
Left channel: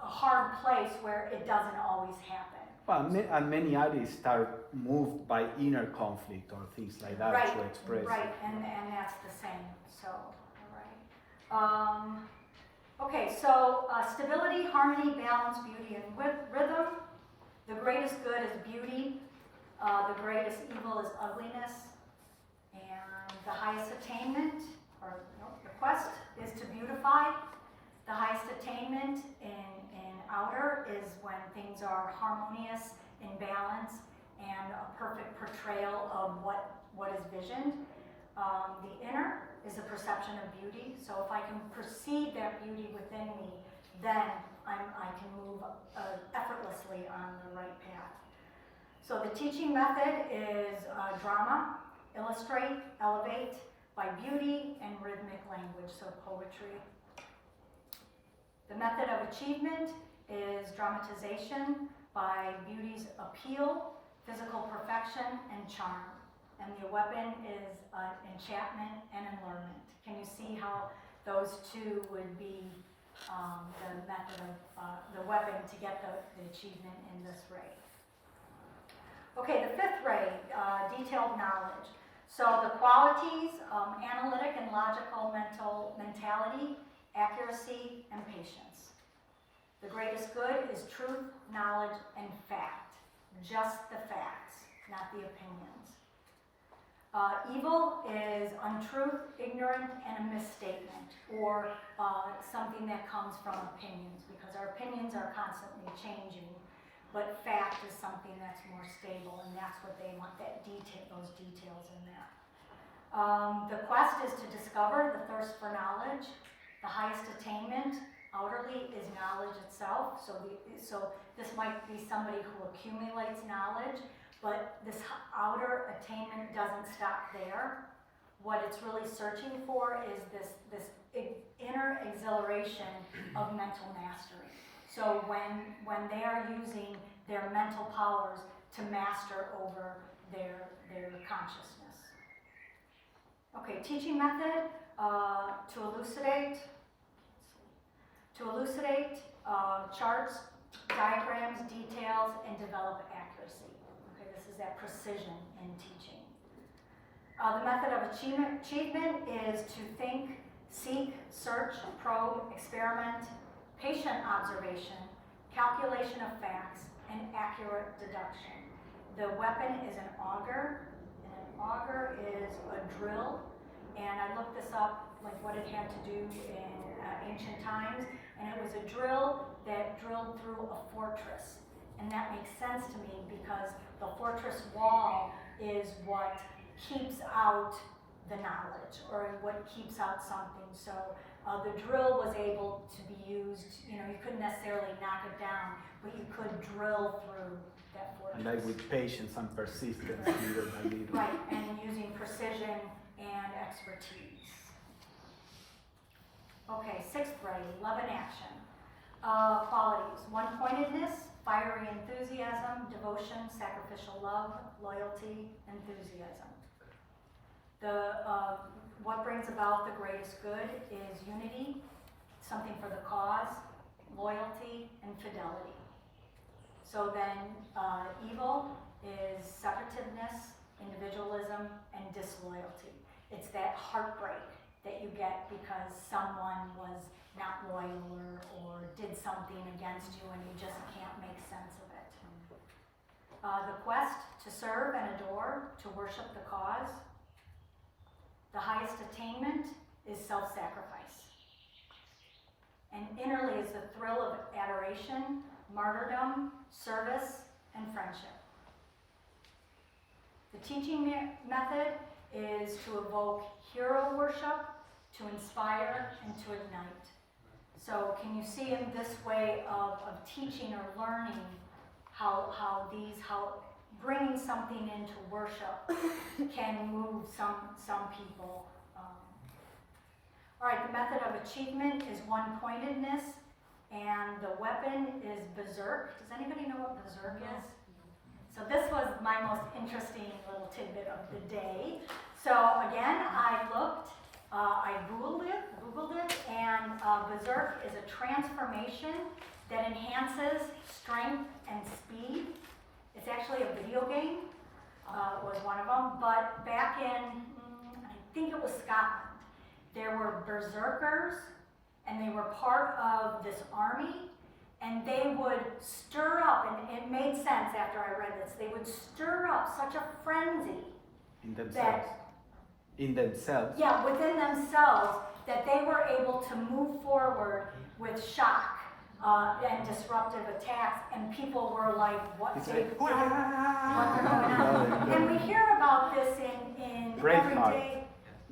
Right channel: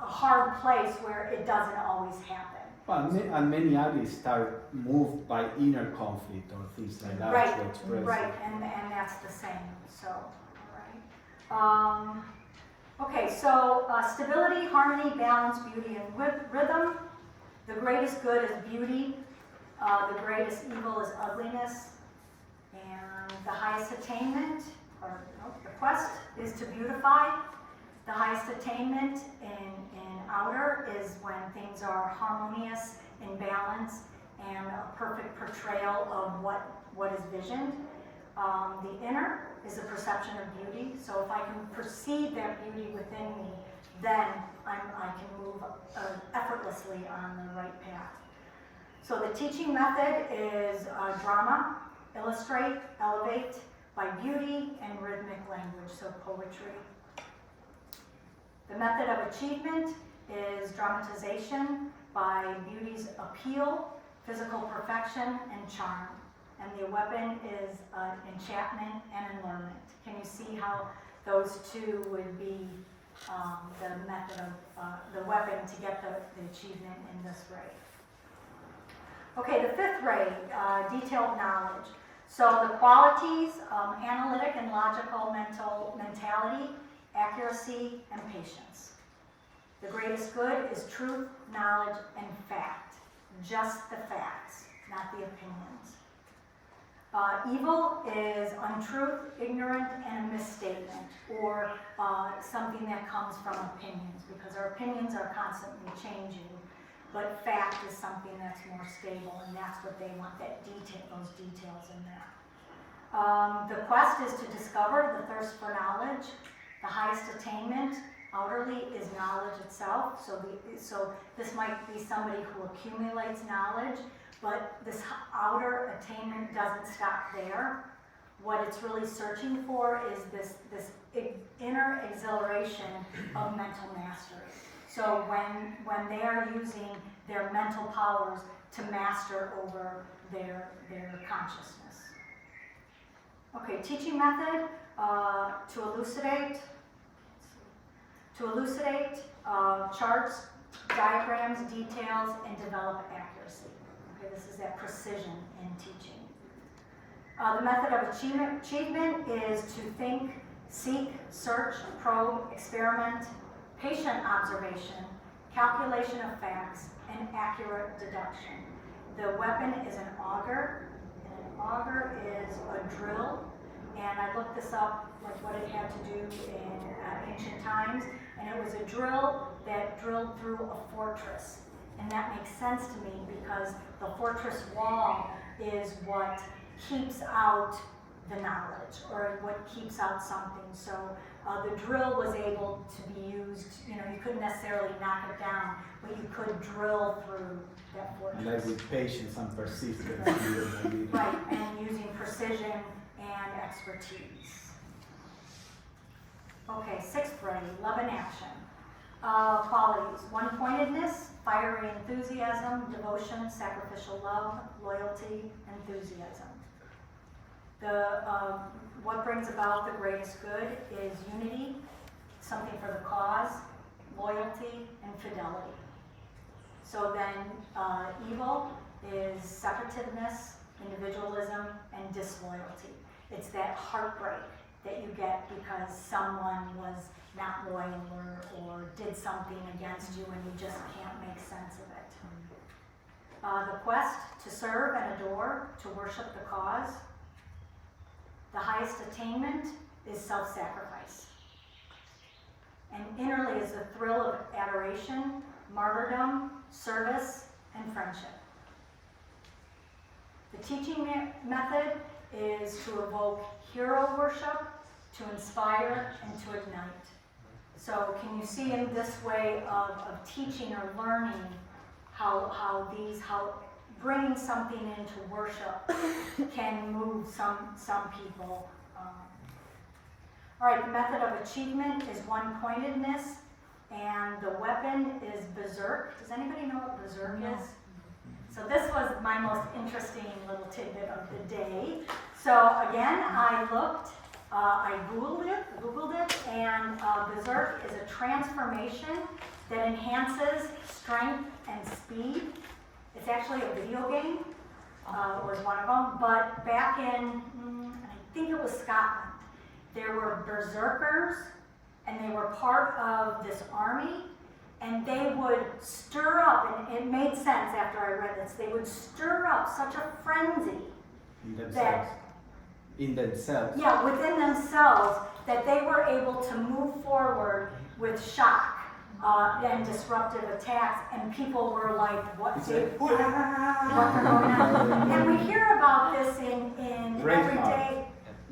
hard place where it doesn't always happen. Well, and many artists are moved by inner conflict or things like that Right, to express right, it. and that's the same, so, alright. Okay, so stability, harmony, balance, beauty, and rhythm. The greatest good is beauty, the greatest evil is ugliness, and the highest attainment, or the quest, is to beautify. The highest attainment in outer is when things are harmonious, in balance, and a perfect portrayal of what is visioned. The inner is the perception of beauty. So if I can perceive that beauty within me, then I can move effortlessly on the right path. So the teaching method is drama, illustrate, elevate by beauty and rhythmic language, so poetry. The method of achievement is dramatization by beauty's appeal, physical perfection, and charm. And the weapon is enchantment and allurement. Can you see how those two would be the method of the weapon to get the achievement in this ray? Okay, the fifth ray, detailed knowledge. So the qualities, analytic and logical mentality, accuracy, and patience. The greatest good is truth, knowledge, and fact. Just the facts, not the opinions. Evil is untruth, ignorant, and a misstatement, or something that comes from opinions, because our opinions are constantly changing, but fact is something that's more stable, and that's what they want, those details in there. The quest is to discover, the thirst for knowledge. The highest attainment, outerly, is knowledge itself. So this might be somebody who accumulates knowledge, but this outer attainment doesn't stop there. What it's really searching for is this inner exhilaration of mental mastery. So when they are using their mental powers to master over their consciousness. Okay, teaching method, to elucidate charts, diagrams, details, and develop accuracy. Okay, this is that precision in teaching. The method of achievement is to think, seek, search, probe, experiment, patient observation, calculation of facts, and accurate deduction. The weapon is an auger, and an auger is a drill. And I looked this up, like what it had to do in ancient times, and it was a drill that drilled through a fortress. And that makes sense to me because the fortress wall is what keeps out the knowledge, or what keeps out something. So the drill was able to be used, you couldn't necessarily knock it down, but you could drill through that fortress. Like with patience and persistence. Right, and using precision and expertise. Okay, sixth ray, love and action. Qualities, one-pointedness, fiery enthusiasm, devotion, sacrificial love, loyalty, enthusiasm. What brings about the greatest good is unity, something for the cause, loyalty, and fidelity. So then evil is separativeness, individualism, and disloyalty. It's that heartbreak that you get because someone was not loyal or did something against you and you just can't make sense of it. The quest, to serve and adore, to worship the cause. The highest attainment is self-sacrifice. And innerly is the thrill of adoration, martyrdom, service, and friendship. The teaching method is to evoke hero worship, to inspire, and to ignite. So can you see in this way of teaching or learning how bringing something into worship can move some people. All right, the method of achievement is one-pointedness, and the weapon is berserk. Does anybody know what berserk is? So this was my most interesting little tidbit of the day. So again, I Googled it, and berserk is a transformation that enhances strength and speed actually a video game, was one of them. But back in, I think it was Scotland, there were berserkers, and they were part of this army, and they would stir up, and it made sense after I read this, they would stir up such a frenzy In themselves. that, In themselves. yeah, within themselves, that they were able to move forward with shock and disruptive attacks, and people were like, what It's did, like, what's going on? And we hear about this in Braveheart. everyday,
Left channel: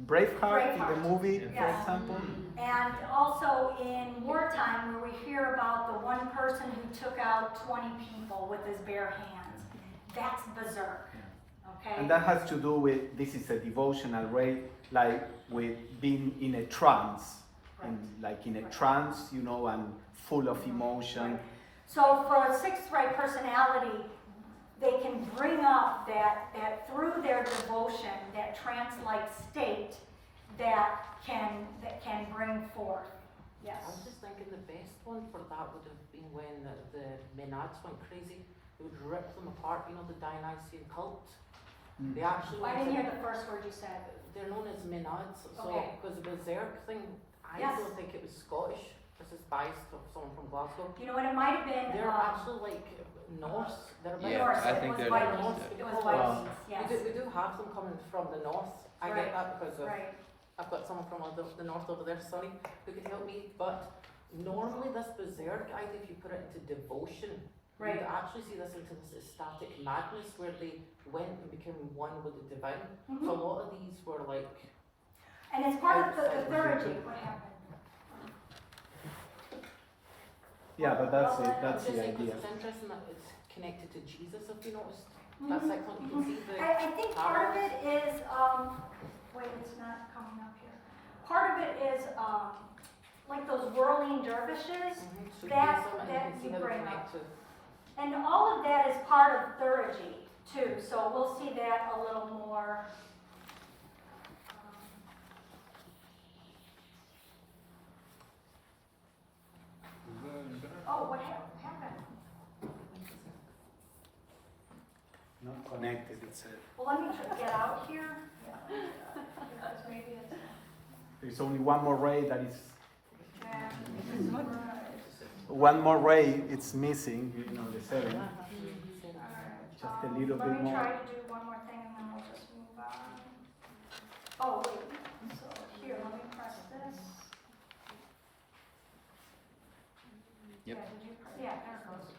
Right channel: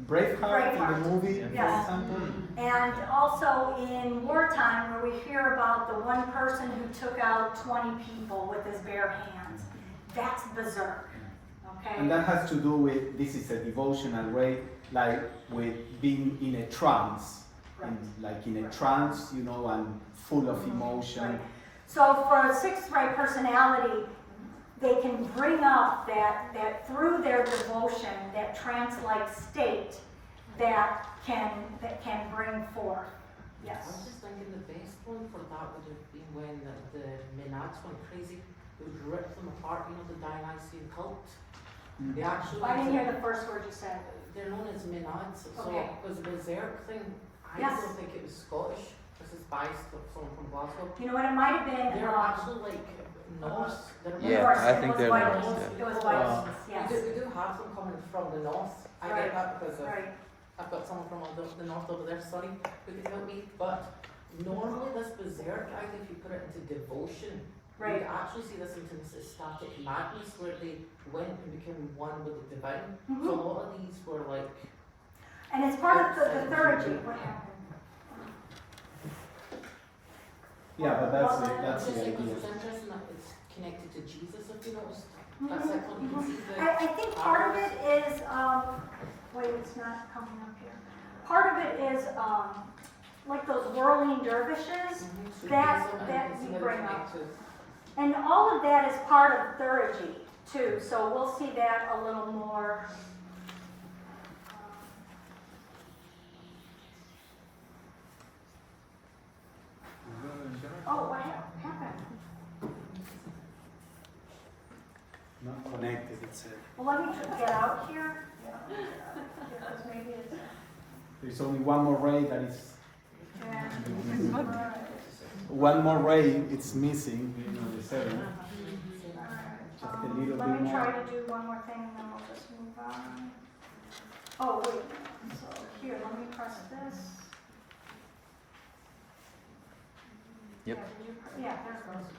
Braveheart in the movie, Yes. for example. and also in wartime, where we hear about the one person who took out 20 people with his bare hands. That's berserk, okay? And that has to do with, this is a devotional way, like with being in a trance. Like in a trance, you know, and full of emotion. So for a sixth ray personality, they can bring up that through their devotion, that trance-like state that can bring forth. I Yes. was just thinking the best one for that would have been when the Menads went crazy. They would rip them apart, you know, the Dionysian cult. Mm. They actually. I didn't hear the first word you said. They're known as Menads. So Okay. it was a berserk thing. I Yes. don't think it was Scottish. This is biased of someone from Glasgow. You know what, it might have been, They're actually like Norse. They're Yeah, Norse. I think It was they're Vikings. Norse, yeah. It was Vikings, We yes. do have them coming from the north. I Right. get that because of, Right. I've got someone from the north over there studying looking at me. But normally this berserk, I think if you put it into devotion, Right. you actually see this into ecstatic madness where they went and became one with the divine. So a Mhm. lot of these were like, And it's part of the theurgy. What happened? Yeah, but that's Well, that's just the because idea. it's interesting that it's connected to Jesus, if you noticed. Mhm, That's like when you can see the. I think part of it is, wait, it's not coming up here. Part of it is, like those whirling dervishes, Mhm, that- Sufism, and that can see you how bring it's up. connected. and all of that is part of theurgy too, so we'll see that a little more. Oh, what happened? Not connected, it said. Well, let me get out here. Because maybe it's, There's only one more ray that is, yeah. one more ray it's missing, you know, the 7. Just a little Let bit me try more. to do one more thing and then we'll just move on. Oh, wait, so here, let me press this. Yep. Yeah, did you yeah, there it goes.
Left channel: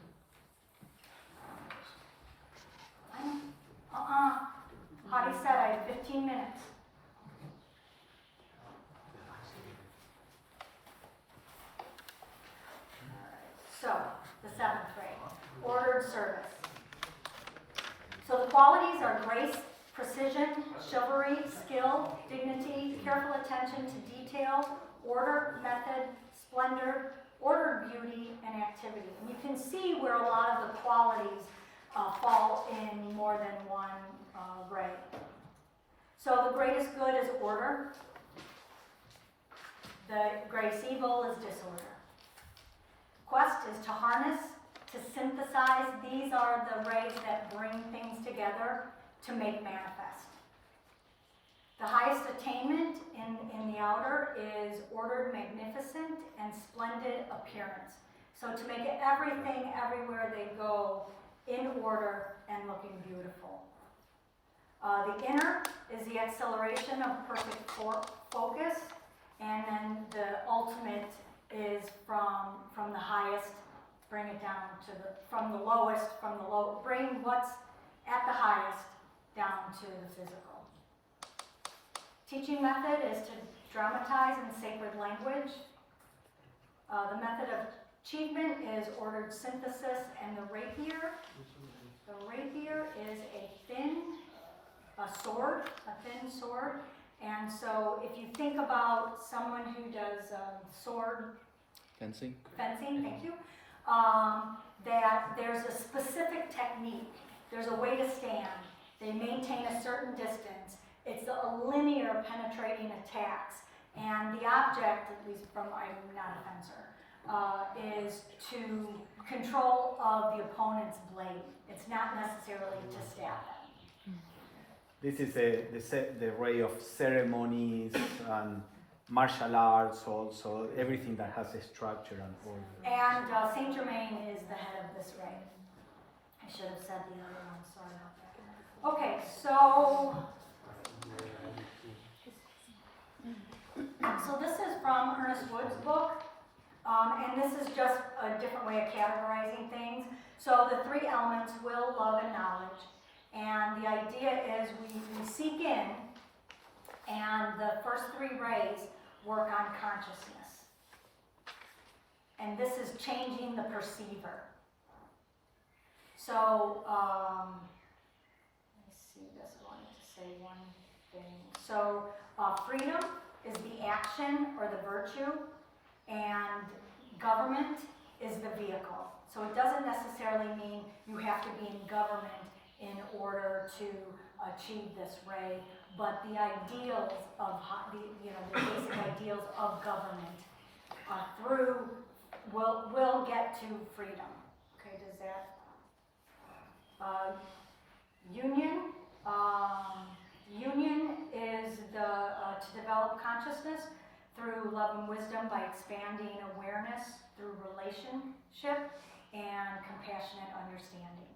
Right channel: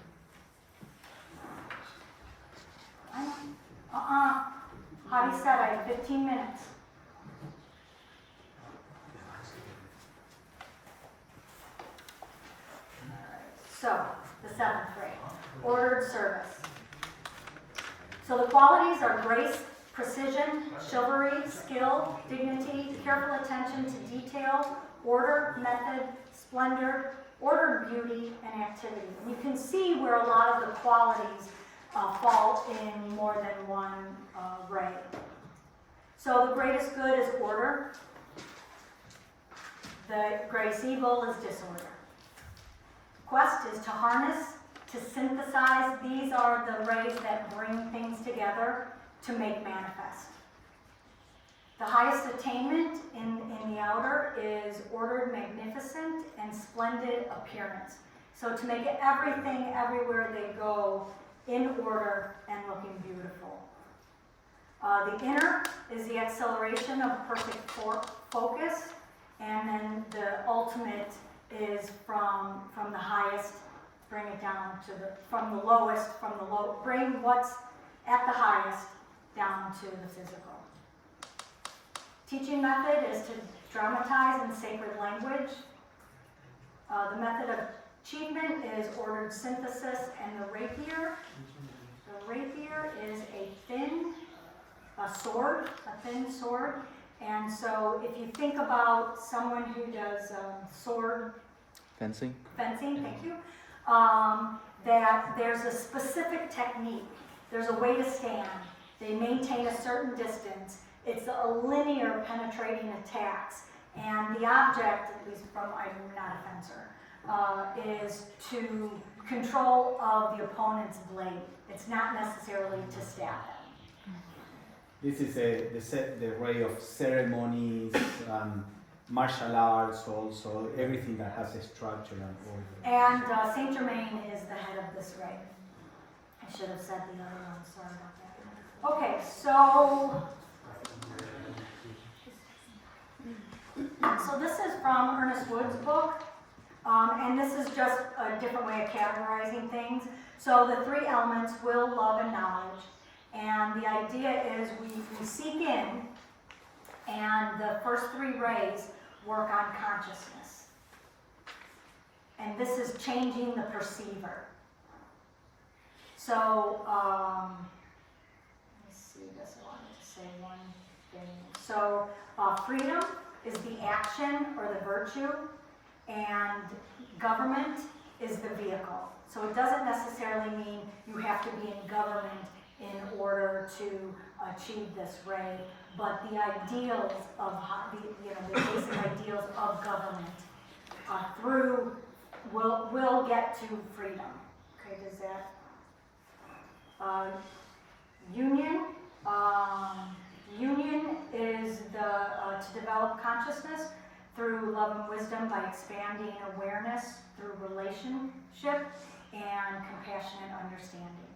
Hadi said I have 15 minutes. So, the 7th grade, ordered service. So the qualities are grace, precision, chivalry, skill, dignity, careful attention to detail, order, method, splendor, ordered beauty, and activity. And you can see where a lot of the qualities fall in more than one ray. So the greatest good is order. The greatest evil is disorder. Quest is to harness, to synthesize. These are the rays that bring things together to make manifest. The highest attainment in the outer is ordered, magnificent, and splendid appearance. So to make everything, everywhere they go, in order and looking beautiful. The inner is the acceleration of perfect focus, and then the ultimate is from the highest, bring it down to from the lowest, bring what's at the highest down to the physical. Teaching method is to dramatize in sacred language. The method of achievement is ordered synthesis, and the rapier. The rapier is a thin sword, and so if you think about someone who does sword Fencing? fencing, thank you, that there's a specific technique. There's a way to stand. They maintain a certain distance. It's a linear penetrating attacks. And the object, at least from, I'm not a fencer, is to control of the opponent's blade. It's not necessarily to stab them. This is the ray of ceremonies, martial arts, also everything that has a structure and order. And Saint Germain is the head of this ray. I should have said the other one, sorry about that. Okay, so this is from Ernest Wood's book, and this is just a different way of categorizing things. So the three elements: will, love, and knowledge. And the idea is we seek in, and the first three rays work on consciousness. And this is changing the perceiver. So, let me see this, I wanted to say one thing. So, freedom is the action or the virtue, and government is the vehicle. So it doesn't necessarily mean you have to be in government in order to achieve this ray, but the ideals of the basic ideals of government will get to freedom. Okay, does that union? Union is to develop consciousness through love and wisdom by expanding awareness through relationship and compassionate understanding.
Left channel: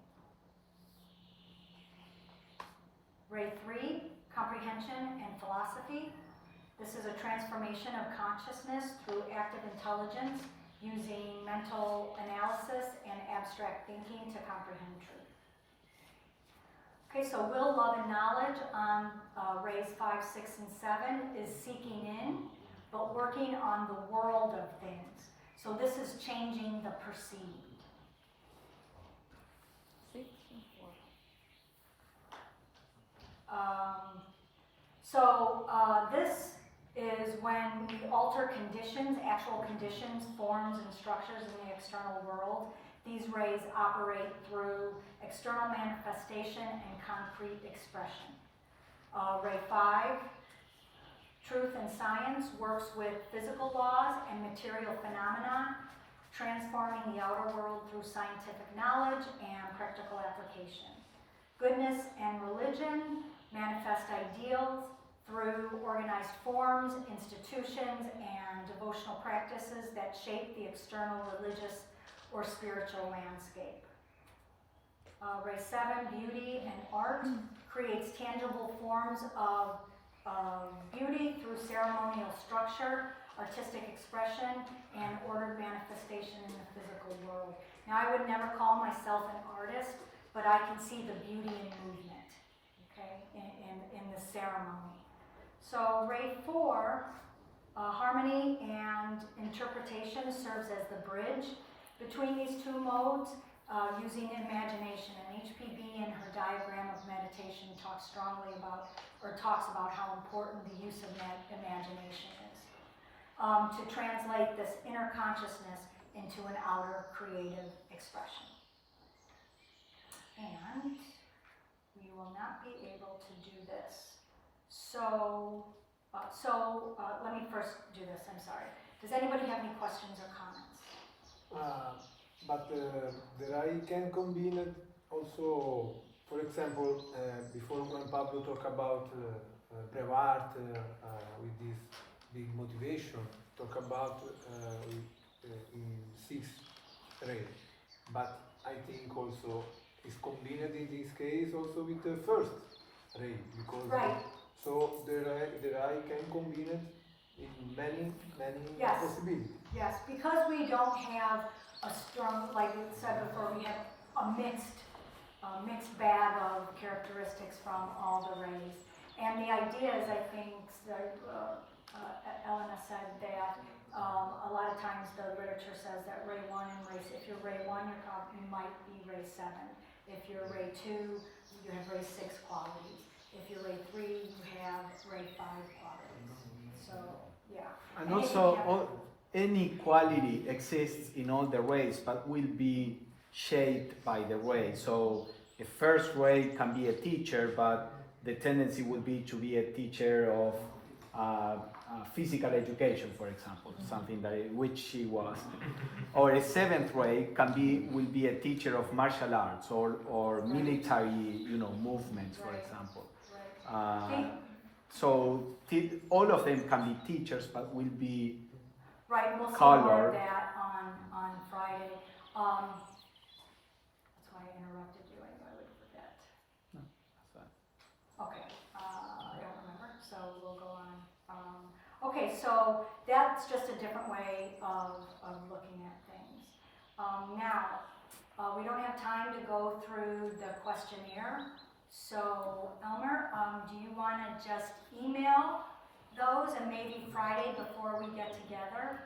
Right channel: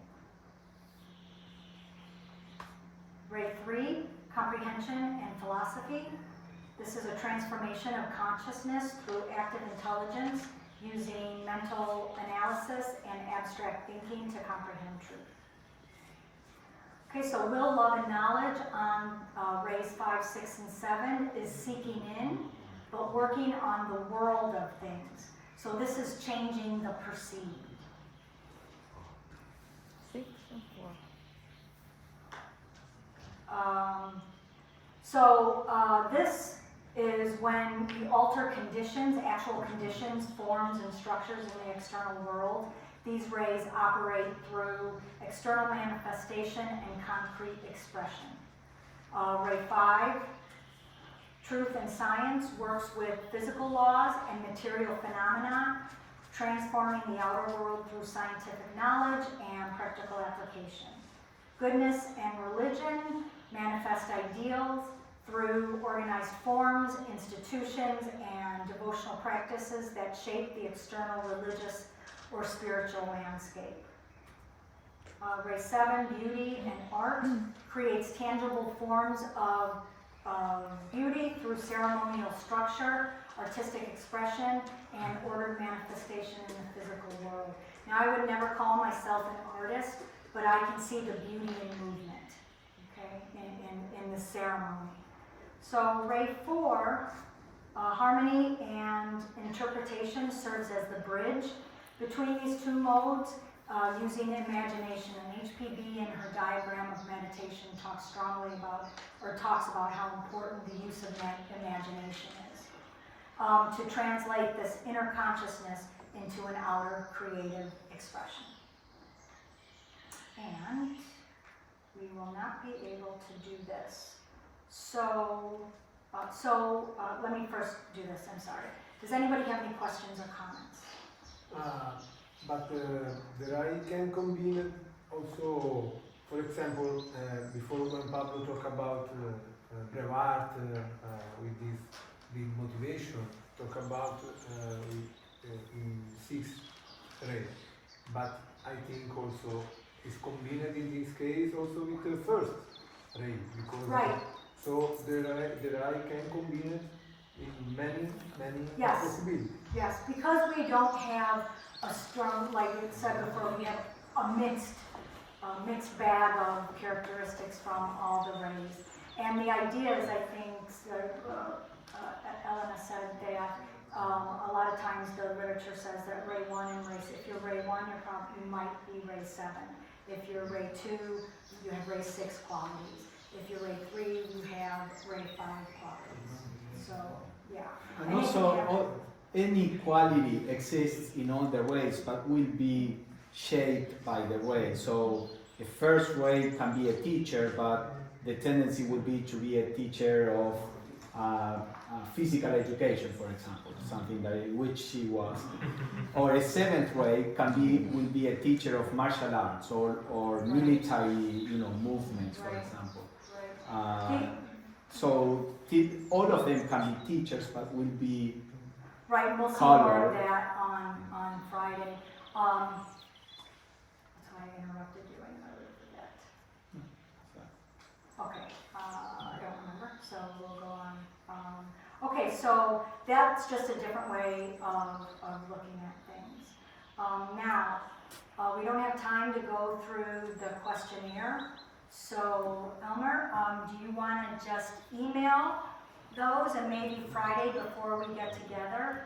Ray 3, comprehension and philosophy. This is a transformation of consciousness through active intelligence using mental analysis and abstract thinking to comprehend truth. Okay, so will, love, and knowledge on rays 5, 6, and 7 is seeking in, but working on the world of things. So this is changing the perceived. 6 and 4. This is when we alter conditions, actual conditions, forms, and structures in the external world. These rays operate through external manifestation and concrete expression. Ray 5, truth and science, works with physical laws and material phenomena, transforming the outer world through scientific knowledge and practical application. Goodness and religion manifest ideals through organized forms, institutions, and devotional practices that shape the external religious or spiritual landscape. Ray 7, beauty and art, creates tangible forms of beauty through ceremonial structure, artistic expression, and ordered manifestation in the physical world. Now, I would never call myself an artist, but I can see the beauty in movement, okay, in the ceremony. So Ray 4, harmony and interpretation serves as the bridge between these two modes, using imagination. And HPB in her diagram of meditation talks about how important the use of imagination is to translate this inner consciousness into an outer creative expression. And we will not be able to do this. So let me first do this, I'm sorry. Does anybody have any questions or comments? But the I can combine it also, for example, before when Pablo talked about Brevard with this big motivation, talk about in 6 ray. But I think also it's combined in this case also with the first ray, because Right. So the I can combine it in many Yes. possibilities. Yes, because we don't have a strong, like it said before, we have a mixed bag of characteristics from all the rays. And the idea is, I think, that Elena said that a lot of times the literature says that ray 1 and ray 6, if you're ray 1, you might be ray 7. If you're ray 2, you have ray 6 qualities. If you're ray 3, you have ray 5 qualities. So, yeah. And also, any quality exists in all the rays, but will be shaped by the ray. So the first ray can be a teacher, but the tendency will be to be a teacher of physical education, for example, something that which she was, or a 7th grade will be a teacher of martial arts or military, movements, for Right. example. Right. So all of them can be teachers, but will be Right, and we'll see Color. more of that on Friday. That's why I interrupted you, I knew I would forget. Okay, I don't remember, so we'll go on. Okay, so that's just a different way of looking at things. Now, we don't have time to go through the questionnaire, so Elmer, do you want to just email those and maybe Friday before we get together?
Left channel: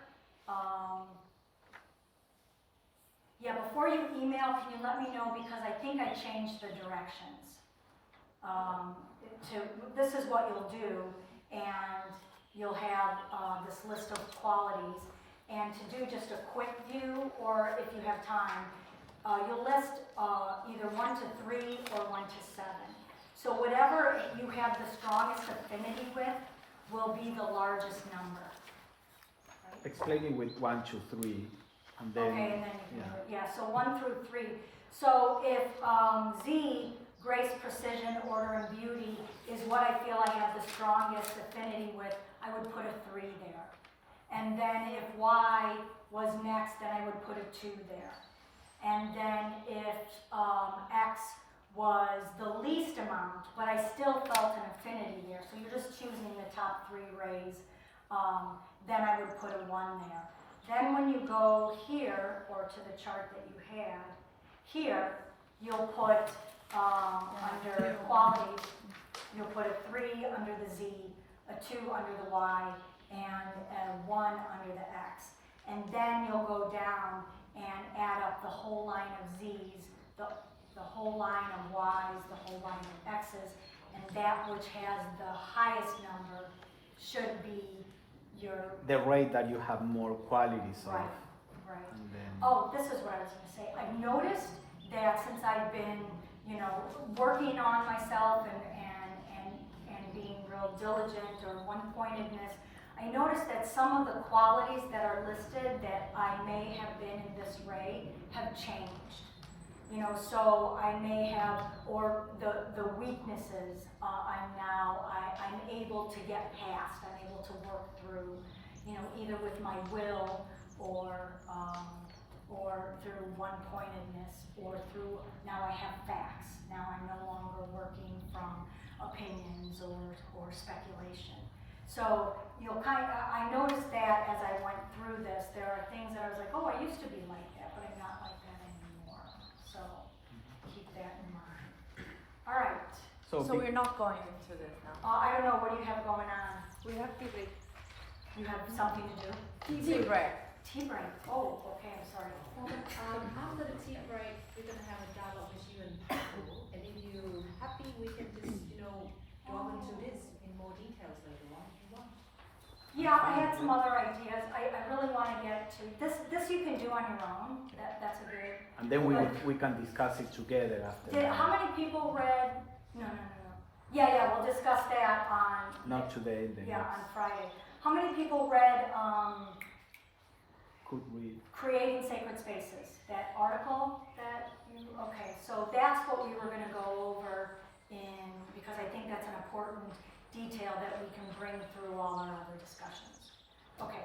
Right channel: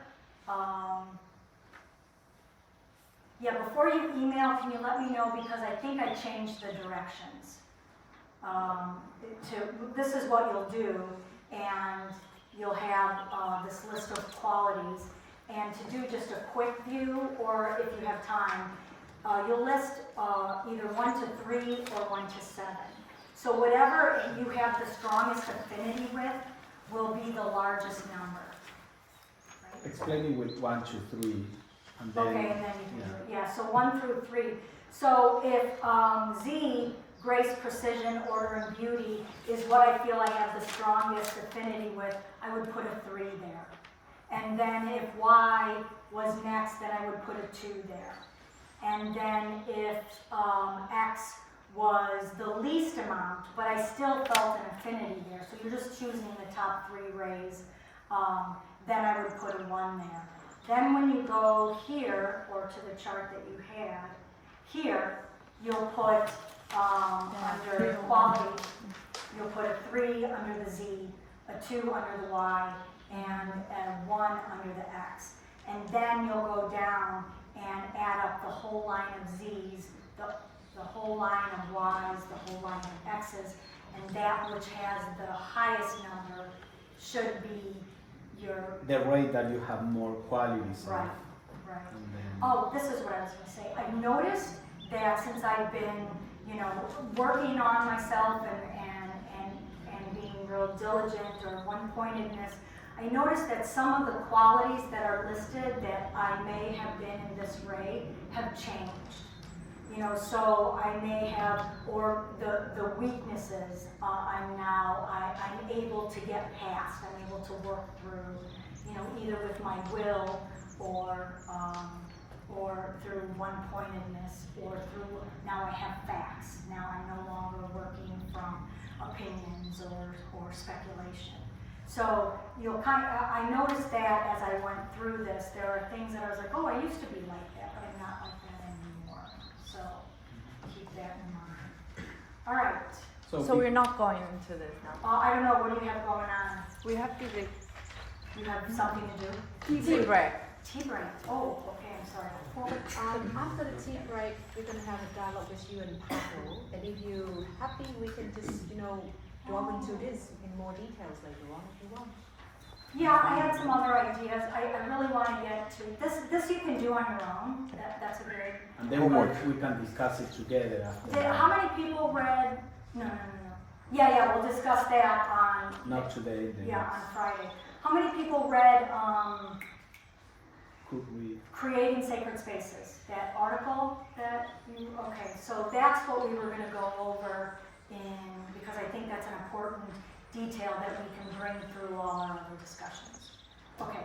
Yeah, before you email, can you let me know, because I think I changed the directions. This is what you'll do, and you'll have this list of qualities, and to do just a quick view, or if you have time, you'll list either 1 to 3 or 1 to 7. So whatever you have the strongest affinity with will be the largest number. Right? Explain it with 1 to 3, and then Okay, and then you can, yeah, so 1 through 3. So if Z, grace, precision, order, and beauty, is what I feel I have the strongest affinity with, I would put a 3 there. And then if Y was next, then I would put a 2 there. And then if X was the least amount, but I still felt an affinity there, so you're just choosing the top 3 rays, then I would put a 1 there. Then when you go here, or to the chart that you had, here, you'll put under qualities, you'll put a 3 under the Z, a 2 under the Y, and a 1 under the X. And then you'll go down and add up the whole line of Z's, the whole line of Y's, the whole line of X's, and that which has the highest number should be the rate that you have more qualities of. Right, right. And then, Oh, this is what I was going to say. I've noticed that since I've been, working on myself and being real diligent or one-pointedness, I noticed that some of the qualities that are listed that I may have been in this ray have changed. So I may have, or the weaknesses, I'm able to get past. I'm able to work through, either with my will or through one-pointedness, or through, now I have facts. Now I'm no longer working from opinions or speculation. So I noticed that as I went through this, there are things that I was like, oh, I used to be like that, but I'm not like that anymore. So keep that in mind. All right. So we're not going into this now. I don't know, what do you have going on? We have to like You have something to do? tea break. Tea break. Oh, okay, I'm sorry. After the tea break, we're going to have a dialogue with you and Michele, and if you're happy, we can just, delve into this in more details later on if you want. Yeah, I had some other ideas. I really want to get to this. You can do on your own. That's a very. and then we can discuss it together after that. How many people read? No. Yeah, we'll discuss that on. Not today, then. Yeah, on Friday. How many people read Could we? Creating Sacred Spaces? That article that you. Okay, so that's what we were going to go over because I think that's an important detail that we can bring through all our other discussions. Okay,